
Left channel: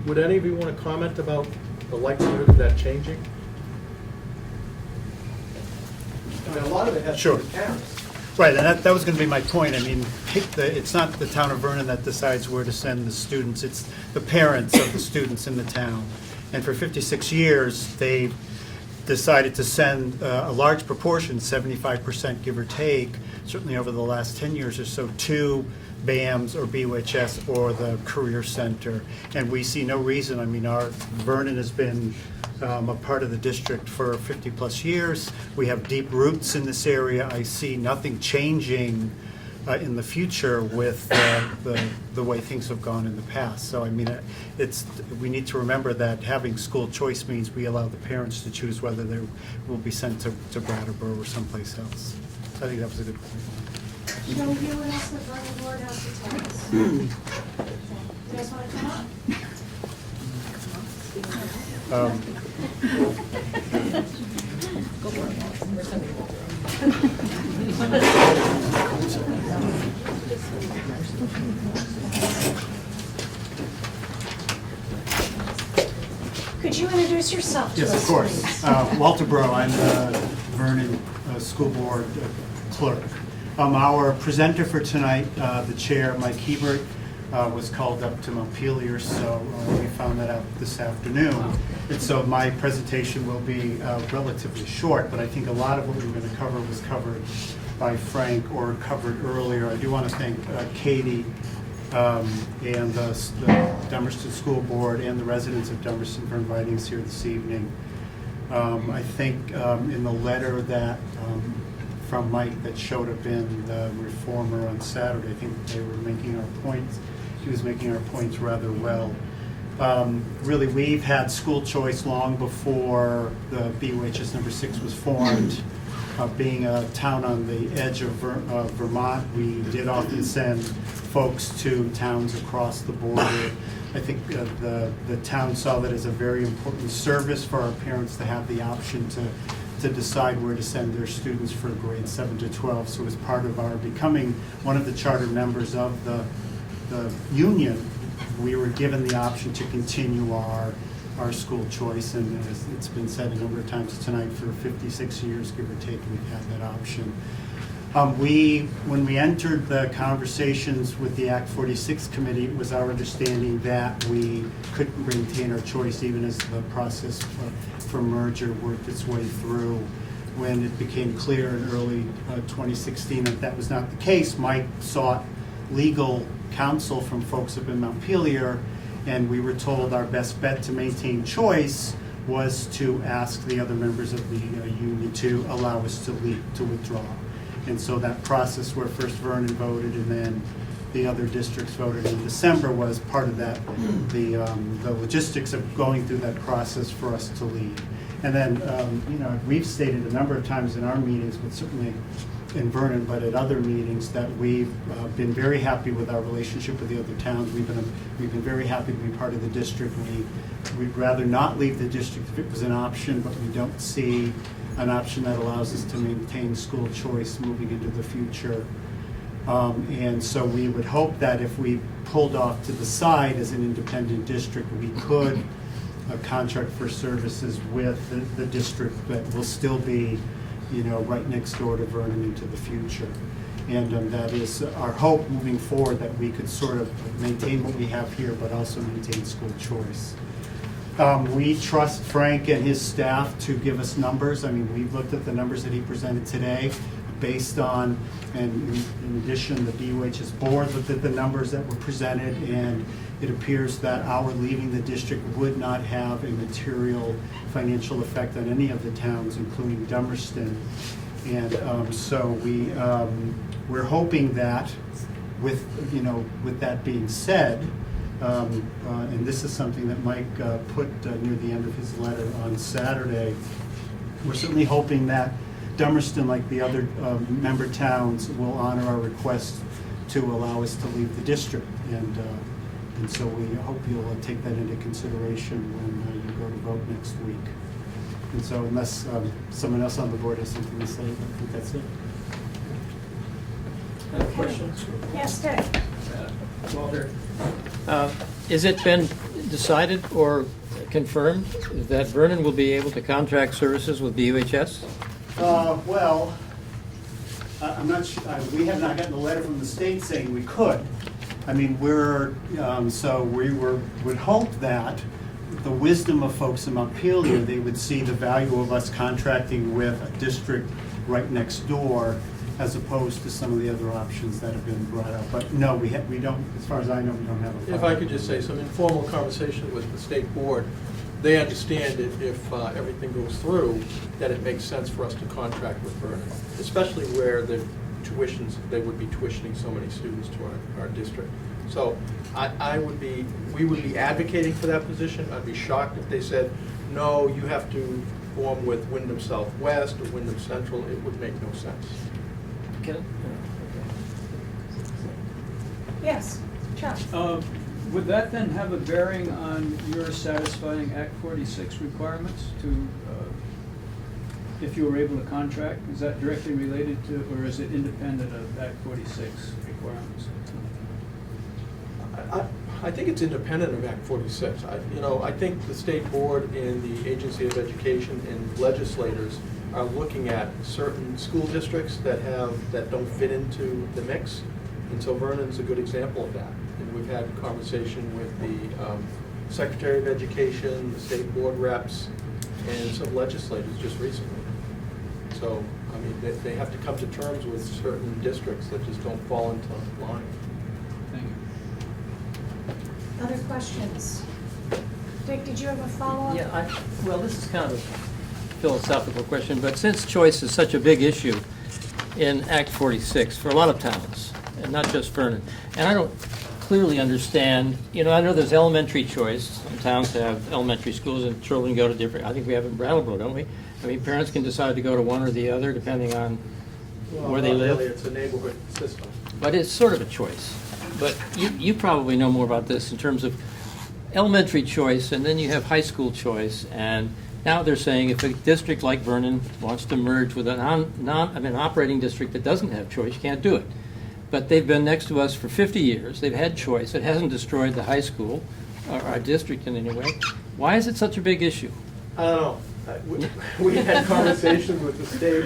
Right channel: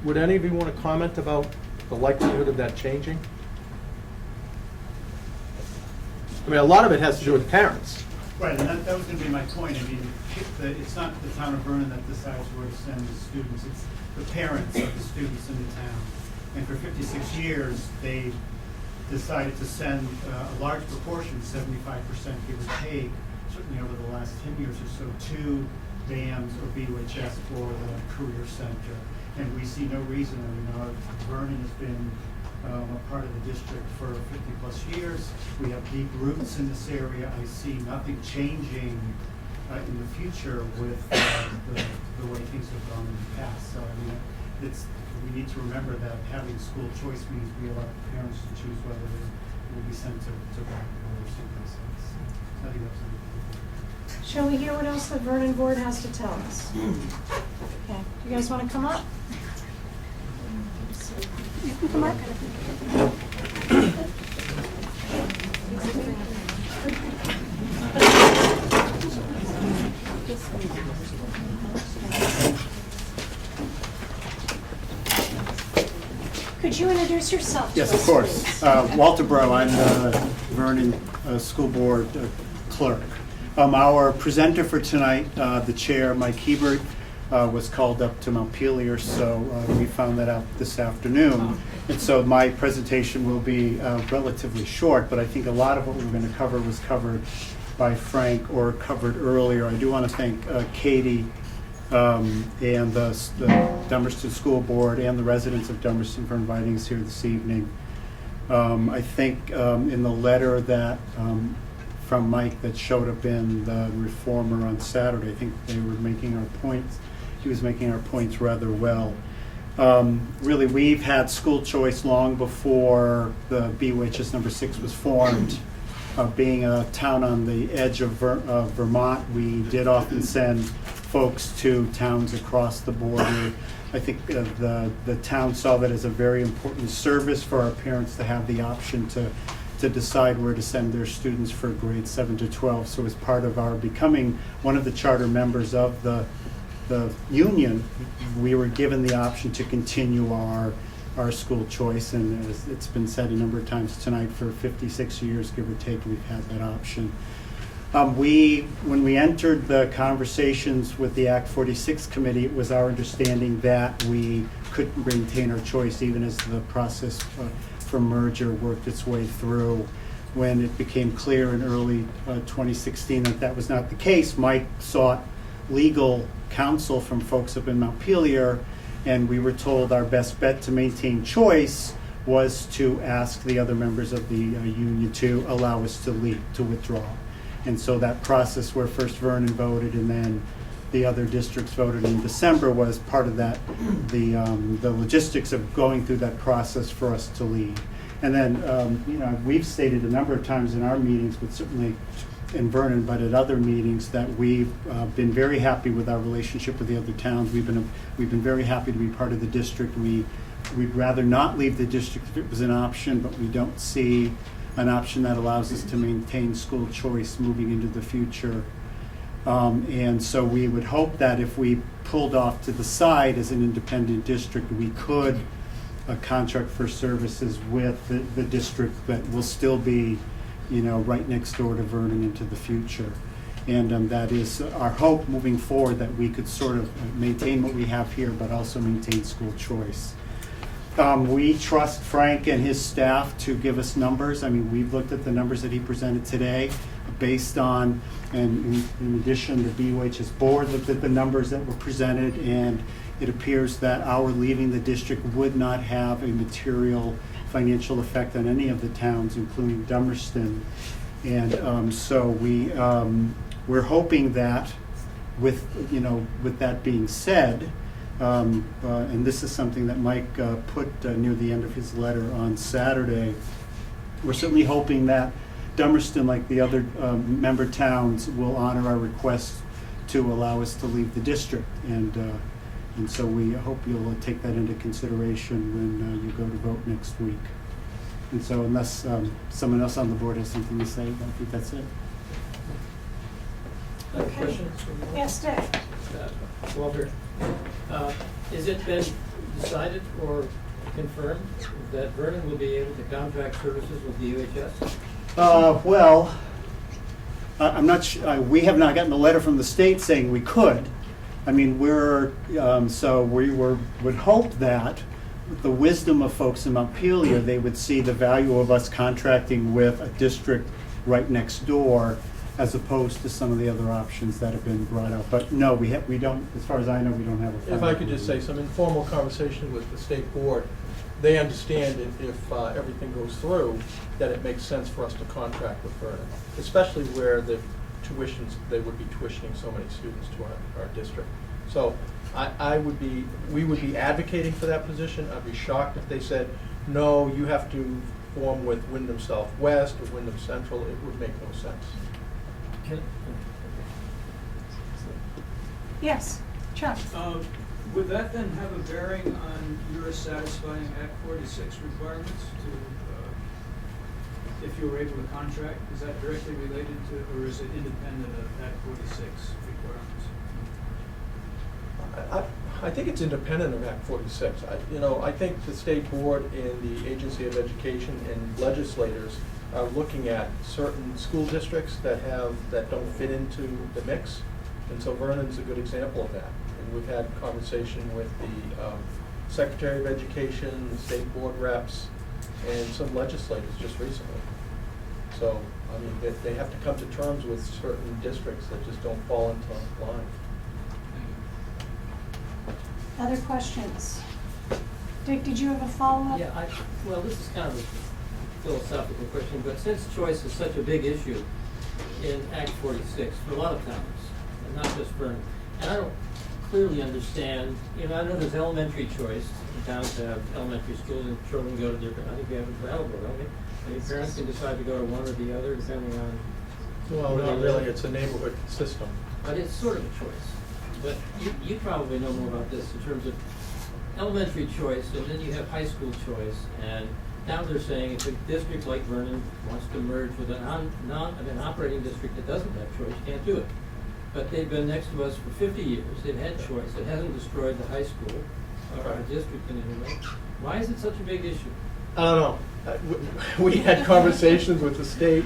Would any of you want to comment about the likelihood of that changing? I mean, a lot of it has to do with parents. Right, and that was going to be my point. I mean, it's not the town of Vernon that decides where to send the students, it's the parents of the students in the town. And for 56 years, they decided to send a large proportion, 75% give or take, certainly over the last 10 years or so, to BAMS or BUHS or the Career Center. And we see no reason, I mean, Vernon has been a part of the district for 50+ years. We have deep roots in this area. I see nothing changing in the future with the way things have gone in the past. So I mean, we need to remember that having school choice means we allow the parents to choose whether they will be sent to Brattleboro or someplace else. I think that was a good point. Shall we hear what else the Vernon Board has to tell us? Okay. You guys want to come up? Could you introduce yourself to us? Yes, of course. Walter Bro, I'm the Vernon School Board clerk. Our presenter for tonight, the chair, Mike Hebert, was called up to Montpelier, so we found that out this afternoon. And so my presentation will be relatively short, but I think a lot of what we're going to cover was covered by Frank or covered earlier. I do want to thank Katie and the Dummerston School Board and the residents of Dummerston for inviting us here this evening. I think in the letter that from Mike that showed up in the Reformer on Saturday, I think they were making our points. He was making our points rather well. Really, we've had school choice long before the BUHS number 6 was formed. Being a town on the edge of Vermont, we did often send folks to towns across the border. I think the town saw that as a very important service for our parents to have the option to decide where to send their students for grades 7 to 12. So as part of our becoming one of the charter members of the union, we were given the option to continue our school choice, and as it's been said a number of times tonight, for 56 years, give or take, we've had that option. When we entered the conversations with the Act 46 committee, it was our understanding that we couldn't maintain our choice even as the process for merger worked its way through. When it became clear in early 2016 that that was not the case, Mike sought legal counsel from folks up in Montpelier, and we were told our best bet to maintain choice was to ask the other members of the union to allow us to leave, to withdraw. And so that process where first Vernon voted and then the other districts voted in December was part of that, the logistics of going through that process for us to leave. And then, you know, we've stated a number of times in our meetings, but certainly in Vernon, but at other meetings, that we've been very happy with our relationship with the other towns. We've been very happy to be part of the district. We'd rather not leave the district if it was an option, but we don't see an option that allows us to maintain school choice moving into the future. And so we would hope that if we pulled off to the side as an independent district, we could contract for services with the district that will still be, you know, right next door to Vernon into the future. And that is our hope moving forward, that we could sort of maintain what we have here, but also maintain school choice. We trust Frank and his staff to give us numbers. I mean, we've looked at the numbers that he presented today based on, and in addition, the DOHS board looked at the numbers that were presented, and it appears that our leaving the district would not have a material financial effect on any of the towns, including Dummerston. And so we're hoping that with that being said, and this is something that Mike put near the end of his letter on Saturday, we're certainly hoping that Dummerston, like the other member towns, will honor our request to allow us to leave the district. And so we hope you'll take that into consideration when you go to vote next week. And so unless someone else on the board has something to say, I think that's it. Okay. Yes, Dave. Walter, has it been decided or confirmed that Vernon will be able to contract services with BUHS? Well, I'm not sure. We have not gotten a letter from the state saying we could. I mean, so we would hope that with the wisdom of folks in Montpelier, they would see the value of us contracting with a district right next door, as opposed to some of the other options that have been brought out. But no, we don't, as far as I know, we don't have a If I could just say, some informal conversation with the state board, they understand if everything goes through, that it makes sense for us to contract with Vernon, especially where the tuitions, they would be tuitioning so many students to our district. So we would be advocating for that position. I'd be shocked if they said, no, you have to form with Wyndham Southwest or Wyndham Central. It would make no sense. Okay. Yes, Chuck. Would that then have a bearing on your satisfying Act 46 requirements to, if you were able to contract? Is that directly related to, or is it independent of Act 46 requirements? I think it's independent of Act 46. I think the state board and the Agency of Education and legislators are looking at certain school districts that don't fit into the mix, and so Vernon's a good example of that. And we've had a conversation with the Secretary of Education, the state board reps, and some legislators just recently. So, I mean, they have to come to terms with certain districts that just don't fall into line. Other questions? Dick, did you have a follow-up? Yeah, well, this is kind of a philosophical question, but since choice is such a big issue in Act 46 for a lot of towns, and not just Vernon, and I don't clearly understand, I know there's elementary choice. Some towns have elementary schools and children go to different, I think we have in Brattleboro, don't we? I mean, parents can decide to go to one or the other depending on where they live. Really, it's a neighborhood system. But it's sort of a choice. But you probably know more about this in terms of elementary choice, and then you have high school choice, and now they're saying if a district like Vernon wants to merge with an operating district that doesn't have choice, you can't do it. But they've been next to us for 50 years. They've had choice. It hasn't destroyed the high school, or our district in any way. Why is it such a big issue? I don't know. We had conversations with the state.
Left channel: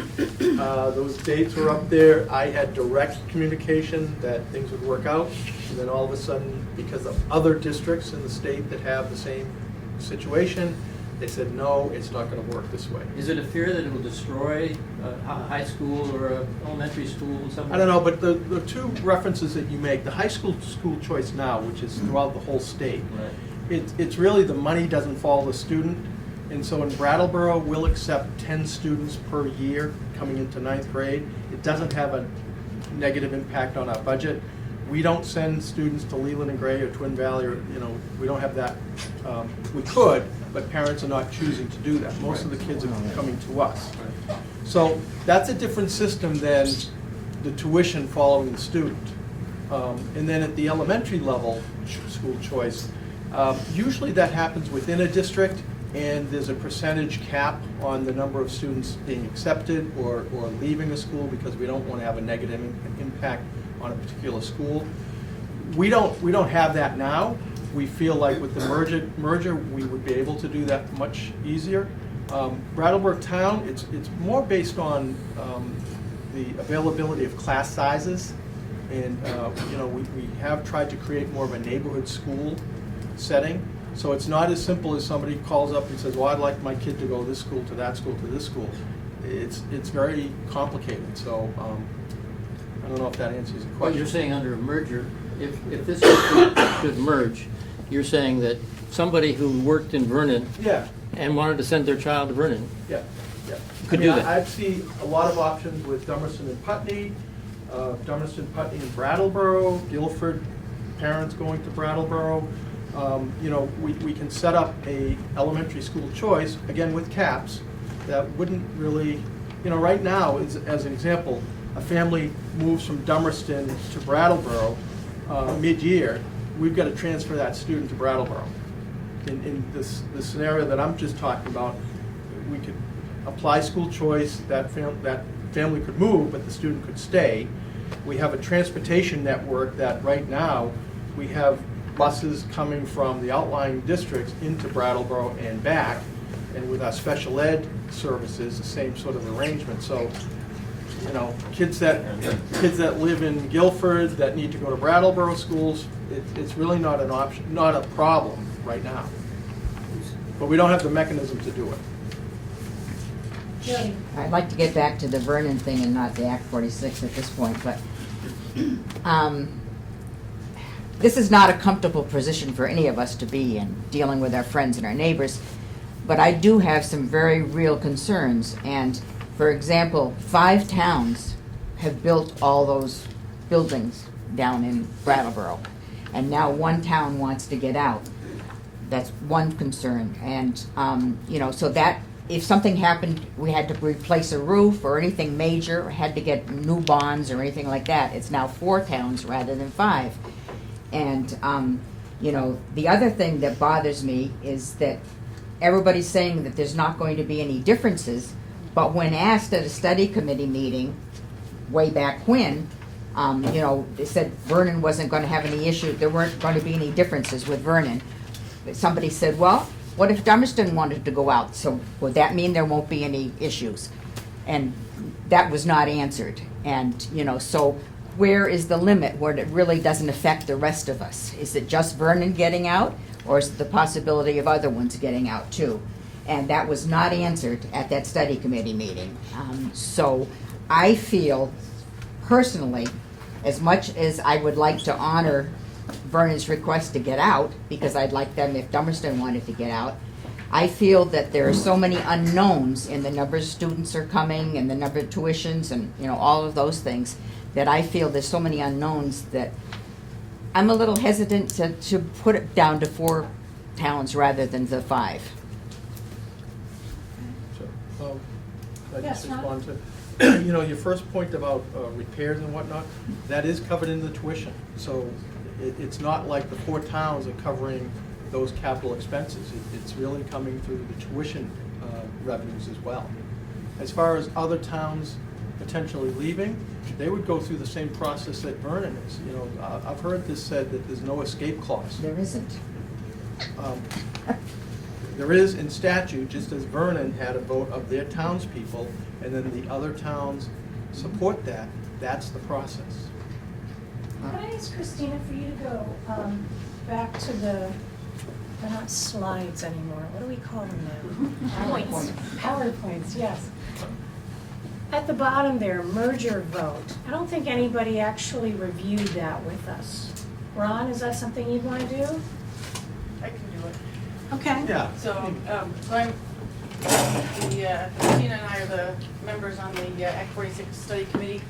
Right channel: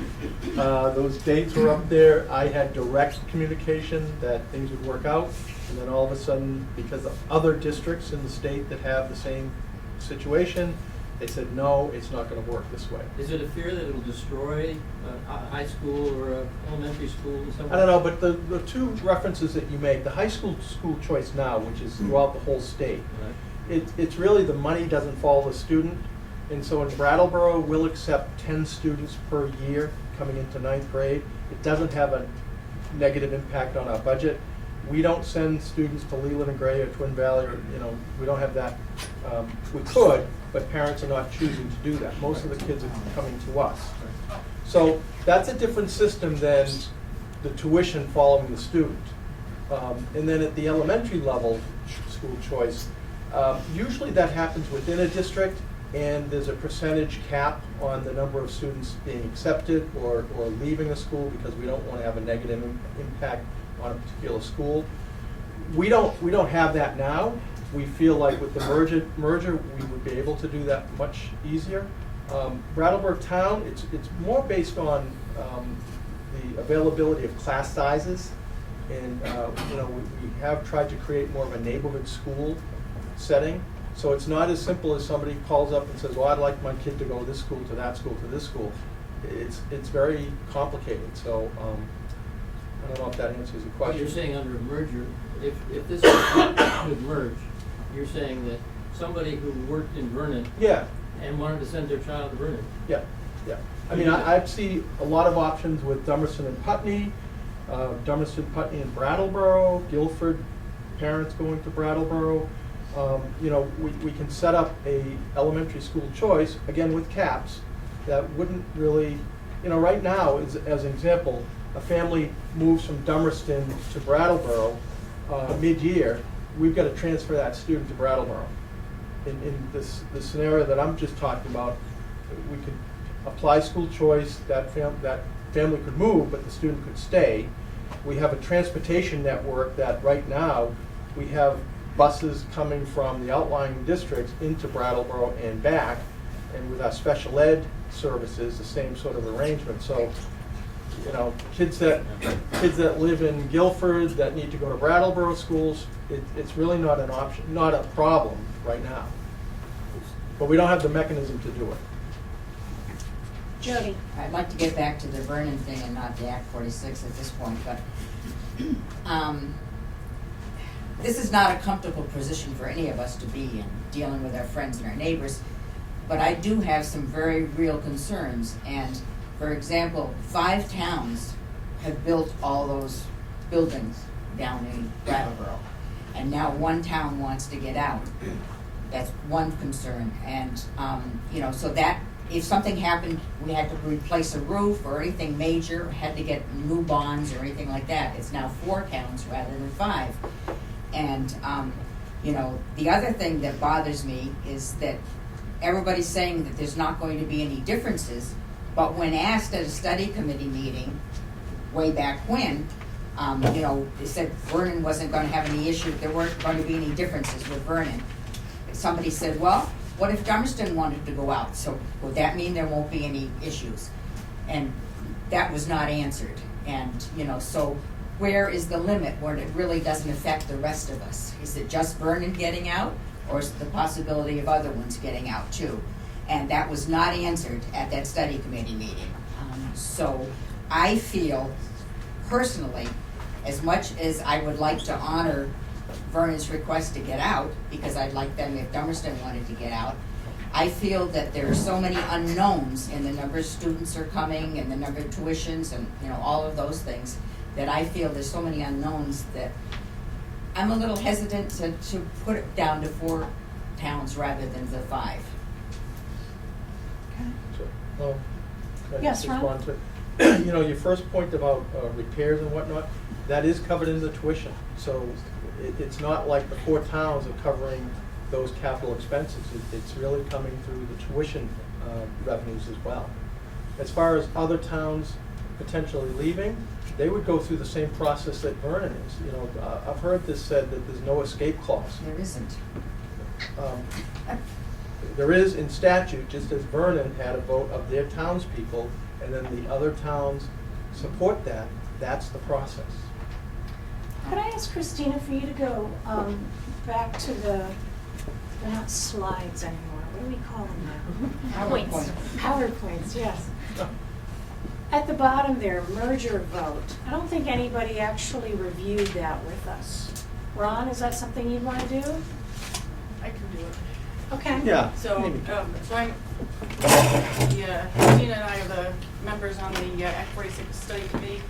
Those dates were up there. I had direct communication that things would work out. And then all of a sudden, because of other districts in the state that have the same situation, They said, no, it's not gonna work this way. Is it a fear that it will destroy a high school or a elementary school somewhere? I don't know, but the two references that you make, the high school choice now, which is throughout the whole state, it's really the money doesn't follow the student. And so in Brattleboro, we'll accept 10 students per year coming into 9th grade. It doesn't have a negative impact on our budget. We don't send students to Leland and Gray or Twin Valley, or, we don't have that. We could, but parents are not choosing to do that. Most of the kids are coming to us. So that's a different system than the tuition following the student. And then at the elementary level school choice, usually that happens within a district, and there's a percentage cap on the number of students being accepted or leaving a school because we don't want to have a negative impact on a particular school. We don't have that now. We feel like with the merger we would be able to do that much easier. Brattleboro Town, it's more based on the availability of class sizes, and we have tried to create more of a neighborhood school setting. So it's not as simple as somebody calls up and says, well, I'd like my kid to go this school to that school to this school. It's very complicated. So I don't know if that answers the question. What you're saying under a merger, if this should merge, you're saying that somebody who worked in Vernon and wanted to send their child to Vernon could do that. I see a lot of options with Dummerston and Putney, and Brattleboro, Guilford, parents going to Brattleboro. We can set up a elementary school choice, again with caps, that wouldn't really, right now, as an example, a family moves from Dummerston to Brattleboro mid-year, we've got to transfer that student to Brattleboro. In this scenario that I'm just talking about, we could apply school choice, that family could move, but the student could stay. We have a transportation network that right now, we have buses coming from the outlying districts into Brattleboro and back, and with our special ed services, the same sort of arrangement. So, kids that live in Guilford that need to go to Brattleboro schools, it's really not an option, not a problem right now. But we don't have the mechanism to do it. Jody. I'd like to get back to the Vernon thing and not the Act 46 at this point, but this is not a comfortable position for any of us to be in, dealing with our friends and our neighbors, but I do have some very real concerns. And for example, 5 towns have built all those buildings down in Brattleboro, and now 1 town wants to get out. That's one concern. And so that if something happened, we had to replace a roof or anything major, had to get new bonds or anything like that, it's now 4 towns rather than 5. And the other thing that bothers me is that everybody's saying that there's not going to be any differences, but when asked at a study committee meeting way back when, they said Vernon wasn't going to have any issue, there weren't going to be any differences with Vernon. Somebody said, well, what if Dummerston wanted to go out? So would that mean there won't be any issues? And that was not answered. And, so where is the limit where it really doesn't affect the rest of us? Is it just Vernon getting out, or is it the possibility of other ones getting out too? And that was not answered at that study committee meeting. So I feel personally, as much as I would like to honor Vernon's request to get out, because I'd like them if Dummerston wanted to get out, I feel that there are so many unknowns in the number of students are coming and the number of tuitions and all of those things, that I feel there's so many unknowns that I'm a little hesitant to put it down to 4 towns rather than the 5. Can I Yes, just Ron? respond to, your first point about repairs and whatnot, that is covered in the tuition. So it's not like the 4 towns are covering those capital expenses. It's really coming through the tuition revenues as well. As far as other towns potentially leaving, they would go through the same process that Vernon is. I've heard this said that there's no escape clause. There isn't. There is in statute, just as Vernon had a vote of their townspeople, and then the other towns support that. That's the process. Could I ask Christina for you to go back to the They're not slides anymore. What do we call them now? PowerPoint. PowerPoints, yes. At the bottom there, merger vote. I don't think anybody actually reviewed that with us. Ron, is that something you want to do? I can do it. Okay. Yeah. So, so I'm, Tina and I are the members on the Act 46 Study Committee.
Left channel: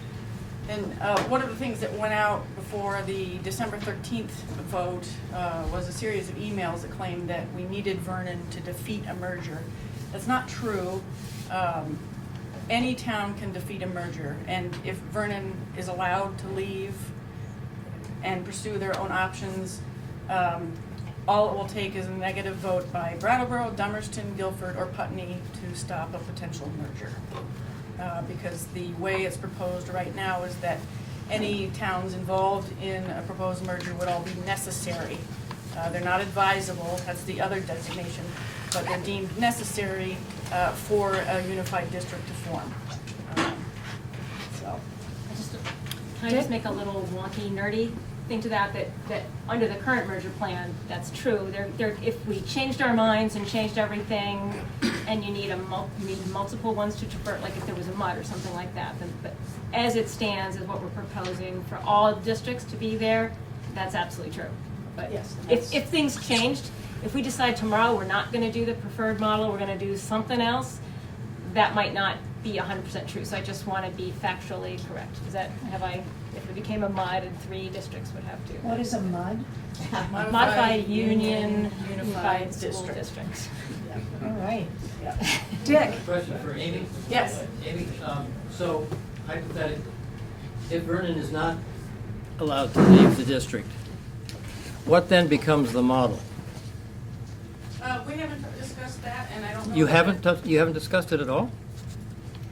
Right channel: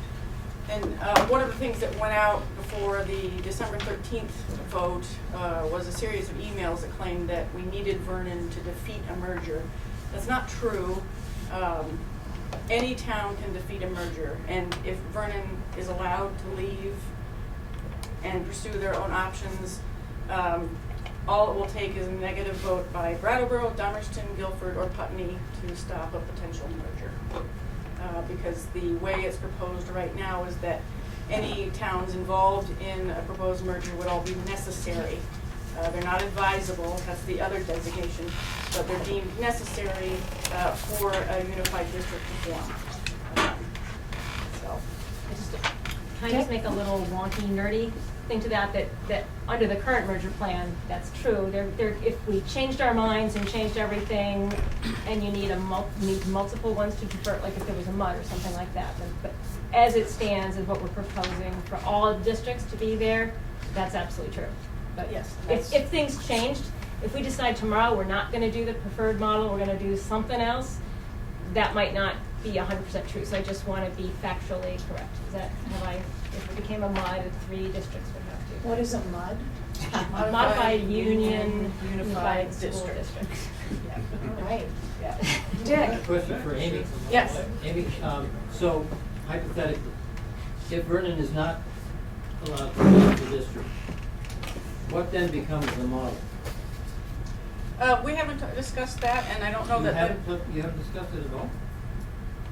And one of the things that went out before the December 13th vote was a series of emails that claimed that we needed Vernon to defeat a merger. That's not true. Any town can defeat a merger, and if Vernon is allowed to leave and pursue their own options, all it will take is a negative vote by Brattleboro, Dummerston, Guilford, or Putney to stop a potential merger. Because the way it's proposed right now is that any towns involved in a proposed merger would all be necessary. They're not advisable, that's the other designation, but they're deemed necessary for a unified district to form. So, Can I just make a little wonky, nerdy thing to that under the current merger plan, that's true. If we changed our minds and changed everything, and you need multiple ones to defer, like if there was a MUD or something like that, but as it stands, is what we're proposing for all districts to be there, that's absolutely true. But yes, if things changed, if we decide tomorrow we're not going to do the preferred model, we're going to do something else, that might not be 100% true. So I just want to be factually correct. If it became a MUD, 3 districts would have to. What is a MUD? Modified Union Unified School District. Districts. All right. Yeah. Dick? Question for Amy? Yes. Amy, so hypothetically, if Vernon is not allowed to leave the district, what then becomes the model? We haven't discussed that, and I don't know. You that haven't discussed it at all?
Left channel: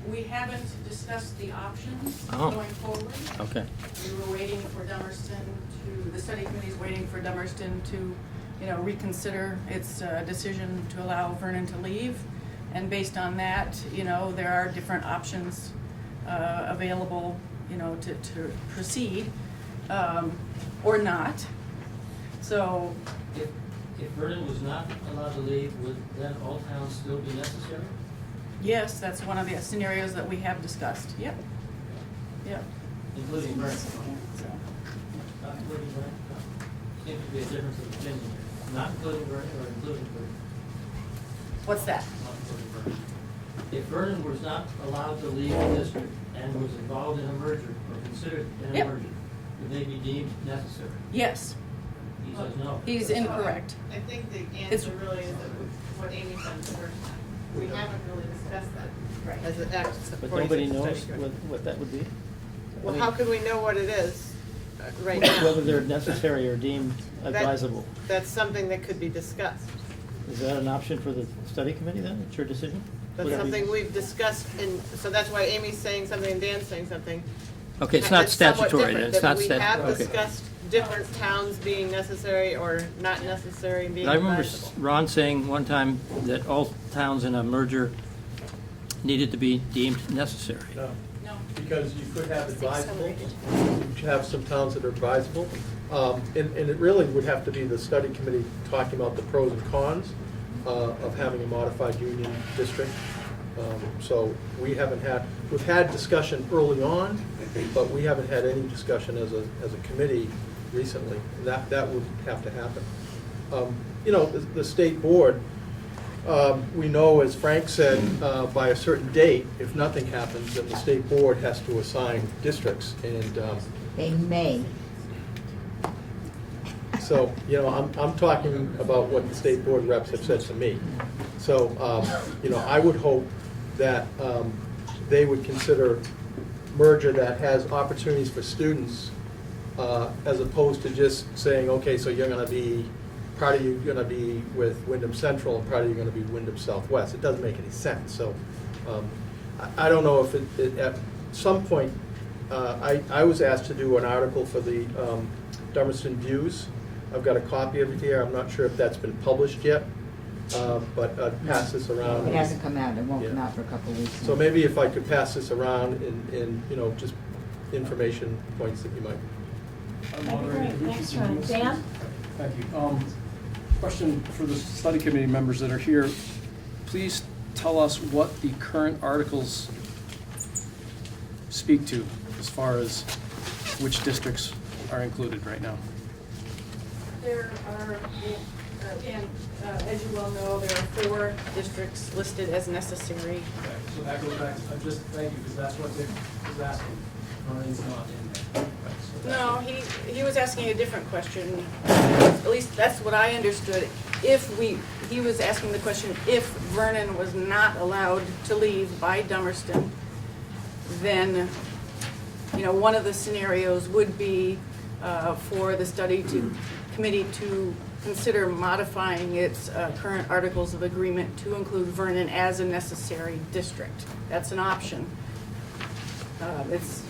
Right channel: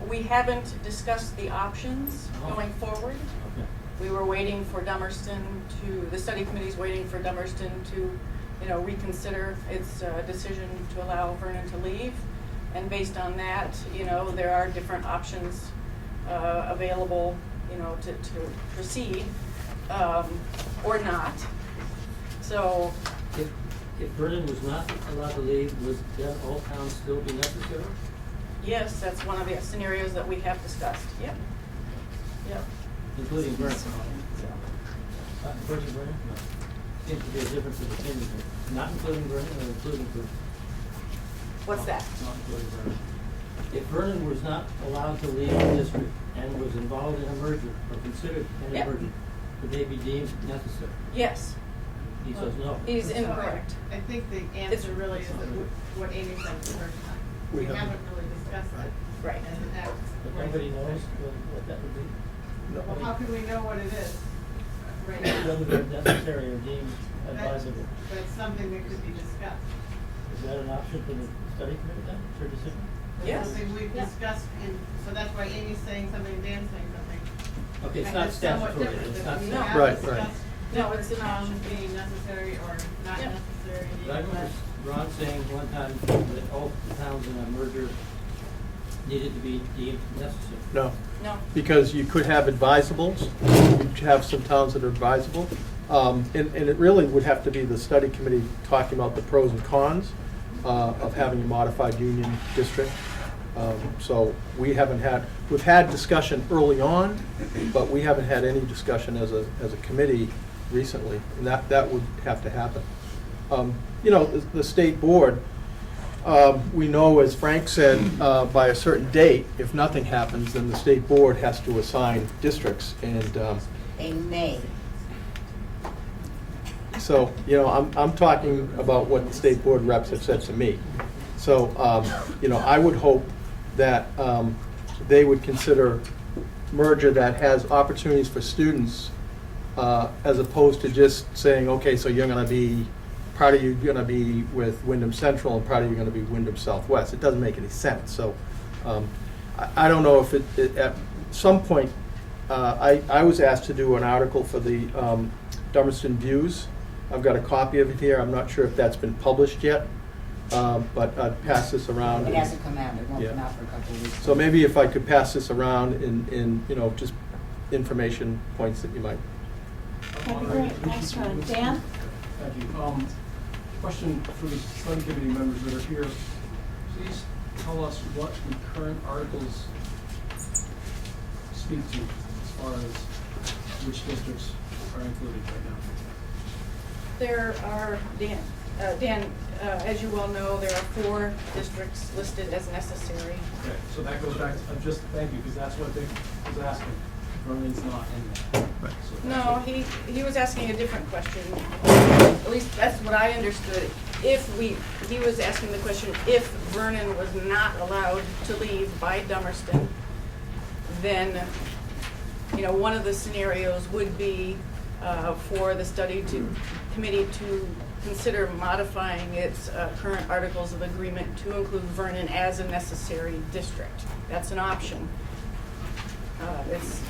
We haven't discussed the options Oh. going forward. Okay. We were waiting for the study committee's waiting for Dummerston to, reconsider its decision to allow Vernon to leave. And based on that, there are different options available, to proceed or not. So, If Vernon was not allowed to leave, would then all towns still be necessary? yes, that's one of the scenarios that we have discussed. Yep. Including Vernon? So, Not including Vernon? No. Seems to be a difference of opinion here. Not including Vernon or including Vernon? what's that? Not including Vernon. If Vernon was not allowed to leave the district and was involved in a merger or considered in a Yep. merger, would they be deemed necessary? Yes. He says no. He's incorrect. I think the It's- answer really is that what Amy said the first time. We We don't- haven't really discussed that. Right. As an act. But nobody knows what that would be? Well, how could we know what it is right now? Whether they're necessary or deemed That- advisable. That's something that could be discussed. Is that an option for the study committee then? It's your decision? That's Yeah. something we've discussed so that's why Amy's saying something and Dan's saying something. Okay, it's And not that's somewhat statutory, different, it's that not we statutory. have discussed different towns being necessary or not necessary, being I remember advisable. Ron saying one time that all towns in a merger needed to be deemed necessary. No. No. Because you could have advisables, you could have some towns that are advisable. And it really would have to be the study committee talking about the pros and cons of having a modified union district. So we've had discussion early on, but we haven't had any discussion as a committee recently. And that would have to happen. The state board, we know, as Frank said, by a certain date, if nothing happens, then the state board has to assign districts. And They may. so, I'm talking about what the state board reps have said to me. So, I would hope that they would consider merger that has opportunities for students, as opposed to just saying, okay, so you're gonna be, part of you're gonna be with Wyndham Central and part of you're gonna be Wyndham Southwest. It doesn't make any sense. So, I don't know if it at some point, I was asked to do an article for the Dummerston Views. I've got a copy of it here. I'm not sure if that's been published yet, but I'd pass this around. It hasn't come out, it won't Yeah. come out for a couple of weeks. So maybe if I could pass this around in just information points that you might. That'd be great. Thanks, Ron. Dan? Thank you. Question for the study committee members that are here. Please tell us what the current articles speak to as far as which districts are included right now. There are, Dan, as you well know, there are 4 districts listed as necessary. Okay, so that goes back to, just thank you, because that's what they was asking. Vernon's not in there. Right, so that's No, it. he was asking a different question. At least that's what I understood. He was asking the question, if Vernon was not allowed to leave by Dummerston, then, one of the scenarios would be for the committee to consider modifying its current articles of agreement to include Vernon as a necessary district. That's an option. It's,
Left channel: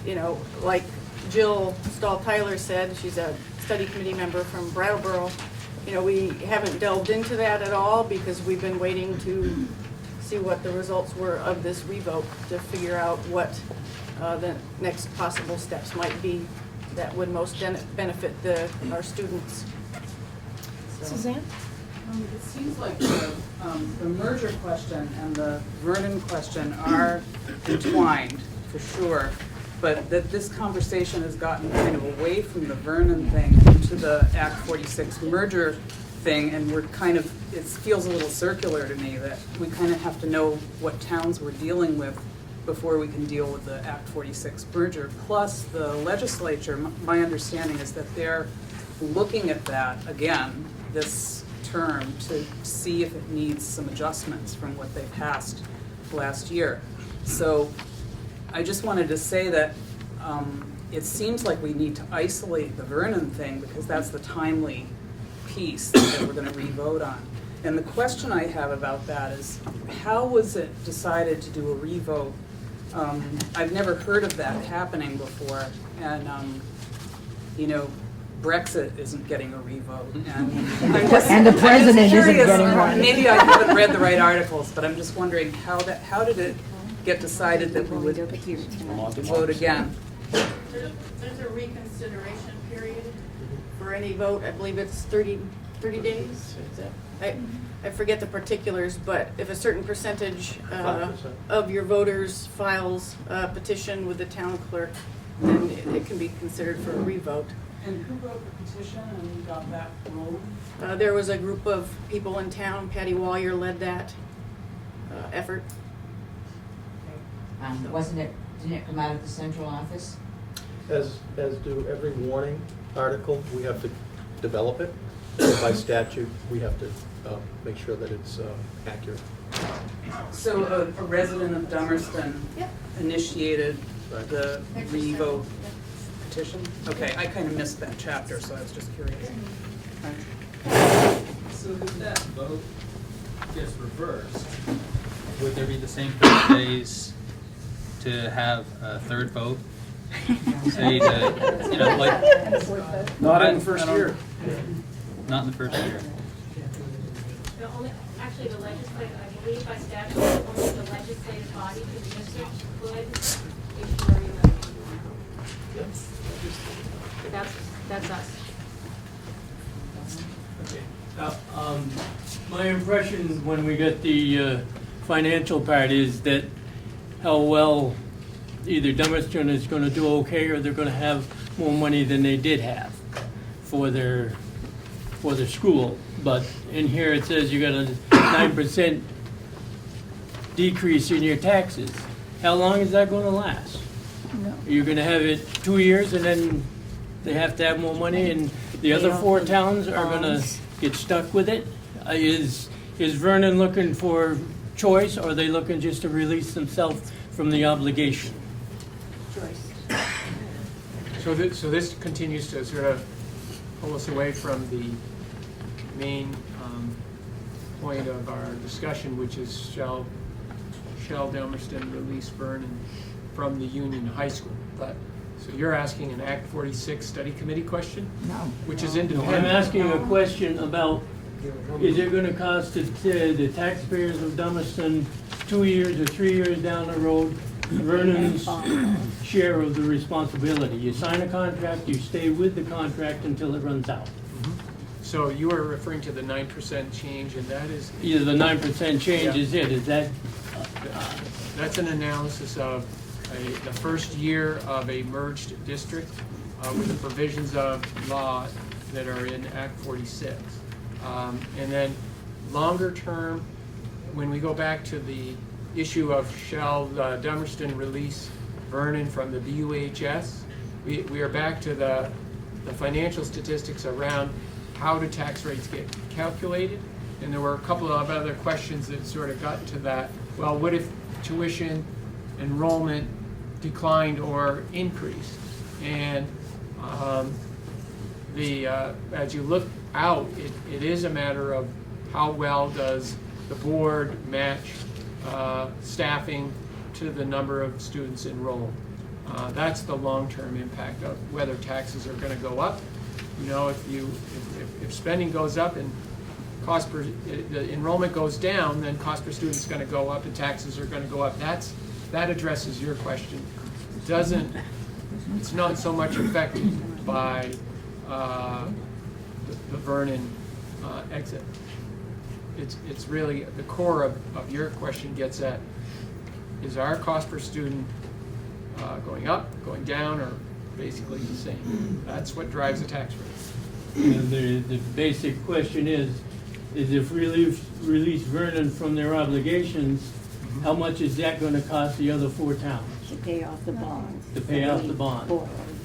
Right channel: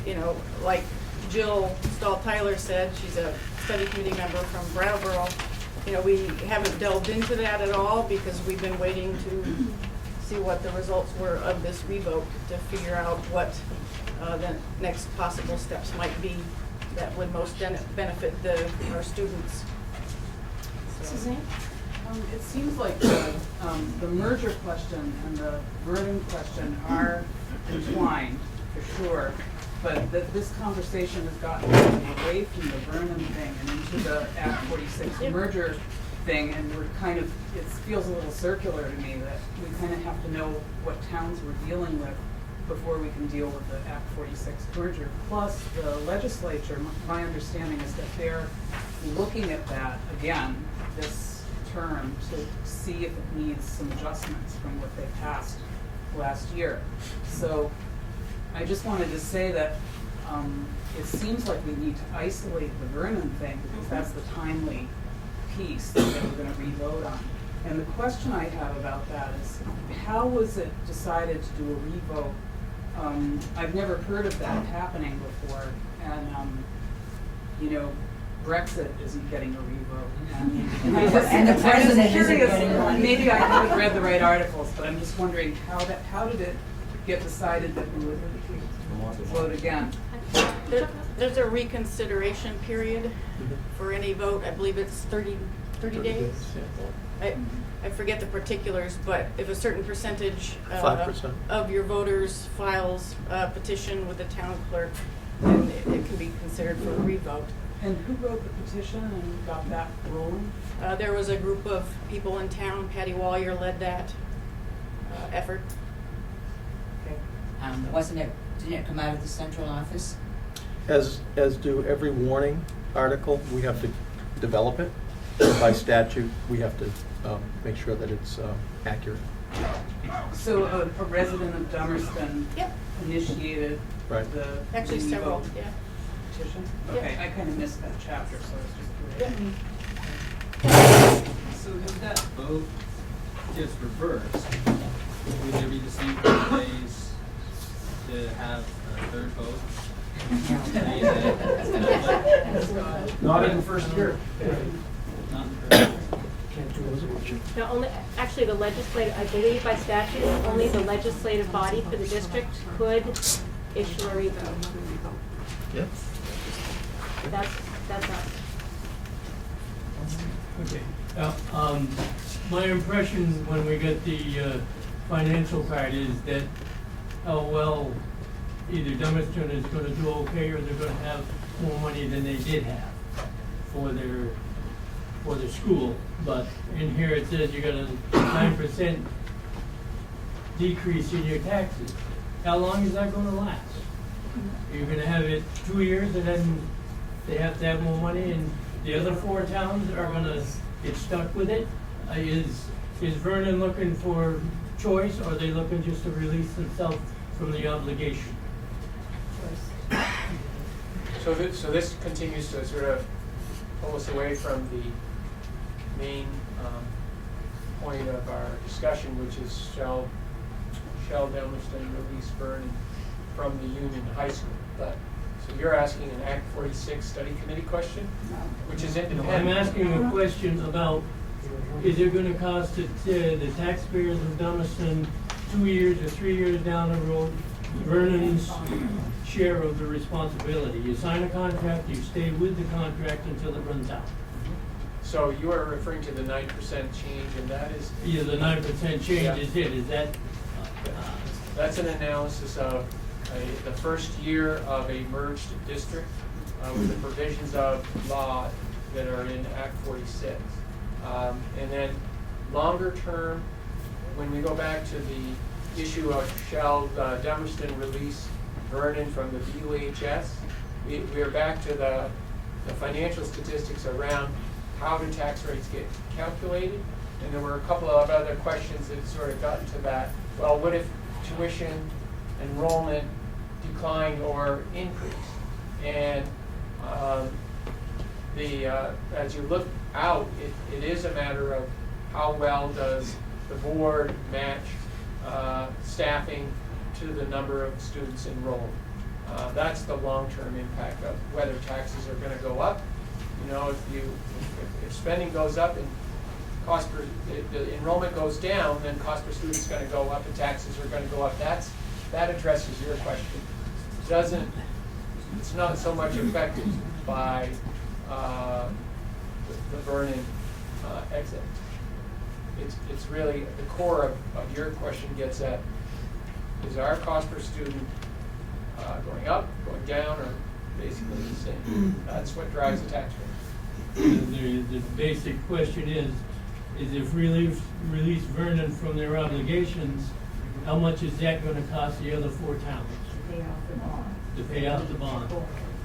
like Jill Stahl-Tyler said, she's a study committee member from Brattleboro. We haven't delved into that at all because we've been waiting to see what the results were of this revote to figure out what the next possible steps might be that would most benefit our students. So. Suzanne? It seems like the merger question and the Vernon question are entwined, for sure, but that this conversation has gotten kind of away from the Vernon thing into the Act 46 merger thing, and we're kind of, it feels a little circular to me that we kind of have to know what towns we're dealing with before we can deal with the Act 46 merger. Plus, the legislature, my understanding is that they're looking at that again this term to see if it needs some adjustments from what they passed last year. So I just wanted to say that it seems like we need to isolate the Vernon thing because that's the timely piece that we're going to re-vote on. And the question I have about that is, how was it decided to do a re-vote? I've never heard of that happening before, and Brexit isn't getting a revote. And the president isn't curious, getting one. maybe I haven't read the right articles, but I'm just wondering how did it get decided that we would vote again? There's a reconsideration period for any vote. I believe it's 30 days. I forget the particulars, but if a certain percentage 5%. of your voters files a petition with the town clerk, then it can be considered for a revote. And who wrote the petition and got that rolling? There was a group of people in town. Patty Wallier led that effort. Didn't it come out of the central office? As do every warning article, we have to develop it. By statute, we have to make sure that it's accurate. So a resident of Dummerston initiated Right. the Actually, several, revote petition? Okay, I kind of missed that chapter, so I was just curious. So if that vote gets reversed, would there be the same 30 days to have a third vote? Say to, like. Not in the first year. Not in the first year. No, actually, the legislative, I believe by statute, only the legislative body for the district could issue a revote. Yep. So that's us. Okay. My impression when we got the financial part is that how well either Dummerston is going to do okay or they're going to have more money than they did have for their school. But in here it says you got a 9% decrease in your taxes. How long is that going to last? You're going to have it 2 years and then they have to have more money and the other 4 towns are going to get stuck with it? Is Vernon looking for choice or are they looking just to release themselves from the obligation? So this continues to sort of pull us away from the main point of our discussion, which is shall Dummerston release Vernon from the Union High School? So you're asking an Act 46 study committee question? No. Which is independent. I'm asking a question about, is it gonna cost the taxpayers of Dummerston 2 years or 3 years down the road, Vernon's share of the responsibility? You sign a contract, you stay with the contract until it runs out. So you are referring to the 9% change, and that is. Either the 9% change Yeah. is it, is that, That's an analysis of the first year of a merged district with the provisions of law that are in Act 46. And then longer term, when we go back to the issue of shall Dummerston release Vernon from the BUHS, we are back to the financial statistics around how do tax rates get calculated. And there were a couple of other questions that sort of got to that. Well, what if tuition enrollment declined or increased? And as you look out, it is a matter of how well does the board match staffing to the number of students enrolled. That's the long-term impact of whether taxes are going to go up. You know, if spending goes up and the enrollment goes down, then cost per student is going to go up and taxes are going to go up. That addresses your question. It's not so much affected by the Vernon exit. It's really the core of your question gets at, is our cost per student going up, going down, or basically the same? That's what drives the tax rate. the basic question is if release Vernon from their obligations, how much is that gonna cost the other 4 towns? To pay off the bond. To pay off the bond.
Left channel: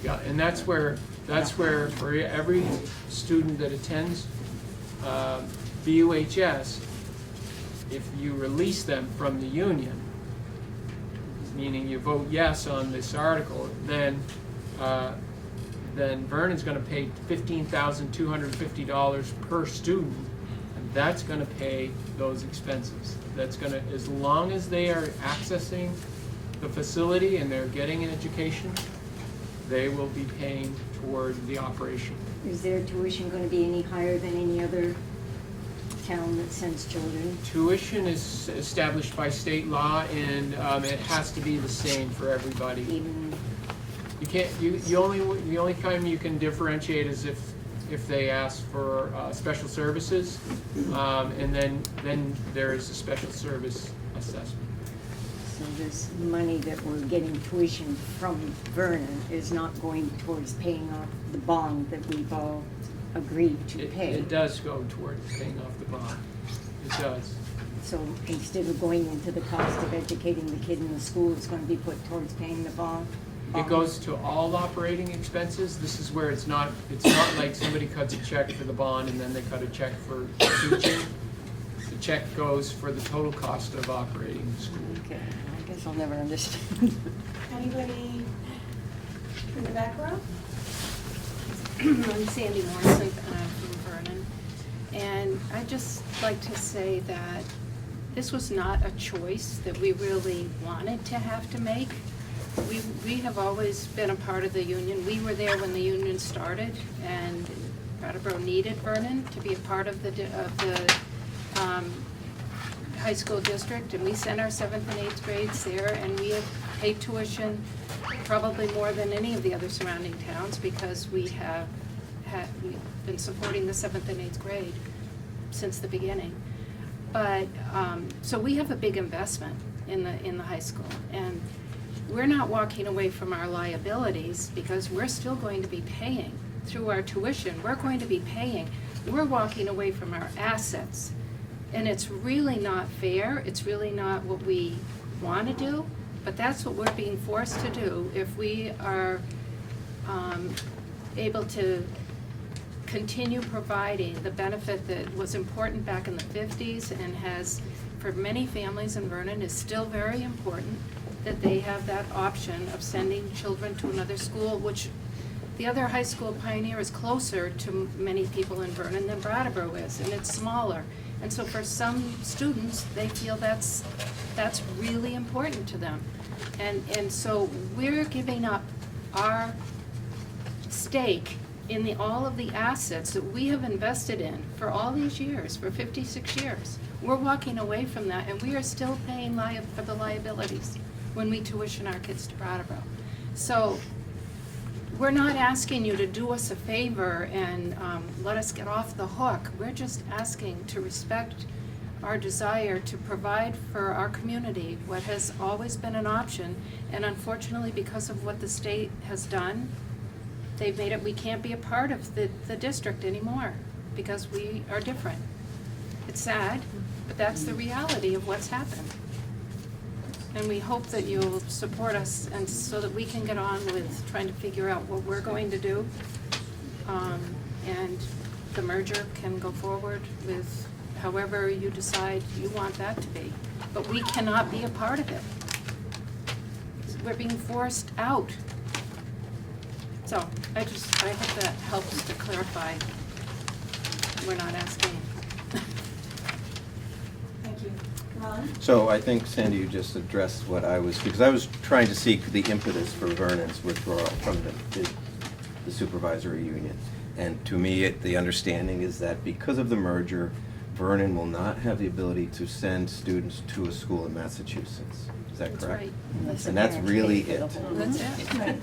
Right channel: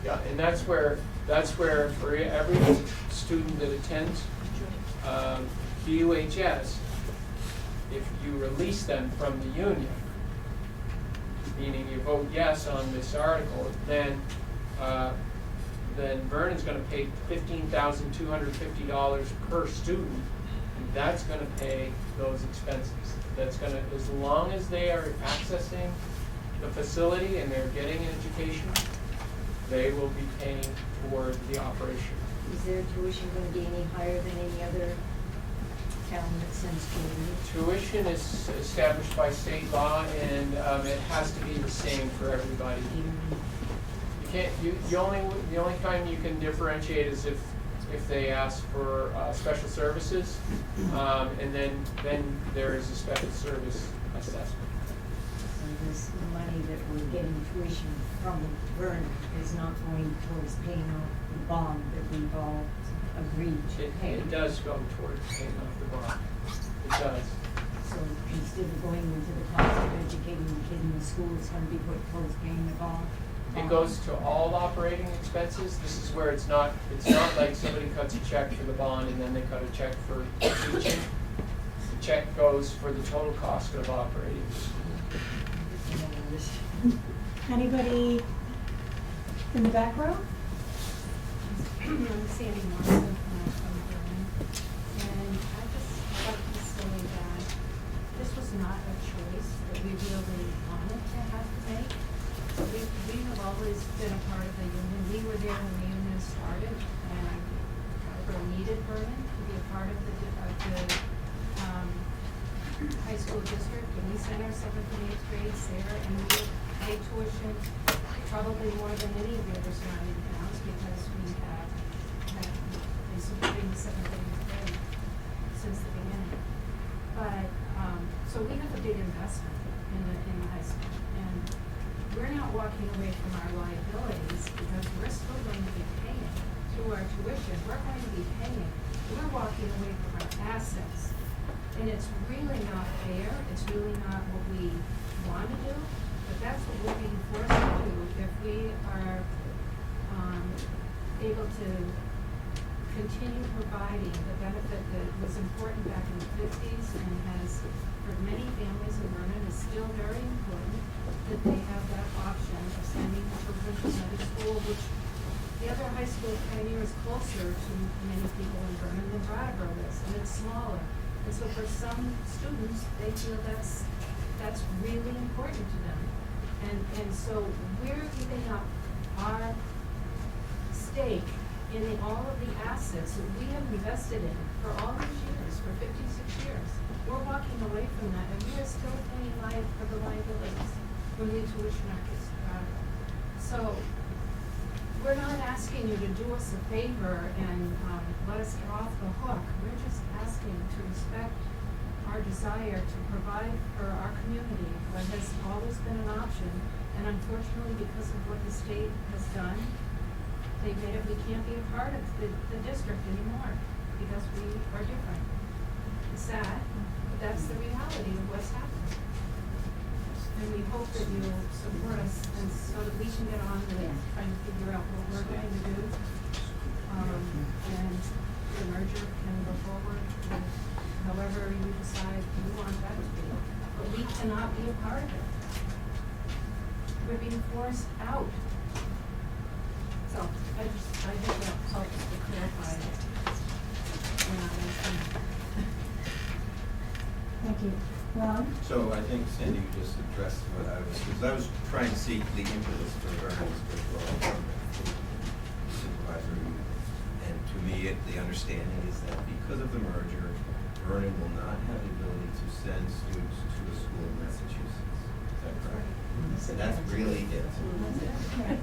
Yeah, and that's where for every student that attends BUHS, if you release them from the union, meaning you vote yes on this article, then Vernon's going to pay $15,250 per student, and that's going to pay those expenses. That's going to, as long as they are accessing the facility and they're getting an education, they will be paying toward the operation. Is their tuition going to be any higher than any other town that sends children? Tuition is established by state law, and it has to be the same for everybody. You can't. The only time you can differentiate is if they ask for special services, and then there is a special service assessment. So this money that we're getting tuition from Vernon is not going towards paying off the bond that we've all agreed to pay. It does go toward paying off the bond. It does. So instead of going into the cost of educating the kid in the school, it's going to be put towards paying the bond? It goes to all operating expenses. This is where it's not like somebody cuts a check for the bond and then they cut a check for teaching. The check goes for the total cost of operating the school. I guess I'll never understand. Anybody in the back row? I'm Sandy Morrison from Vernon, and I'd just like to say that this was not a choice that we really wanted to have to make. We have always been a part of the union. We were there when the union started, and Brattleboro needed Vernon to be a part of the high school district, and we sent our 7th and 8th grades there, and we have paid tuition probably more than any of the other surrounding towns, because we've been supporting the 7th and 8th grade since the beginning. But so we have a big investment in the high school, and we're not walking away from our liabilities, because we're still going to be paying through our tuition. We're going to be paying. We're walking away from our assets, and it's really not fair. It's really not what we want to do, but that's what we're being forced to do if we are able to continue providing the benefit that was important back in the 50s and has, for many families in Vernon, is still very important, that they have that option of sending children to another school, which the other high school, Pioneer, is closer to many people in Vernon than Brattleboro is, and it's smaller. And so for some students, they feel that's really important to them. And so we're giving up our stake in all of the assets that we have invested in for all these years, for 56 years. We're walking away from that, and we are still paying for the liabilities when we tuition our kids to Brattleboro. So we're not asking you to do us a favor and let us get off the hook. We're just asking to respect our desire to provide for our community what has always been an option. And unfortunately, because of what the state has done, they've made it, we can't be a part of the district anymore because we are different. It's sad, but that's the reality of what's happened. And we hope that you'll support us and so that we can get on with trying to figure out what we're going to do. And the merger can go forward with however you decide you want that to be. But we cannot be a part of it. We're being forced out. So I hope that helps to clarify. We're not asking. Thank you. Ron? So I think, Sandy, you just addressed what I was, because I was trying to seek the impetus for Vernon's withdrawal from the supervisory union. And to me, the understanding is that because of the merger, Vernon will not have the ability to send students to a school in Massachusetts. Is that That's correct? right. And that's really it. That's it. Right.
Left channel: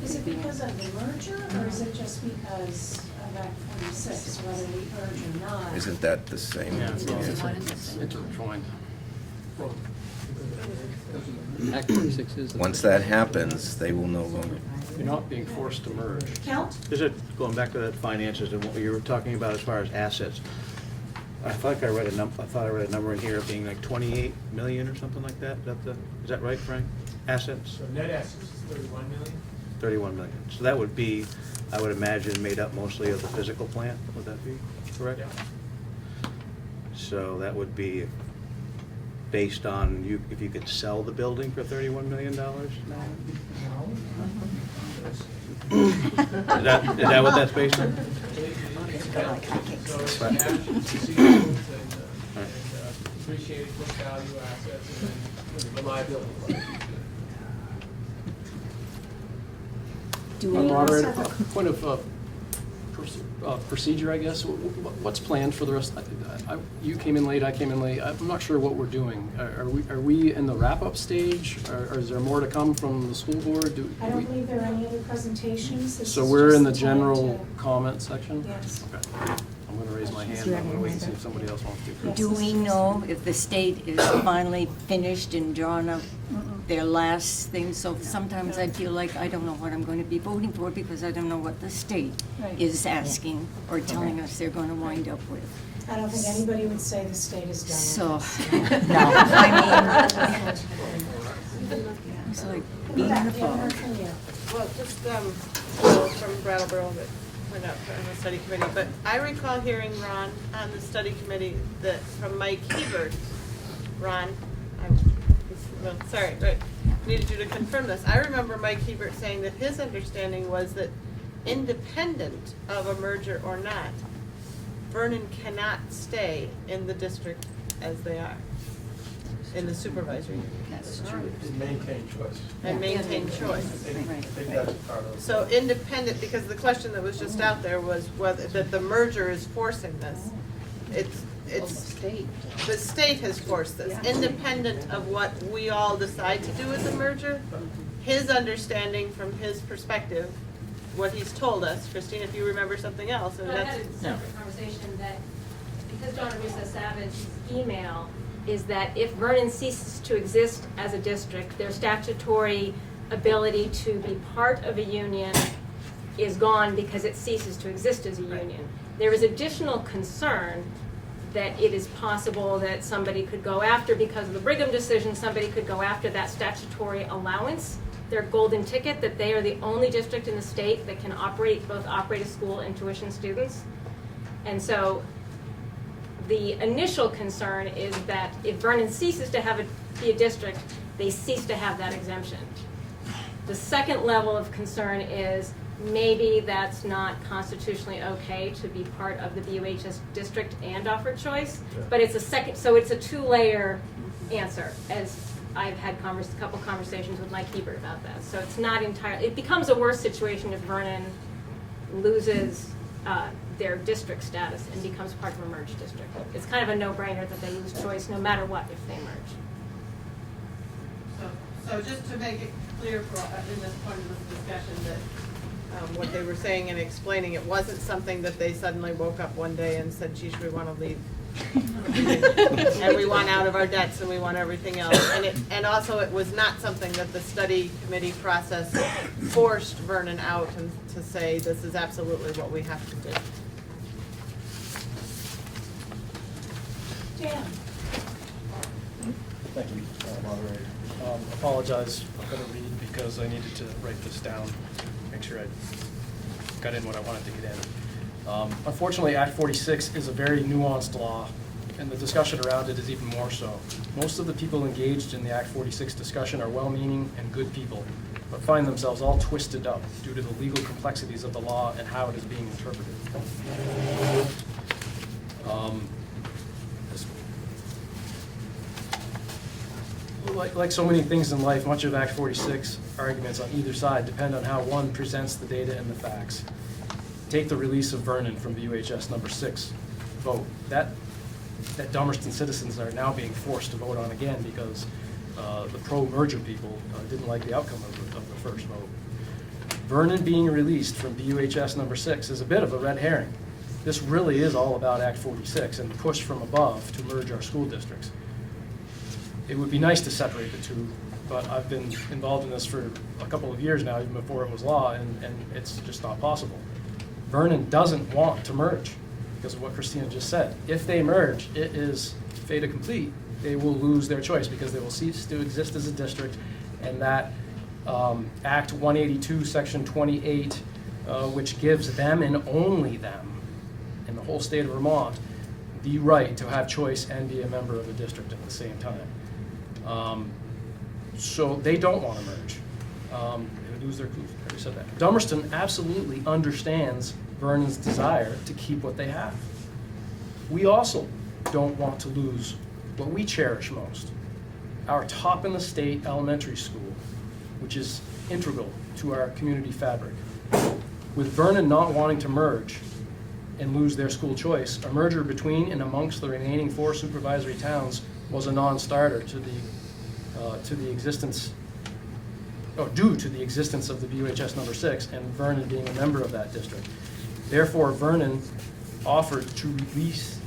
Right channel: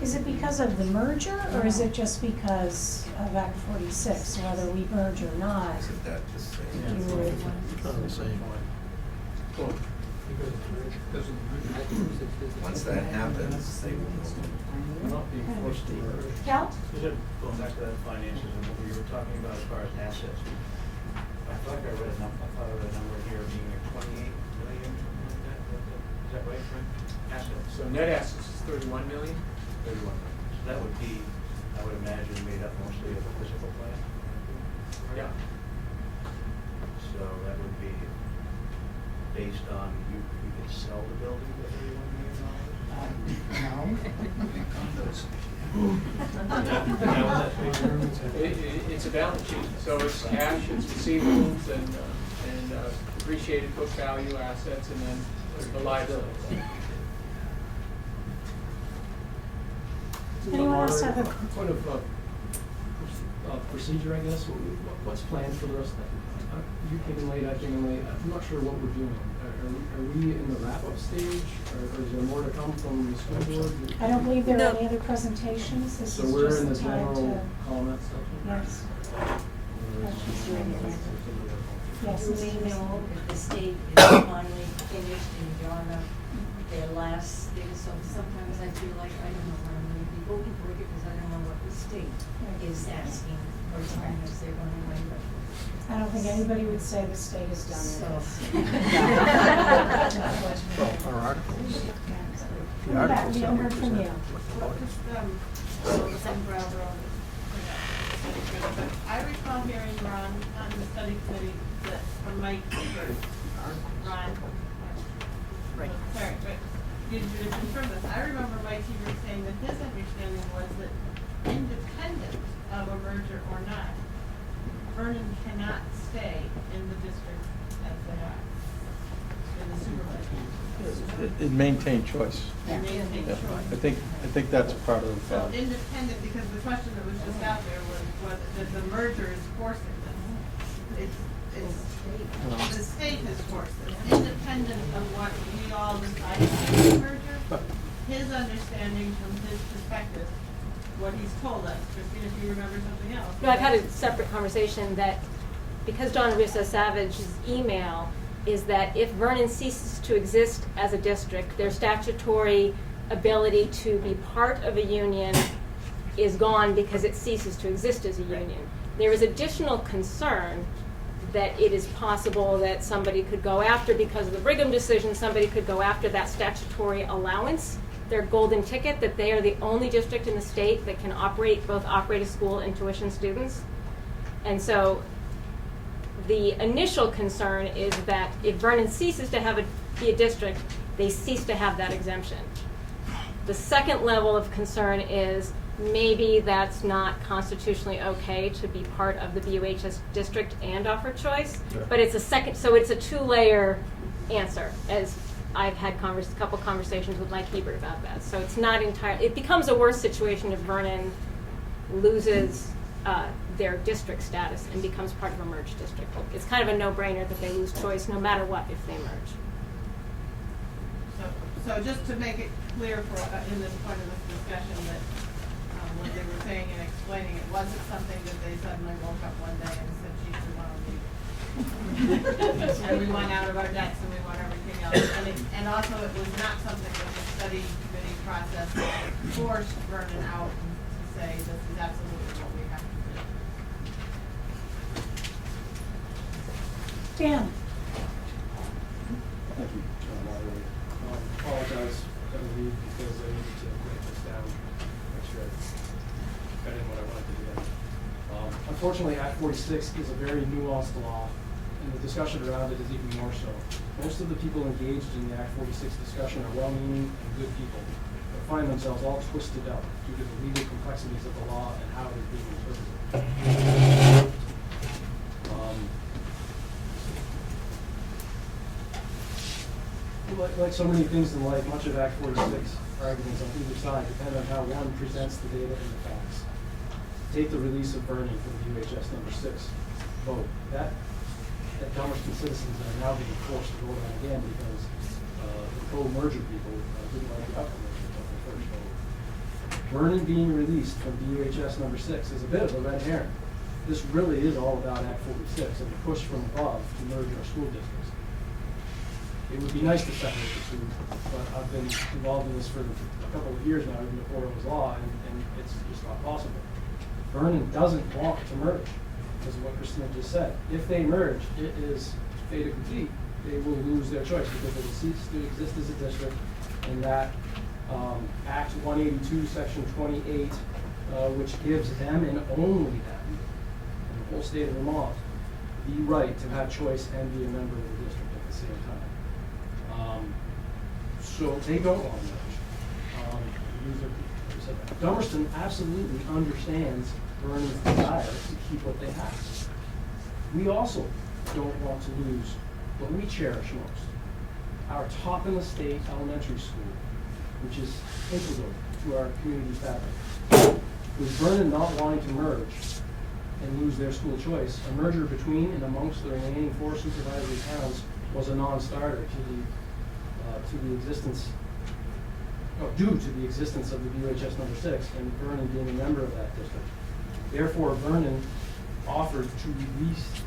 Is it because of the merger, or is it just because of Act 46, whether we merge or not? Isn't that the same? Yeah, Is it's it? Act 46 is. Once that happens, they will no longer. You're not being forced to merge. Count? Is it, going back to the finances and what you were talking about as far as assets, I thought I read a number in here of being like 28 million or something like that. Is that right, Frank? Assets? So net assets is 31 million? 31 million. So that would be, I would imagine, made up mostly of the physical plant. Would that be correct? Yeah. So that would be based on if you could sell the building for $31 million? Is that what that's based on? It's a balance sheet, so it's cash, it's receivables, and depreciated book value assets, and then the liabilities. Do any of us have a Point of procedure, I guess. What's planned for the rest? You came in late, I came in late. I'm not sure what we're doing. Are we in the wrap-up stage? Or is there more to come from the school board? I don't believe there are any other presentations. This So is we're just in the time general to- comment section? Yes. I'm going to raise my hand and wait and see if somebody else wants to. Yes, Do this we is know if the state is finally finished and drawn up their last thing? So sometimes I feel like I don't know what I'm going to be voting for because I don't know what the state Right. is asking or telling us they're going to wind up with. I don't think anybody would say the state is done So, with I this. it's like, We haven't heard from you. Well, just from Brattleboro, that we're not on the study committee, but I recall hearing, Ron, on the study committee, that from Mike Hebert, Ron, sorry, but needed you to confirm this. I remember Mike Hebert saying that his understanding was that independent of a merger or not, Vernon cannot stay in the district as they are, in the supervisory. Is maintain choice. And maintain Yeah. choice. I think that's part of. So independent, because the question that was just out there was whether, that the merger is forcing this. It's, the state has forced this, independent of what we all decided to do in the merger. His understanding from his perspective, what he's told us, Christine, if you remember something else. No, I had a separate conversation that, because Donna Russo Savage's email is that if Vernon ceases to exist as a district, their statutory ability to be part of a union is gone because it ceases to exist as a union. There is additional concern that it is possible that somebody could go after, because of the Brigham decision, somebody could go after that statutory allowance, their golden ticket, that they are the only district in the state that can both operate a school and tuition students. And so the initial concern is that if Vernon ceases to be a district, they cease to have that exemption. The second level of concern is maybe that's not constitutionally okay to be part of the BUHS district and offer choice, but it's a two-layer answer, as I've had a couple conversations with Mike Hebert about that. So it's not entirely, it becomes a worse situation if Vernon loses their district status and becomes part of a merged district. It's kind of a no-brainer that they lose choice no matter what if they merge. So just to make it clear for, in this point of this discussion, that what they were saying and explaining, it wasn't something that they suddenly woke up one day and said, geez, we want to leave. And we want out of our debts and we want everything else. And also it was not something that the study committee process forced Vernon out and to say, this is absolutely what we have to do. Dan? Thank you, moderator. Apologize, I'm going to read because I needed to write this down, make sure I got in what I wanted to get in. Unfortunately, Act 46 is a very nuanced law, and the discussion around it is even more so. Most of the people engaged in the Act 46 discussion are well-meaning and good people, but find themselves all twisted up due to the legal complexities of the law and how it is being interpreted. Like so many things in life, much of Act 46 arguments on either side depend on how one presents the data and the facts. Take the release of Vernon from the UHS number 6 vote. That Dummerston citizens are now being forced to vote on again because the pro-merger people didn't like the outcome of the first vote. Vernon being released from UHS number 6 is a bit of a red herring. This really is all about Act 46 and the push from above to merge our school districts. It would be nice to separate the two, but I've been involved in this for a couple of years now, even before it was law, and it's just not possible. Vernon doesn't want to merge because of what Christina just said. If they merge, it is fait accompli. They will lose their choice because they will cease to exist as a district, and that Act 182, Section 28, which gives them and only them, in the whole state of Vermont, the right to have choice and be a member of the district at the same time. So they don't want to merge. They lose their, I said that. Dummerston absolutely understands Vernon's desire to keep what they have. We also don't want to lose what we cherish most, our top in the state elementary school, which is integral to our community fabric. With Vernon not wanting to merge and lose their school choice, a merger between and amongst the remaining 4 supervisory towns was a non-starter to the existence, or due to the existence of the BUHS number 6 and Vernon being a member of that district. Therefore, Vernon offered to release,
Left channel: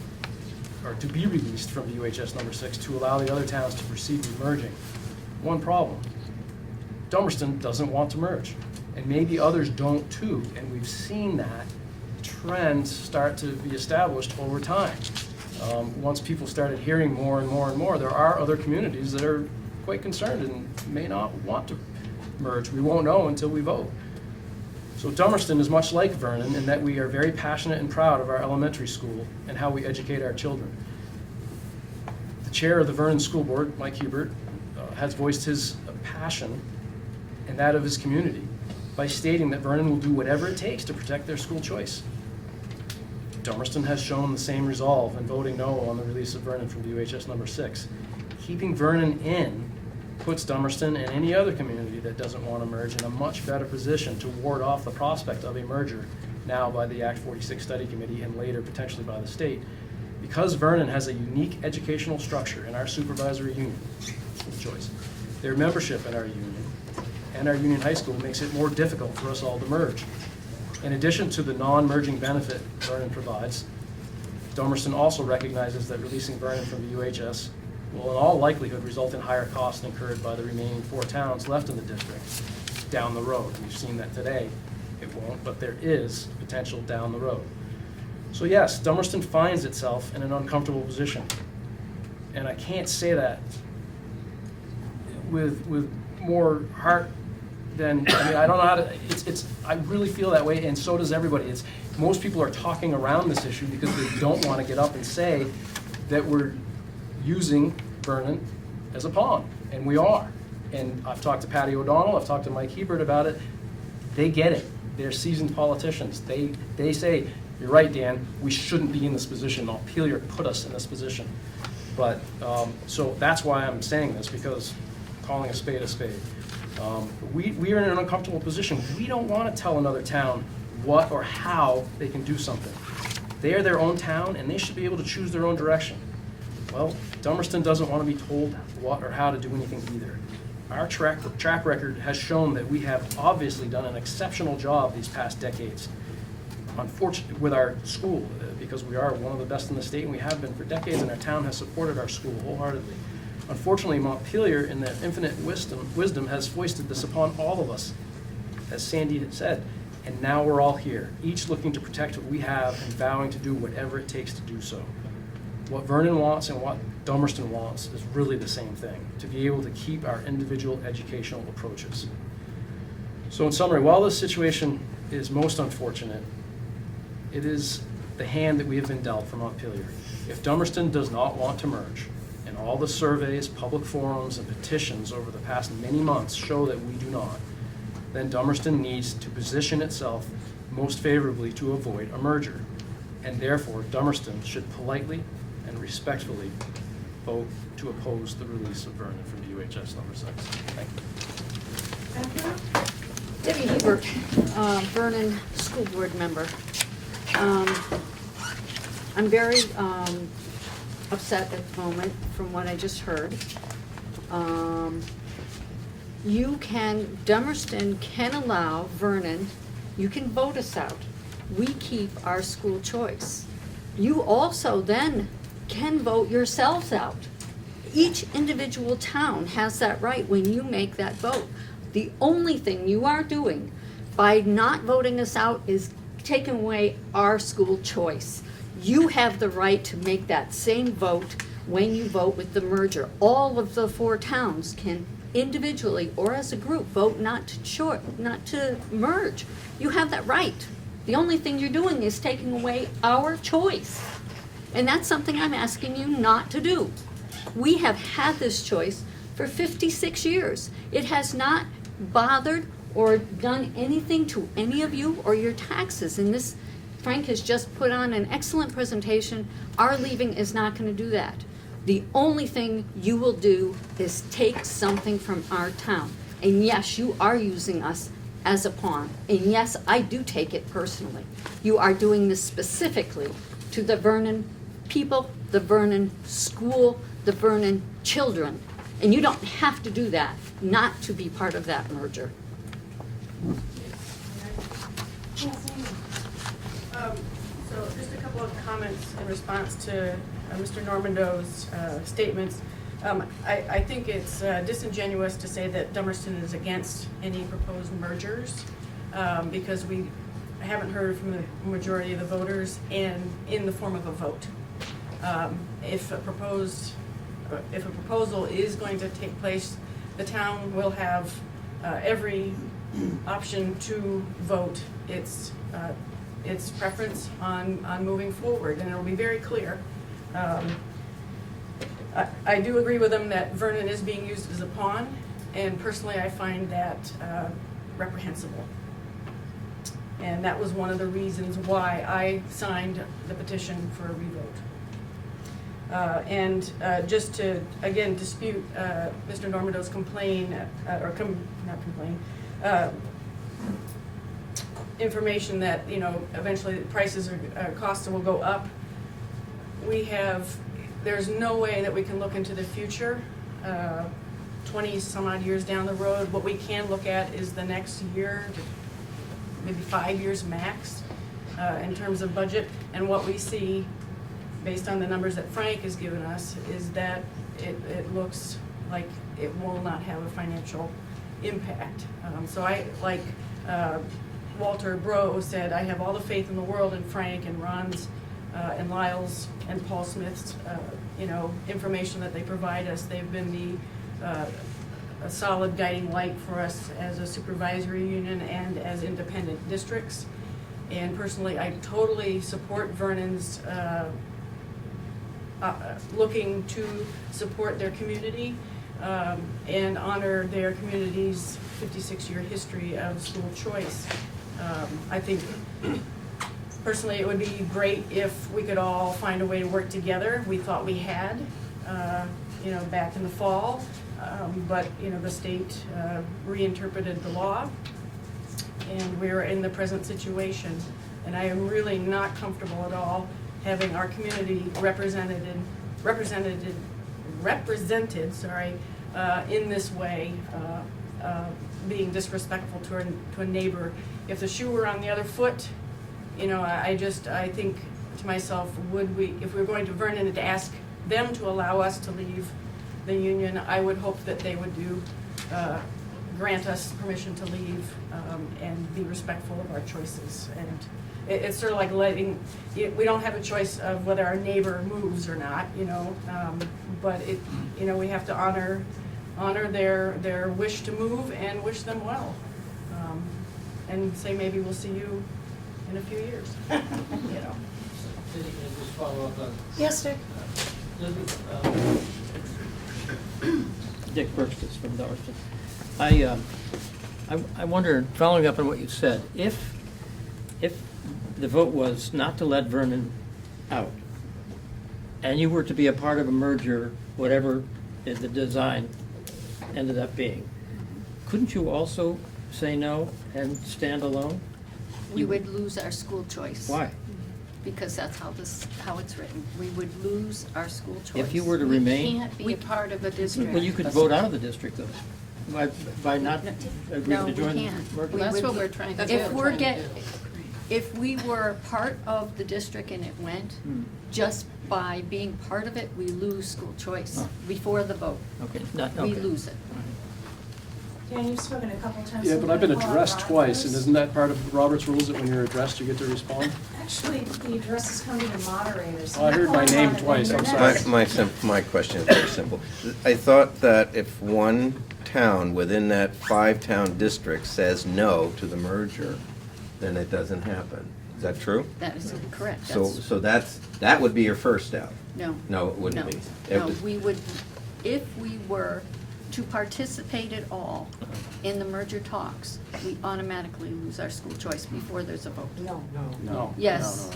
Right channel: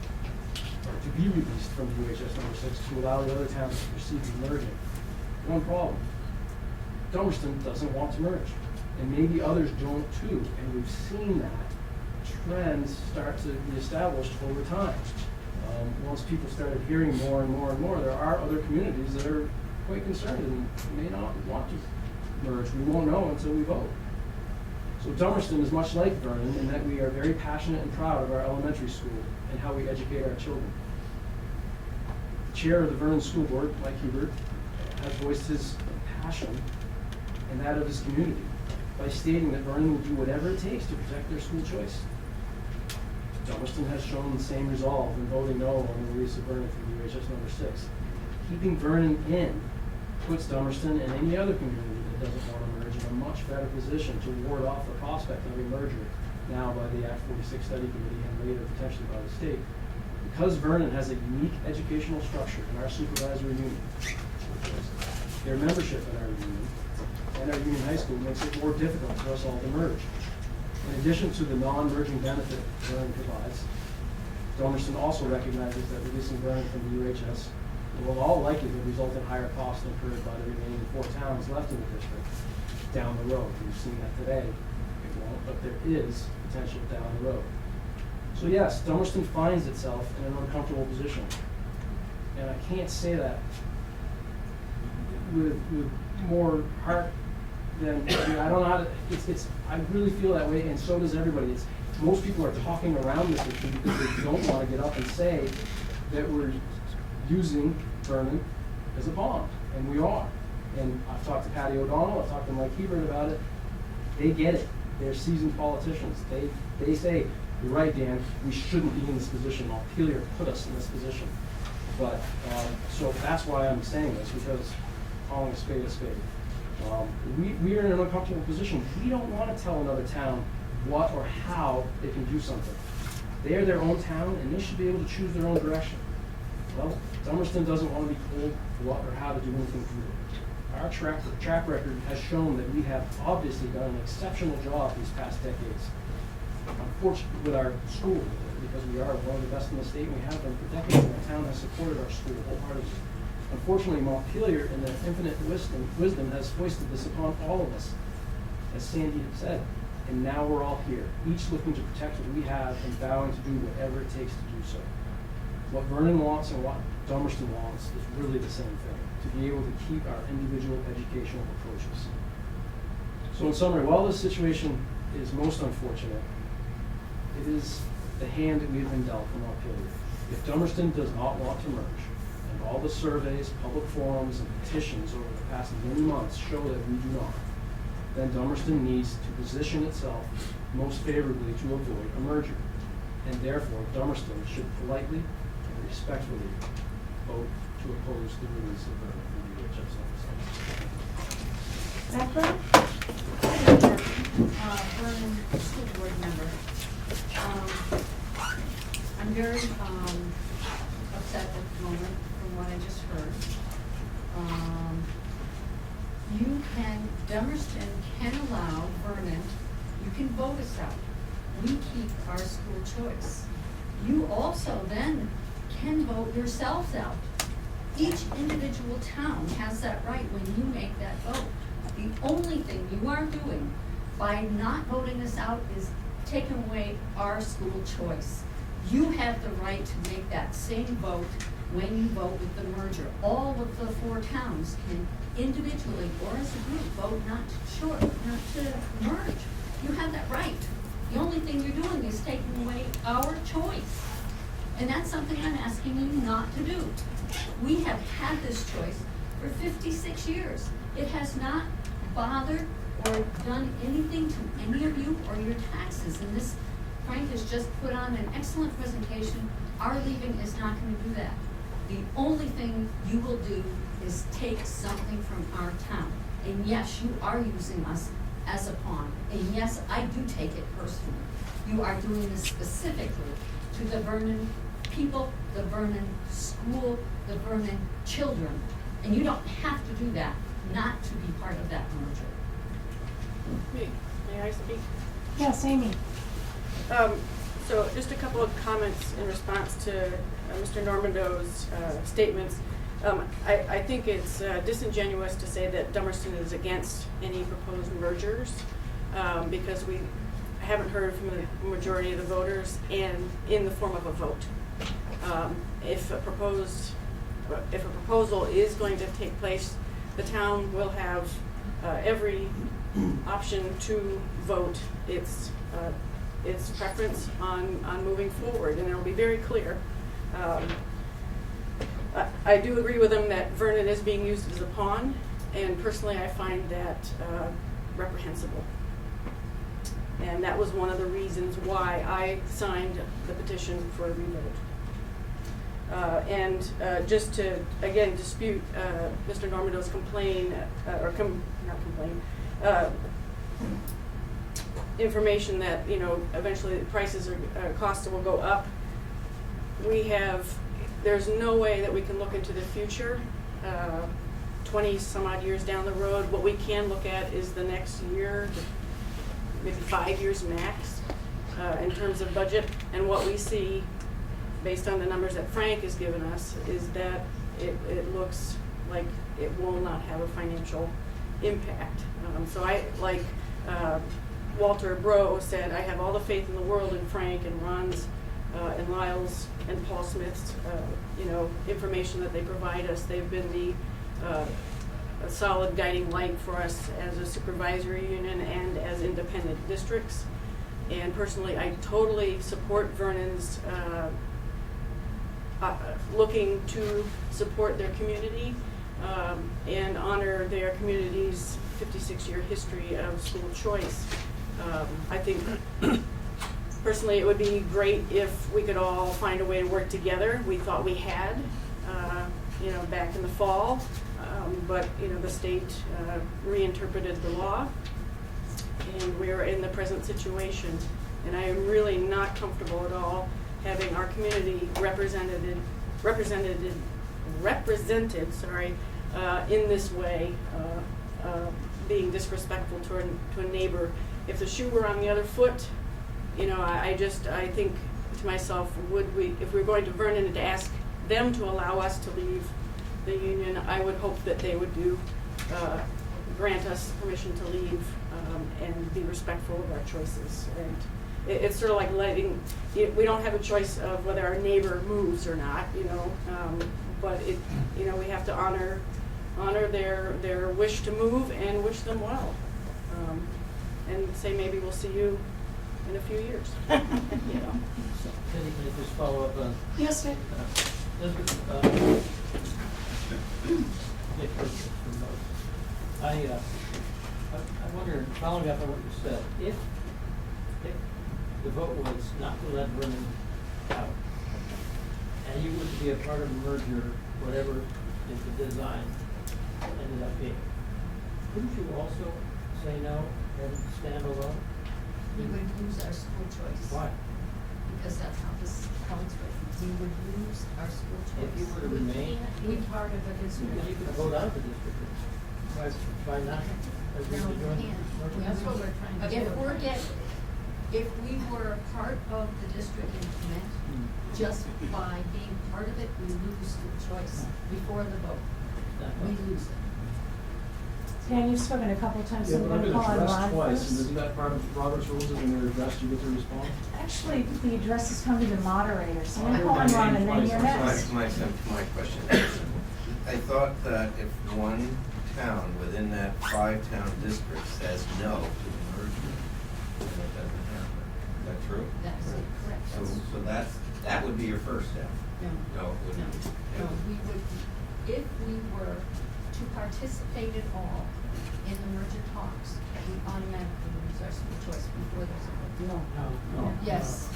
or to be released from BUHS number 6 to allow the other towns to proceed with merging. One problem: Dummerston doesn't want to merge, and maybe others don't too, and we've seen that trend start to be established over time. Once people started hearing more and more and more, there are other communities that are quite concerned and may not want to merge. We won't know until we vote. So Dummerston is much like Vernon in that we are very passionate and proud of our elementary school and how we educate our children. The chair of the Vernon School Board, Mike Hubert, has voiced his passion and that of his community by stating that Vernon will do whatever it takes to protect their school choice. Dummerston has shown the same resolve in voting no on the release of Vernon from UHS number 6. Keeping Vernon in puts Dummerston and any other community that doesn't want to merge in a much better position to ward off the prospect of a merger, now by the Act 46 Study Committee and later potentially by the state. Because Vernon has a unique educational structure in our supervisory union, school choice, their membership in our union and our union high school makes it more difficult for us all to merge. In addition to the non-merging benefit Vernon provides, Dummerston also recognizes that releasing Vernon from the UHS will in all likelihood result in higher costs incurred by the remaining 4 towns left in the district down the road. We've seen that today. It won't, but there is potential down the road. So yes, Dummerston finds itself in an uncomfortable position. And I can't say that with more heart than, I mean, I don't know how to, I really feel that way, and so does everybody. Most people are talking around this issue because they don't want to get up and say that we're using Vernon as a pawn, and we are. And I've talked to Patty O'Donnell, I've talked to Mike Hebert about it. They get it. They're seasoned politicians. They say, you're right, Dan, we shouldn't be in this position. Montpelier put us in this position. But, so that's why I'm saying this, because calling a spade a spade. We are in an uncomfortable position. We don't want to tell another town what or how they can do something. They are their own town, and they should be able to choose their own direction. Well, Dummerston doesn't want to be told what or how to do anything either. our track record has shown that we have obviously done an exceptional job these past decades. Unfortunately, with our school, because we are one of the best in the state, and we have been for decades, and our town has supported our school wholeheartedly. Unfortunately, Montpelier, in their infinite wisdom, has foisted this upon all of us, as Sandy had said, and now we're all here, each looking to protect what we have and vowing to do whatever it takes to do so. What Vernon wants and what Dummerston wants is really the same thing, to be able to keep our individual educational approaches. So in summary, while this situation is most unfortunate, it is the hand that we have been dealt from Montpelier. If Dummerston does not want to merge, and all the surveys, public forums, and petitions over the past many months show that we do not, then Dummerston needs to position itself most favorably to avoid a merger. And therefore, Dummerston should politely and respectfully vote to oppose the release of Vernon from the UHS number 6. Debbie Weaver, Vernon School Board member. I'm very upset at the moment from what I just heard. Dummerston can allow Vernon, you can vote us out. We keep our school choice. You also then can vote yourselves out. Each individual town has that right when you make that vote. The only thing you are doing by not voting us out is taking away our school choice. You have the right to make that same vote when you vote with the merger. All of the 4 towns can individually or as a group vote not to merge. You have that right. The only thing you're doing is taking away our choice. And that's something I'm asking you not to do. We have had this choice for 56 years. It has not bothered or done anything to any of you or your taxes. And this, Frank has just put on an excellent presentation. Our leaving is not going to do that. The only thing you will do is take something from our town. And yes, you are using us as a pawn. And yes, I do take it personally. You are doing this specifically to the Vernon people, the Vernon school, the Vernon children. And you don't have to do that not to be part of that merger. May I speak? Yes, Amy. So just a couple of comments in response to Mr. Normando's statements. I think it's disingenuous to say that Dummerston is against any proposed mergers because we haven't heard from the majority of the voters and in the form of a vote. If a proposal is going to take place, the town will have every option to vote its preference on moving forward, and it will be very clear. I do agree with him that Vernon is being used as a pawn, and personally I find that reprehensible. And that was one of the reasons why I signed the petition for a revote. Just to, again, dispute Mr. Normando's information that, eventually the prices or costs will go up. There's no way that we can look into the future, 20 some odd years down the road. What we can look at is the next year, maybe 5 years max, in terms of budget. And what we see, based on the numbers that Frank has given us, is that it looks like it will not have a financial impact. So I, like Walter Bro said, I have all the faith in the world in Frank and Ron's and Lyle's and Paul Smith's information that they provide us. They've been a solid guiding light for us as a supervisory union and as independent districts. And personally, I totally support Vernon's looking to support their community and honor their community's 56-year history of school choice. I think personally it would be great if we could all find a way to work together. We thought we had, back in the fall, but the state reinterpreted the law, and we're in the present situation. And I am really not comfortable at all having our community represented in this way, being disrespectful to a neighbor. If the shoe were on the other foot, you know, I think to myself, if we're going to Vernon to ask them to allow us to leave the union, I would hope that they would grant us permission to leave and be respectful of our choices. And it's sort of like we don't have a choice of whether our neighbor moves or not, you know, but you know, we have to honor their wish to move and wish them well, and say maybe we'll see you in a few years. You know. Can you just follow up on? Yes, Dick. Dick Burgess from Dummerston. I wonder, following up on what you said, if the vote was not to let Vernon out, and you were to be a part of a merger, whatever the design ended up being, couldn't you also say no and stand alone? We would lose our school choice. Why? Because that's how it's written. We would lose our school choice. If you were to remain. We can't be a part of a district. Well, you could vote out of the district though, by not agreeing to join the merger. Well, that's what we're trying to do. If we were part of the district and it went, just by being part of it, we lose school choice before the vote. Okay. We lose it. Dan, you've spoken a couple times. Yeah, so but I've been you can addressed call twice, and on isn't that part of Robert's rules that when you're addressed, you get to respond? Actually, the addresses come to the moderator, so Oh, I you heard call my them on name and then twice, you're I'm next. sorry. My question is very simple. I thought that if one town within that 5-town district says no to the merger, then it doesn't happen. Is that true? That is correct. So that would be your first out? No. No, it wouldn't be. No, we would, if we were to participate at all in the merger talks, we automatically lose our school choice before there's a vote. No. Yes,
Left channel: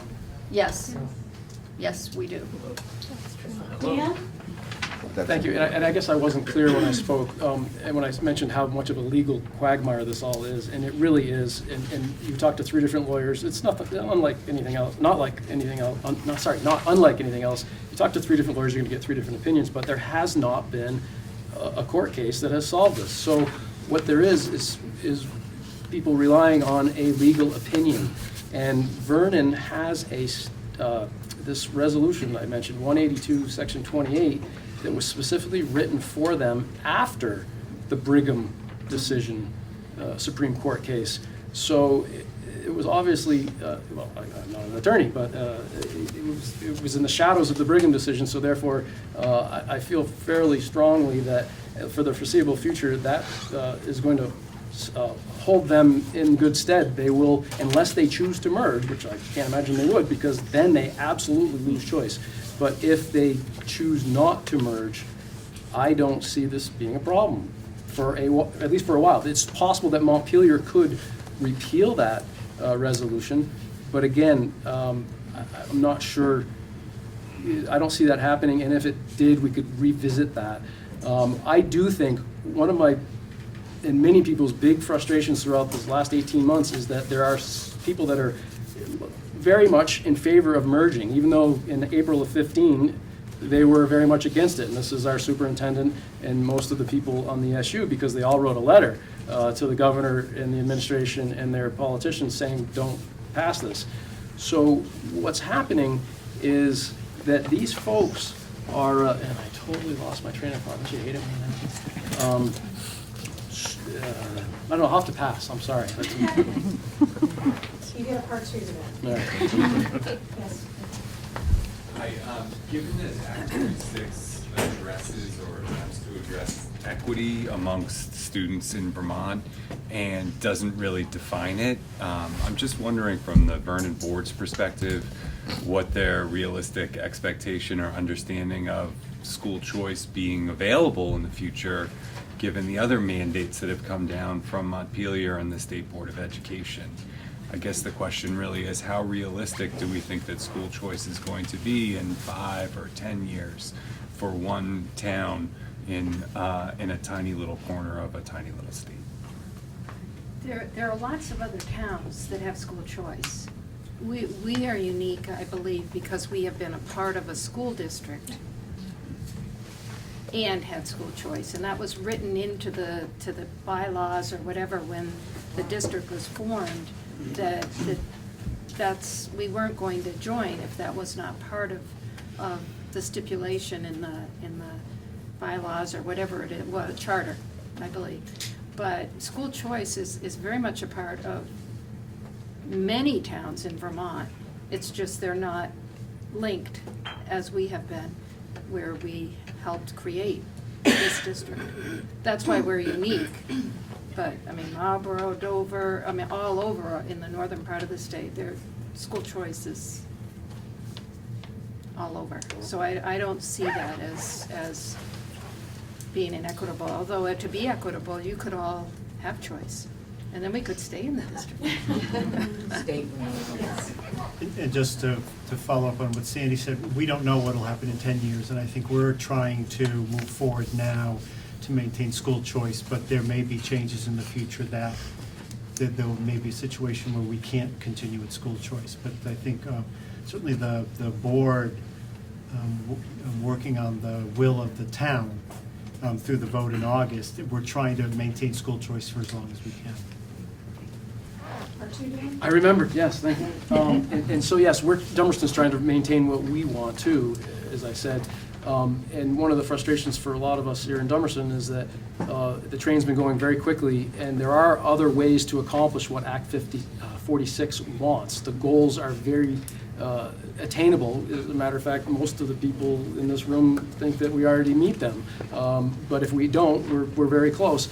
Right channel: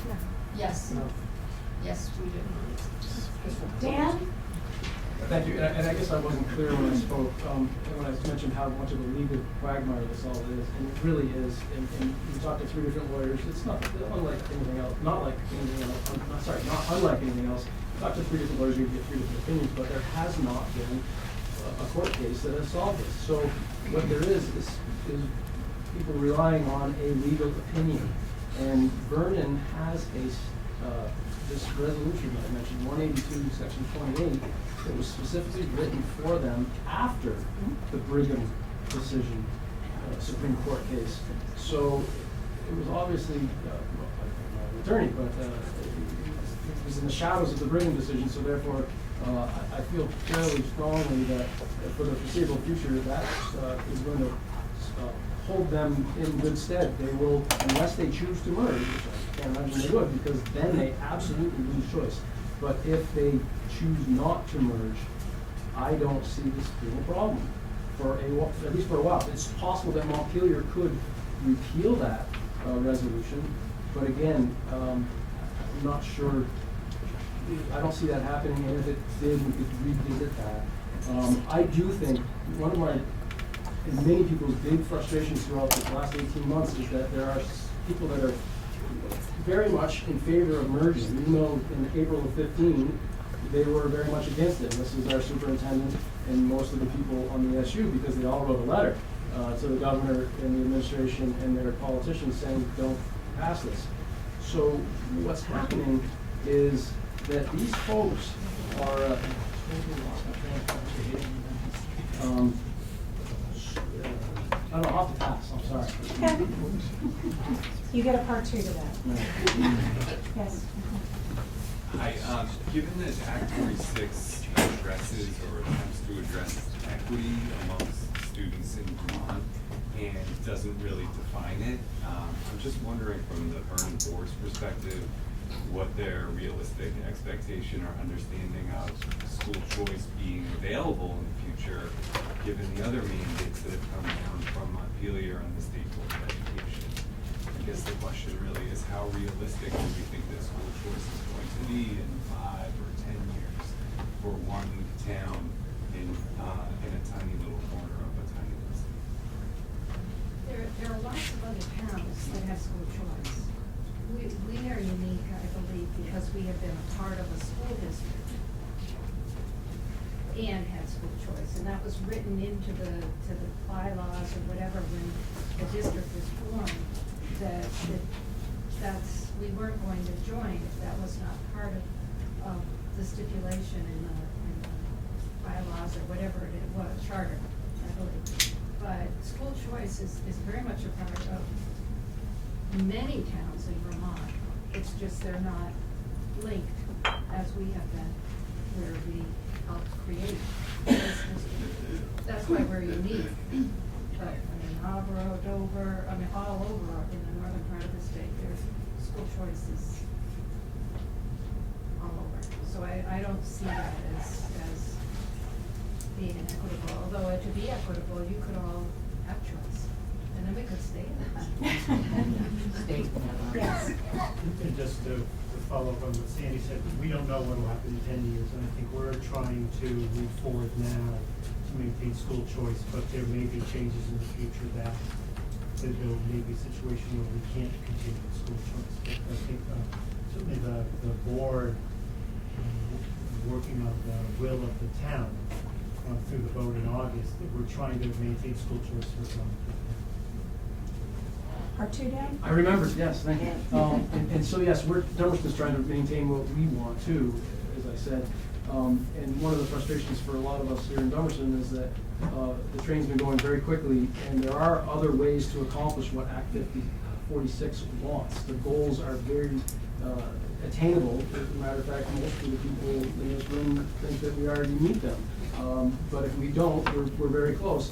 yes, yes, we do. Dan? Thank you, and I guess I wasn't clear when I spoke, and when I mentioned how much of a legal quagmire this all is, and it really is, and you've talked to 3 different lawyers, it's not unlike anything else, not unlike anything else. You talk to 3 different lawyers, you're gonna get 3 different opinions, but there has not been a court case that has solved this. So what there is people relying on a legal opinion, and Vernon has this resolution that I mentioned, 182, section 28, that was specifically written for them after the Brigham decision, Supreme Court case. So it was obviously, well, I'm not an attorney, but it was in the shadows of the Brigham decision, so therefore I feel fairly strongly that for the foreseeable future, that is going to hold them in good stead. They will, unless they choose to merge, which I can't imagine they would, because then they absolutely lose choice. But if they choose not to merge, I don't see this being a problem at least for a while. It's possible that Montpelier could repeal that resolution, but again, I'm not sure. I don't see that happening, and if it did, we could revisit that. I do think one of my and many people's big frustrations throughout the last 18 months is that there are people that are very much in favor of merging, even though in April of 15, they were very much against it. And this is our superintendent and most of the people on the SU, because they all wrote a letter to the governor and the administration and their politicians saying, don't pass this. So what's happening is that these folks are, and I totally lost my train of thought, she hated me now. I don't know, I'll have to pass, I'm sorry. You get a part 2 to that. Yeah. Yes. Hi, given that Act 36 addresses or attempts to address equity amongst students in Vermont and doesn't really define it, I'm just wondering from the Vernon Board's perspective, what their realistic expectation or understanding of school choice being available in the future, given the other mandates that have come down from Montpelier and the State Board of Education. I guess the question really is, how realistic do we think that school choice is going to be in 5 or 10 years for one town in a tiny little corner of a tiny little state? There are lots of other towns that have school choice. We are unique, I believe, because we have been a part of a school district. and had school choice, and that was written into the bylaws or whatever when the district was formed, that's, we weren't going to join if that was not part of the stipulation in the bylaws or whatever it was, charter, I believe. But school choice is very much a part of many towns in Vermont. It's just they're not linked as we have been, where we helped create this district. That's why we're unique. But, I mean, Marlborough, Dover, I mean, all over in the northern part of the state, their school choice is all over. So I don't see that as being inequitable, although to be equitable, you could all have choice. And then we could stay in the district. Yes. And just to follow up on what Sandy said, we don't know what will happen in 10 years, and I think we're trying to move forward now to maintain school choice, but there may be changes in the future that there may be a situation where we can't continue with school choice. But I think certainly the board working on the will of the town through the vote in August, we're trying to maintain school choice for as long as we can. I remembered, yes, thank you. And so, yes, Dummerston's trying to maintain what we want too, as I said. And one of the frustrations for a lot of us here in Dummerston is that the train's been going very quickly, and there are other ways to accomplish what Act 46 wants. The goals are very attainable. As a matter of fact, most of the people in this room think that we already meet them. But if we don't, we're very close.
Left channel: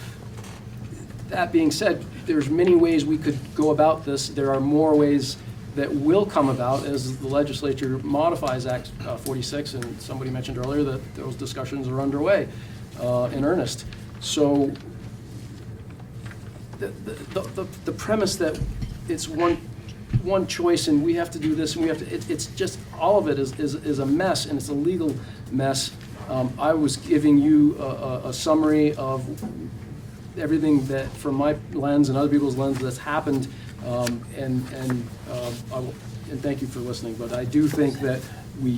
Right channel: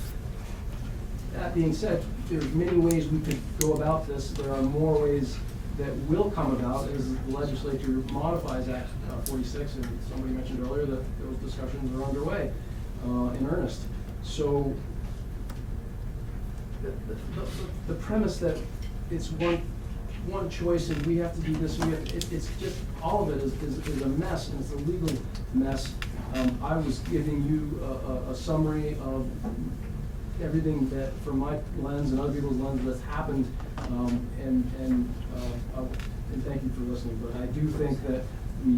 That being said, there's many ways we could go about this. There are more ways that will come about as the legislature modifies Act 46, and somebody mentioned earlier that those discussions are underway in earnest. So the premise that it's one choice and we have to do this and we have to, it's just, all of it is a mess, and it's a legal mess. I was giving you a summary of everything that, from my lens and other people's lens, that's happened, and thank you for listening. But I do think that we,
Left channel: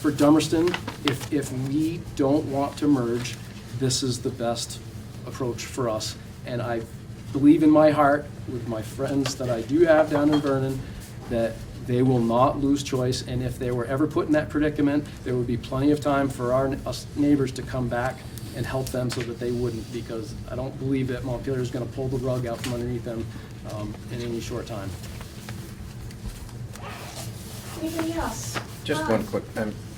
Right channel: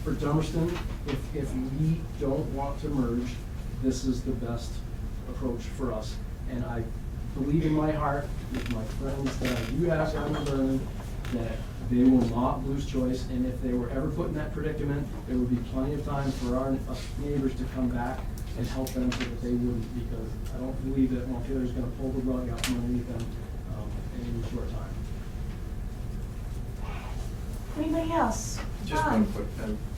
for Dummerston, if we don't want to merge, this is the best approach for us. And I believe in my heart, with my friends that I do have down in Vernon, that they will not lose choice. And if they were ever put in that predicament, there would be plenty of time for us neighbors to come back and help them so that they wouldn't, because I don't believe that Montpelier is going to pull the rug out from underneath them in any short time. Anybody else? Just one quick,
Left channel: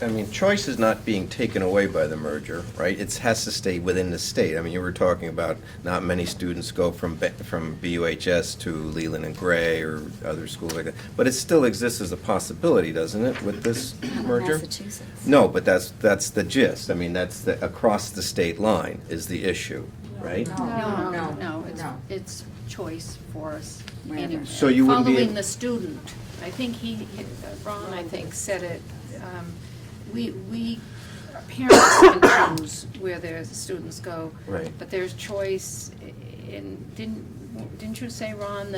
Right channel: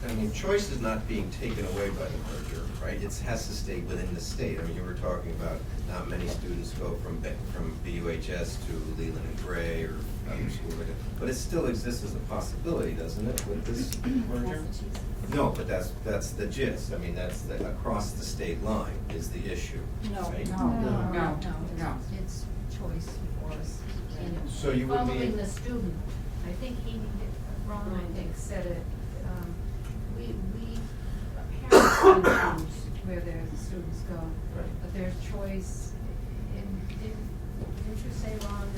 I mean, choice is not being taken away by the merger, right? It has to stay within the state. I mean, you were talking about not many students go from BUHS to Leland and Gray or other schools like that. But it still exists as a possibility, doesn't it, with this merger? Massachusetts. No, but that's the gist. I mean, that's the, across the state line is the issue, right? No, it's choice for us anyway. So you wouldn't be Following the student. I think Ron, I think, said it. Parents can choose where their students go. Right. But there's choice, and didn't you say, Ron,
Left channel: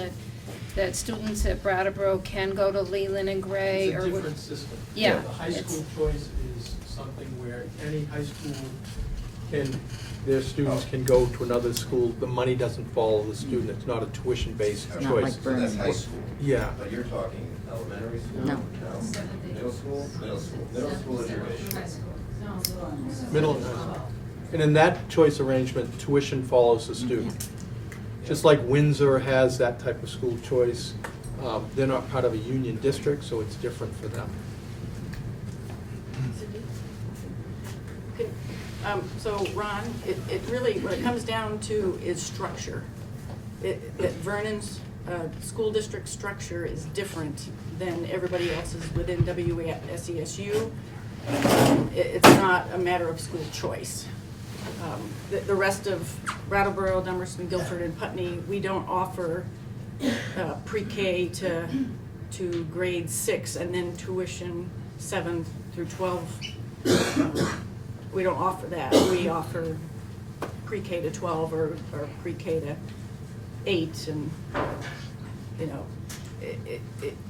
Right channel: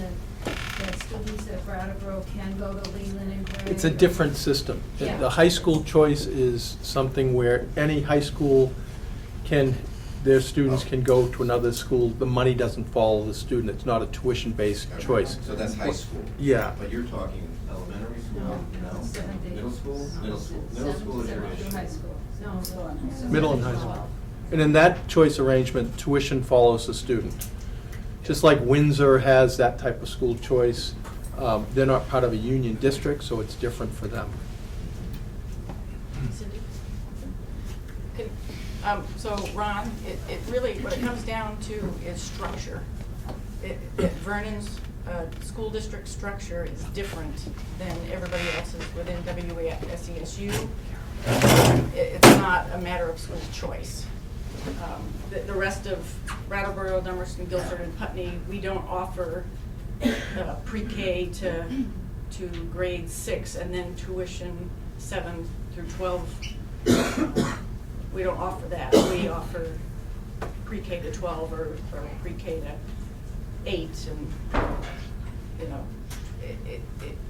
that students at Brattleboro can go to Leland and Gray? It's a different system. Yeah. The high school choice is something where any high school their students can go to another school. The money doesn't follow the student. It's not a tuition-based choice. So that's high school. Yeah. But you're talking elementary school? No. Middle school? Middle school. Middle school is your issue. Middle and high school. And in that choice arrangement, tuition follows the student. Just like Windsor has that type of school choice, they're not part of a union district, so it's different for them. So Ron, it really, what it comes down to is structure. Vernon's school district structure is different than everybody else's within WSESU. It's not a matter of school choice. The rest of Brattleboro, Dummerston, Guilford, and Putney, we don't offer pre-K to grade 6 and then tuition 7 through 12. We don't offer that. We offer pre-K to 12 or pre-K to 8, and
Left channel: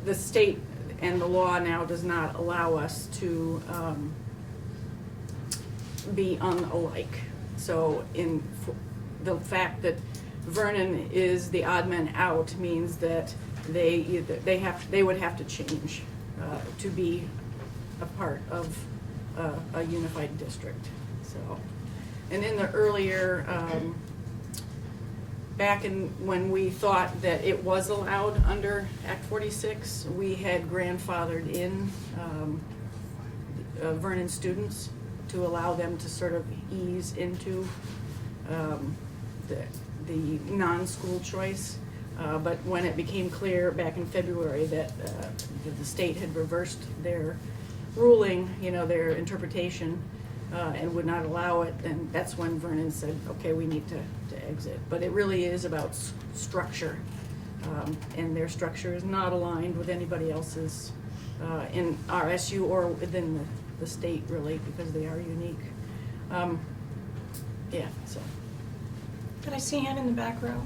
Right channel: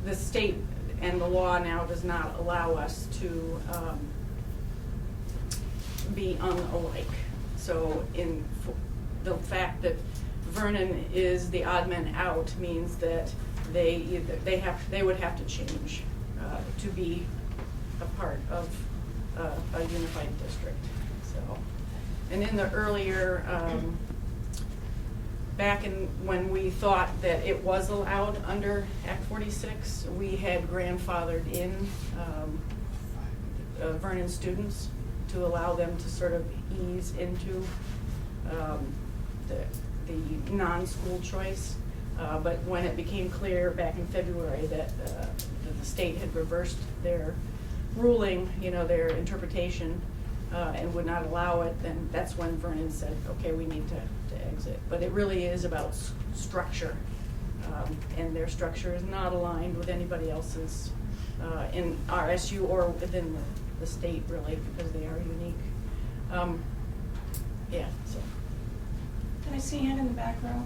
the state and the law now does not allow us to be unalike. So the fact that Vernon is the odd man out means that they would have to change to be a part of a unified district. So, and in the earlier, back in when we thought that it was allowed under Act 46, we had grandfathered in Vernon students to allow them to sort of ease into the non-school choice. But when it became clear back in February that the state had reversed their ruling, their interpretation, and would not allow it, then that's when Vernon said, okay, we need to exit. But it really is about structure, and their structure is not aligned with anybody else's in RSU or within the state, really, because they are unique. Yeah, so. Can I see a hand in the back row?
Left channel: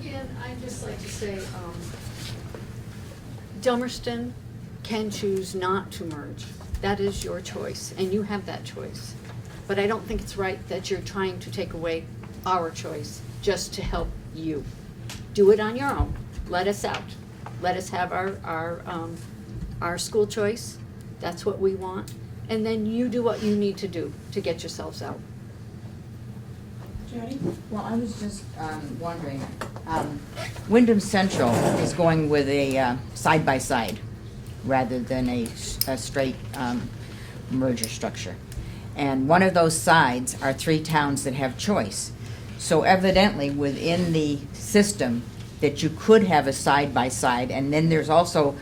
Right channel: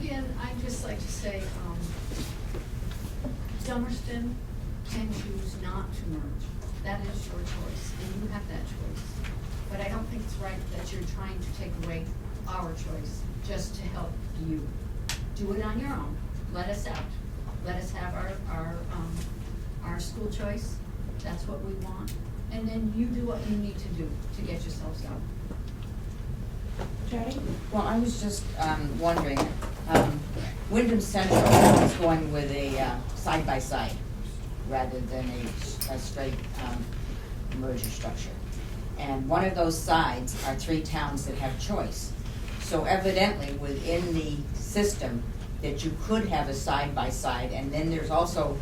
Again, I'd just like to say, Dummerston can choose not to merge. That is your choice, and you have that choice. But I don't think it's right that you're trying to take away our choice just to help you. Do it on your own. Let us out. Let us have our school choice. That's what we want. And then you do what you need to do to get yourselves out. Jody? Well, I was just wondering, Wyndham Central is going with a side-by-side rather than a straight merger structure. And one of those sides are 3 towns that have choice. So evidently within the system that you could have a side-by-side, and then there's also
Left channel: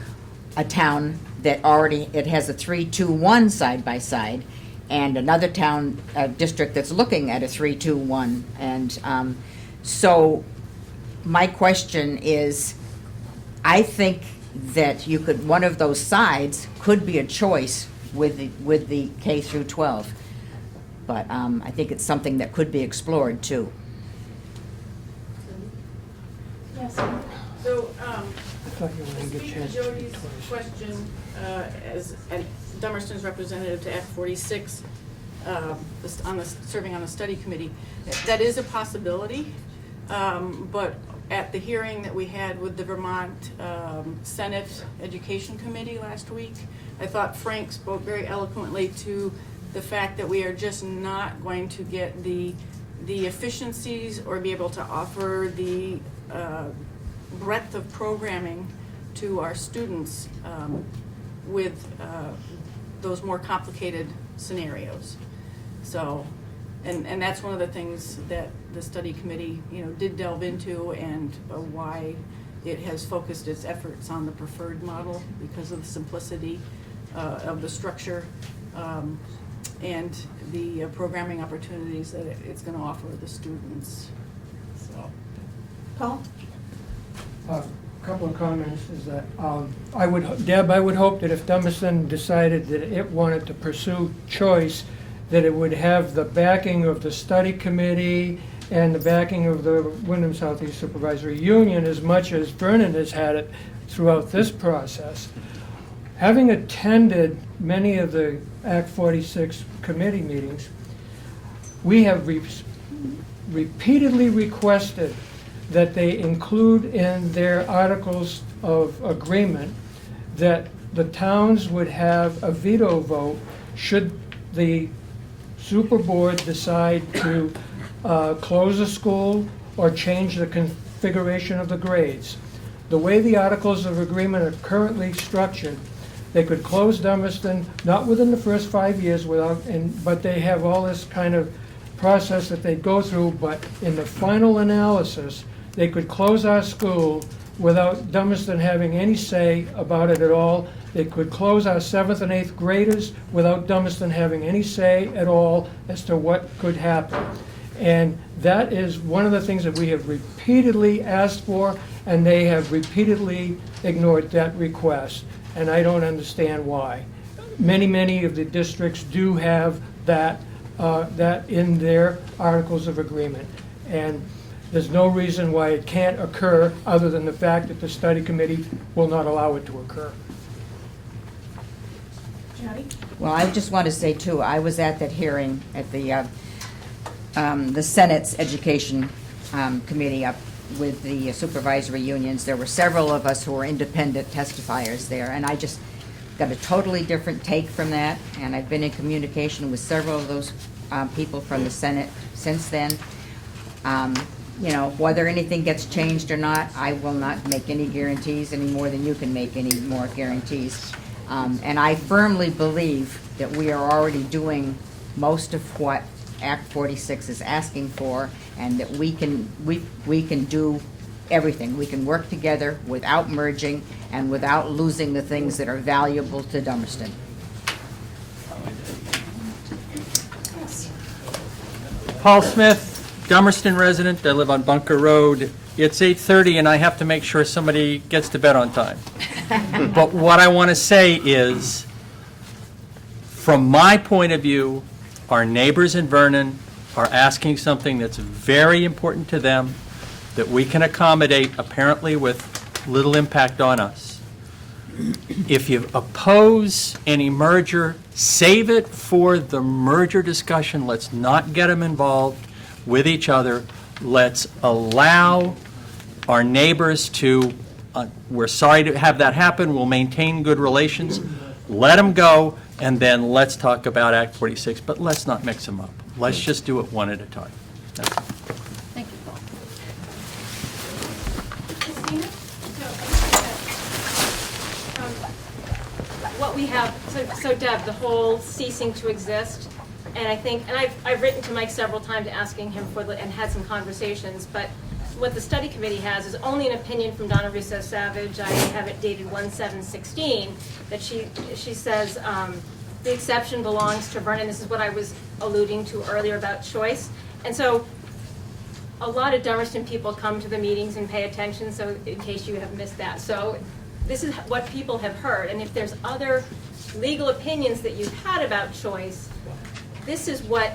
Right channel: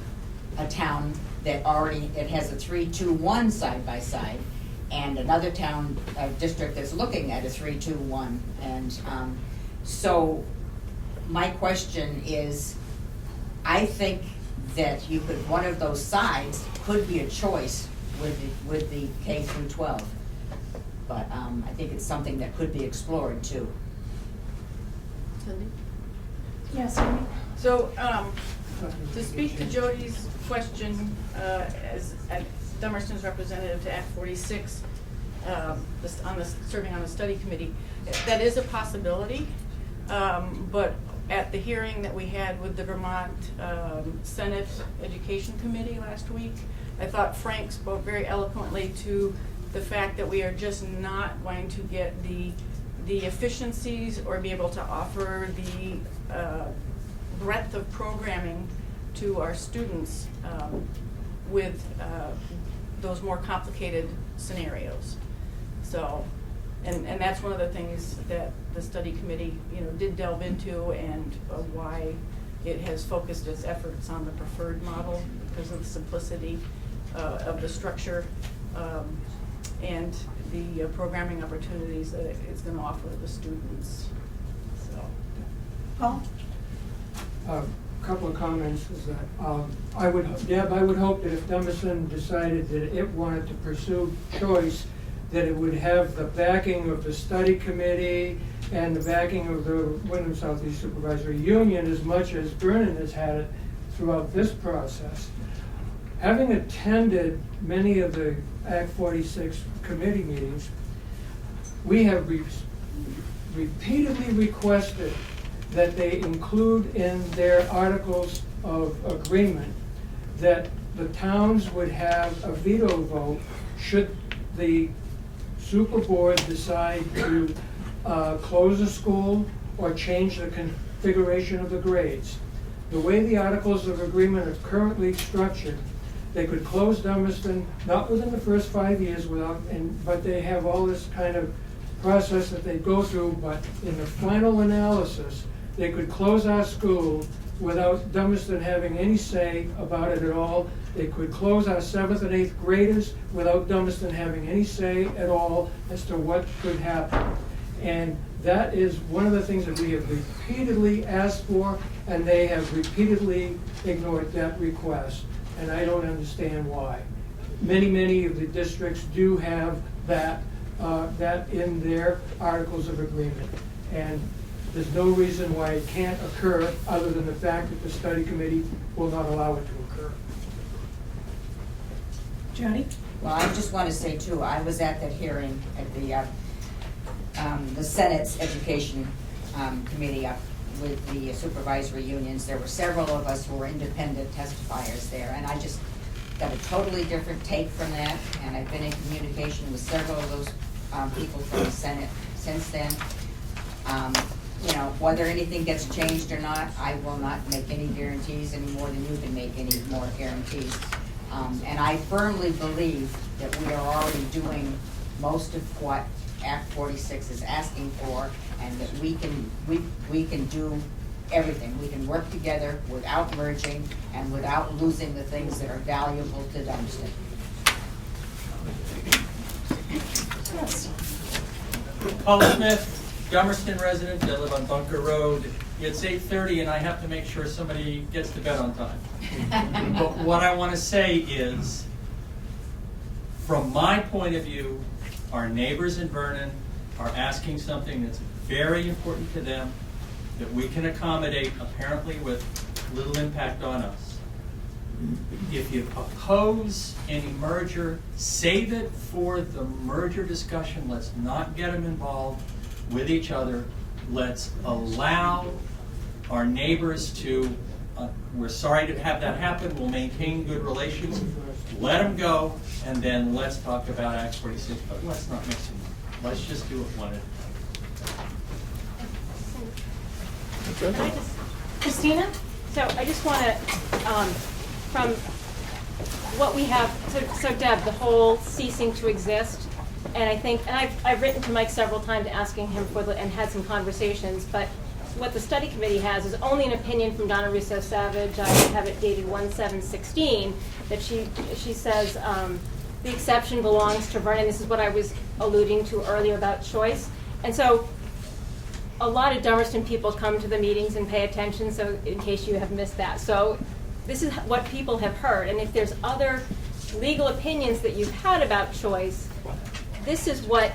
a town that it has a 3-2-1 side-by-side, and another town district that's looking at a 3-2-1. And so my question is, I think that one of those sides could be a choice with the K through 12. But I think it's something that could be explored too. Yes. So, to speak to Jody's question, as Dummerston's representative to Act 46, serving on the study committee, that is a possibility. But at the hearing that we had with the Vermont Senate Education Committee last week, I thought Frank spoke very eloquently to the fact that we are just not going to get the efficiencies or be able to offer the breadth of programming to our students with those more complicated scenarios. So, and that's one of the things that the study committee, did delve into, and why it has focused its efforts on the preferred model because of the simplicity of the structure and the programming opportunities that it's going to offer the students. So, Paul? A couple of comments is that Deb, I would hope that if Dummerston decided that it wanted to pursue choice, that it would have the backing of the study committee and the backing of the Wyndham Southeast Supervisory Union as much as Vernon has had it throughout this process. Having attended many of the Act 46 committee meetings, we have repeatedly requested that they include in their articles of agreement that the towns would have a veto vote should the super board decide to close a school or change the configuration of the grades. The way the articles of agreement are currently structured, they could close Dummerston, not within the first 5 years, but they have all this kind of process that they go through, but in the final analysis, they could close our school without Dummerston having any say about it at all. They could close our 7th and 8th graders without Dummerston having any say at all as to what could happen. And that is one of the things that we have repeatedly asked for, and they have repeatedly ignored that request. And I don't understand why. Many of the districts do have that in their articles of agreement. And there's no reason why it can't occur other than the fact that the study committee will not allow it to occur. Jody? Well, I just want to say too, I was at that hearing at the Senate's Education Committee up with the supervisory unions. There were several of us who were independent testifiers there, and I just got a totally different take from that, and I've been in communication with several of those people from the Senate since then. You know, whether anything gets changed or not, I will not make any guarantees any more than you can make any more guarantees. And I firmly believe that we are already doing most of what Act 46 is asking for, and that we can do everything. We can work together without merging and without losing the things that are valuable to Dummerston. Paul Smith, Dummerston resident. I live on Bunker Road. It's 8:30 and I have to make sure somebody gets to bed on time. But what I want to say is, from my point of view, our neighbors in Vernon are asking something that's very important to them, that we can accommodate, apparently with little impact on us. If you oppose any merger, save it for the merger discussion. Let's not get them involved with each other. Let's allow our neighbors to, we're sorry to have that happen, we'll maintain good relations, let them go, and then let's talk about Act 46, but let's not mix them up. Let's just do it one at a time. That's all. Thank you, Paul. Christina, so I just want to, from what we have, so Deb, the whole ceasing to exist, and I think, and I've written to Mike several times asking him for and had some conversations, but what the study committee has is only an opinion from Donna Russo Savage. I have it dated 1/7/16, that she says the exception belongs to Vernon. This is what I was alluding to earlier about choice. And so a lot of Dummerston people come to the meetings and pay attention, so in case you have missed that. So this is what people have heard, and if there's other legal opinions that you've had about choice, this is what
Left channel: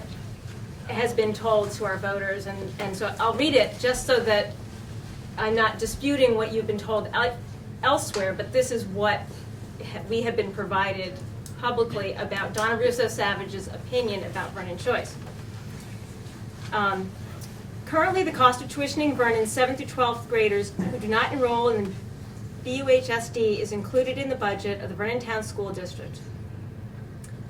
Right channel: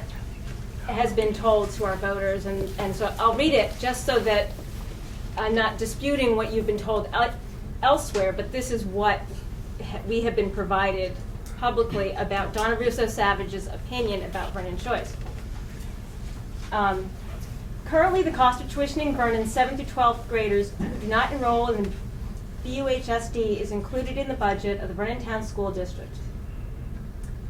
has been told to our voters, and so I'll read it just so that I'm not disputing what you've been told elsewhere, but this is what we have been provided publicly about Donna Russo Savage's opinion about Vernon choice. Currently, the cost of tuitioning Vernon's 7th through 12th graders who do not enroll in the BUHSD is included in the budget of the Vernon Town School District.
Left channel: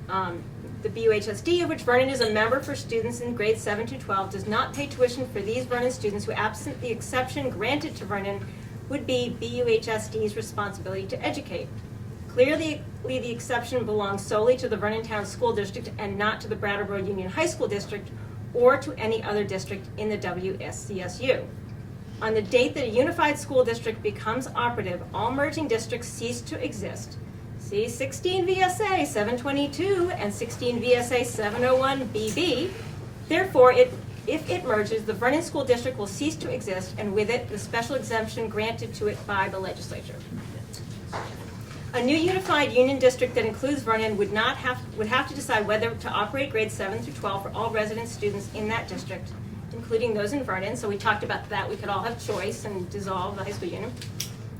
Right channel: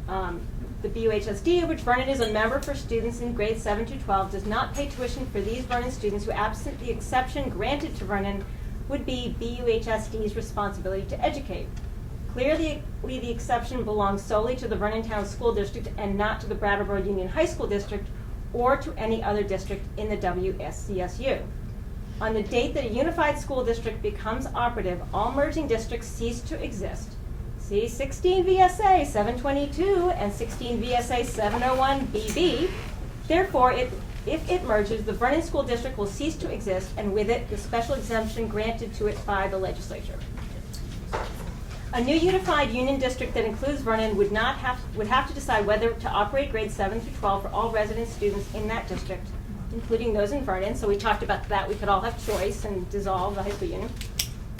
The BUHSD, of which Vernon is a member for students in grades 7 to 12, does not pay tuition for these Vernon students who, absent the exception granted to Vernon, would be BUHSD's responsibility to educate. Clearly, the exception belongs solely to the Vernon Town School District and not to the Brattleboro Union High School District or to any other district in the WSCSU. On the date that a unified school district becomes operative, all merging districts cease to exist. See 16 VSA 722 and 16 VSA 701 BB. Therefore, if it merges, the Vernon School District will cease to exist, and with it, the special exemption granted to it by the legislature. A new unified union district that includes Vernon would have to decide whether to operate grades 7 through 12 for all resident students in that district, including those in Vernon. So we talked about that. We could all have choice and dissolve the high school union.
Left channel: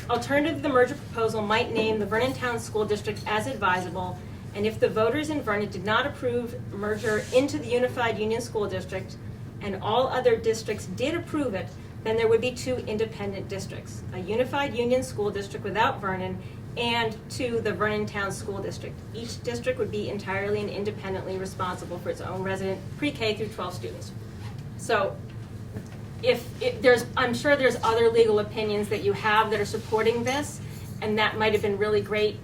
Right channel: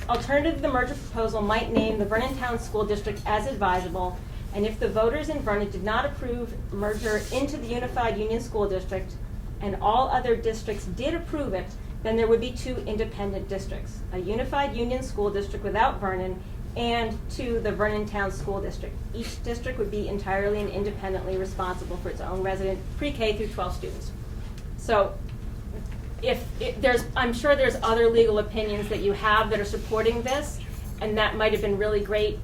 Alternatively, the merger proposal might name the Vernon Town School District as advisable, and if the voters in Vernon did not approve merger into the unified union school district, and all other districts did approve it, then there would be two independent districts, a unified union school district without Vernon, and to the Vernon Town School District. Each district would be entirely and independently responsible for its own resident pre-K through 12 students. So I'm sure there's other legal opinions that you have that are supporting this, and that might have been really great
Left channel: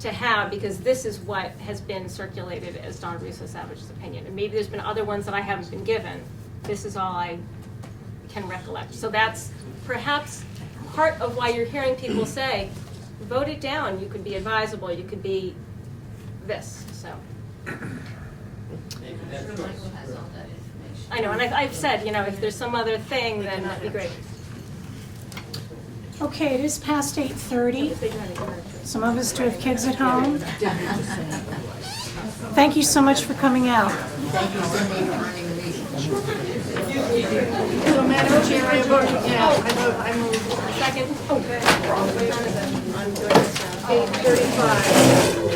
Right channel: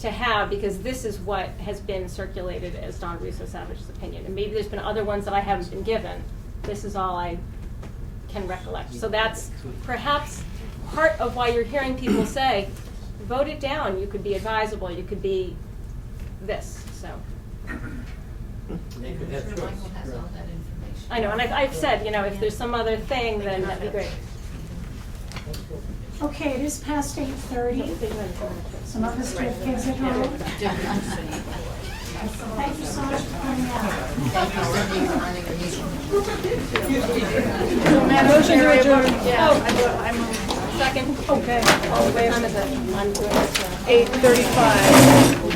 to have, because this is what has been circulated as Donna Russo Savage's opinion. And maybe there's been other ones that I haven't been given. This is all I can recollect. So that's perhaps part of why you're hearing people say, vote it down. You could be advisable. You could be this. So. I know, and I've said, if there's some other thing, then that'd be great. Okay, it is past 8:30. Some of us do have kids at home. Thank you so much for coming out. So, Madam Chair, I move. Second. Okay. I'm doing this. 8:35.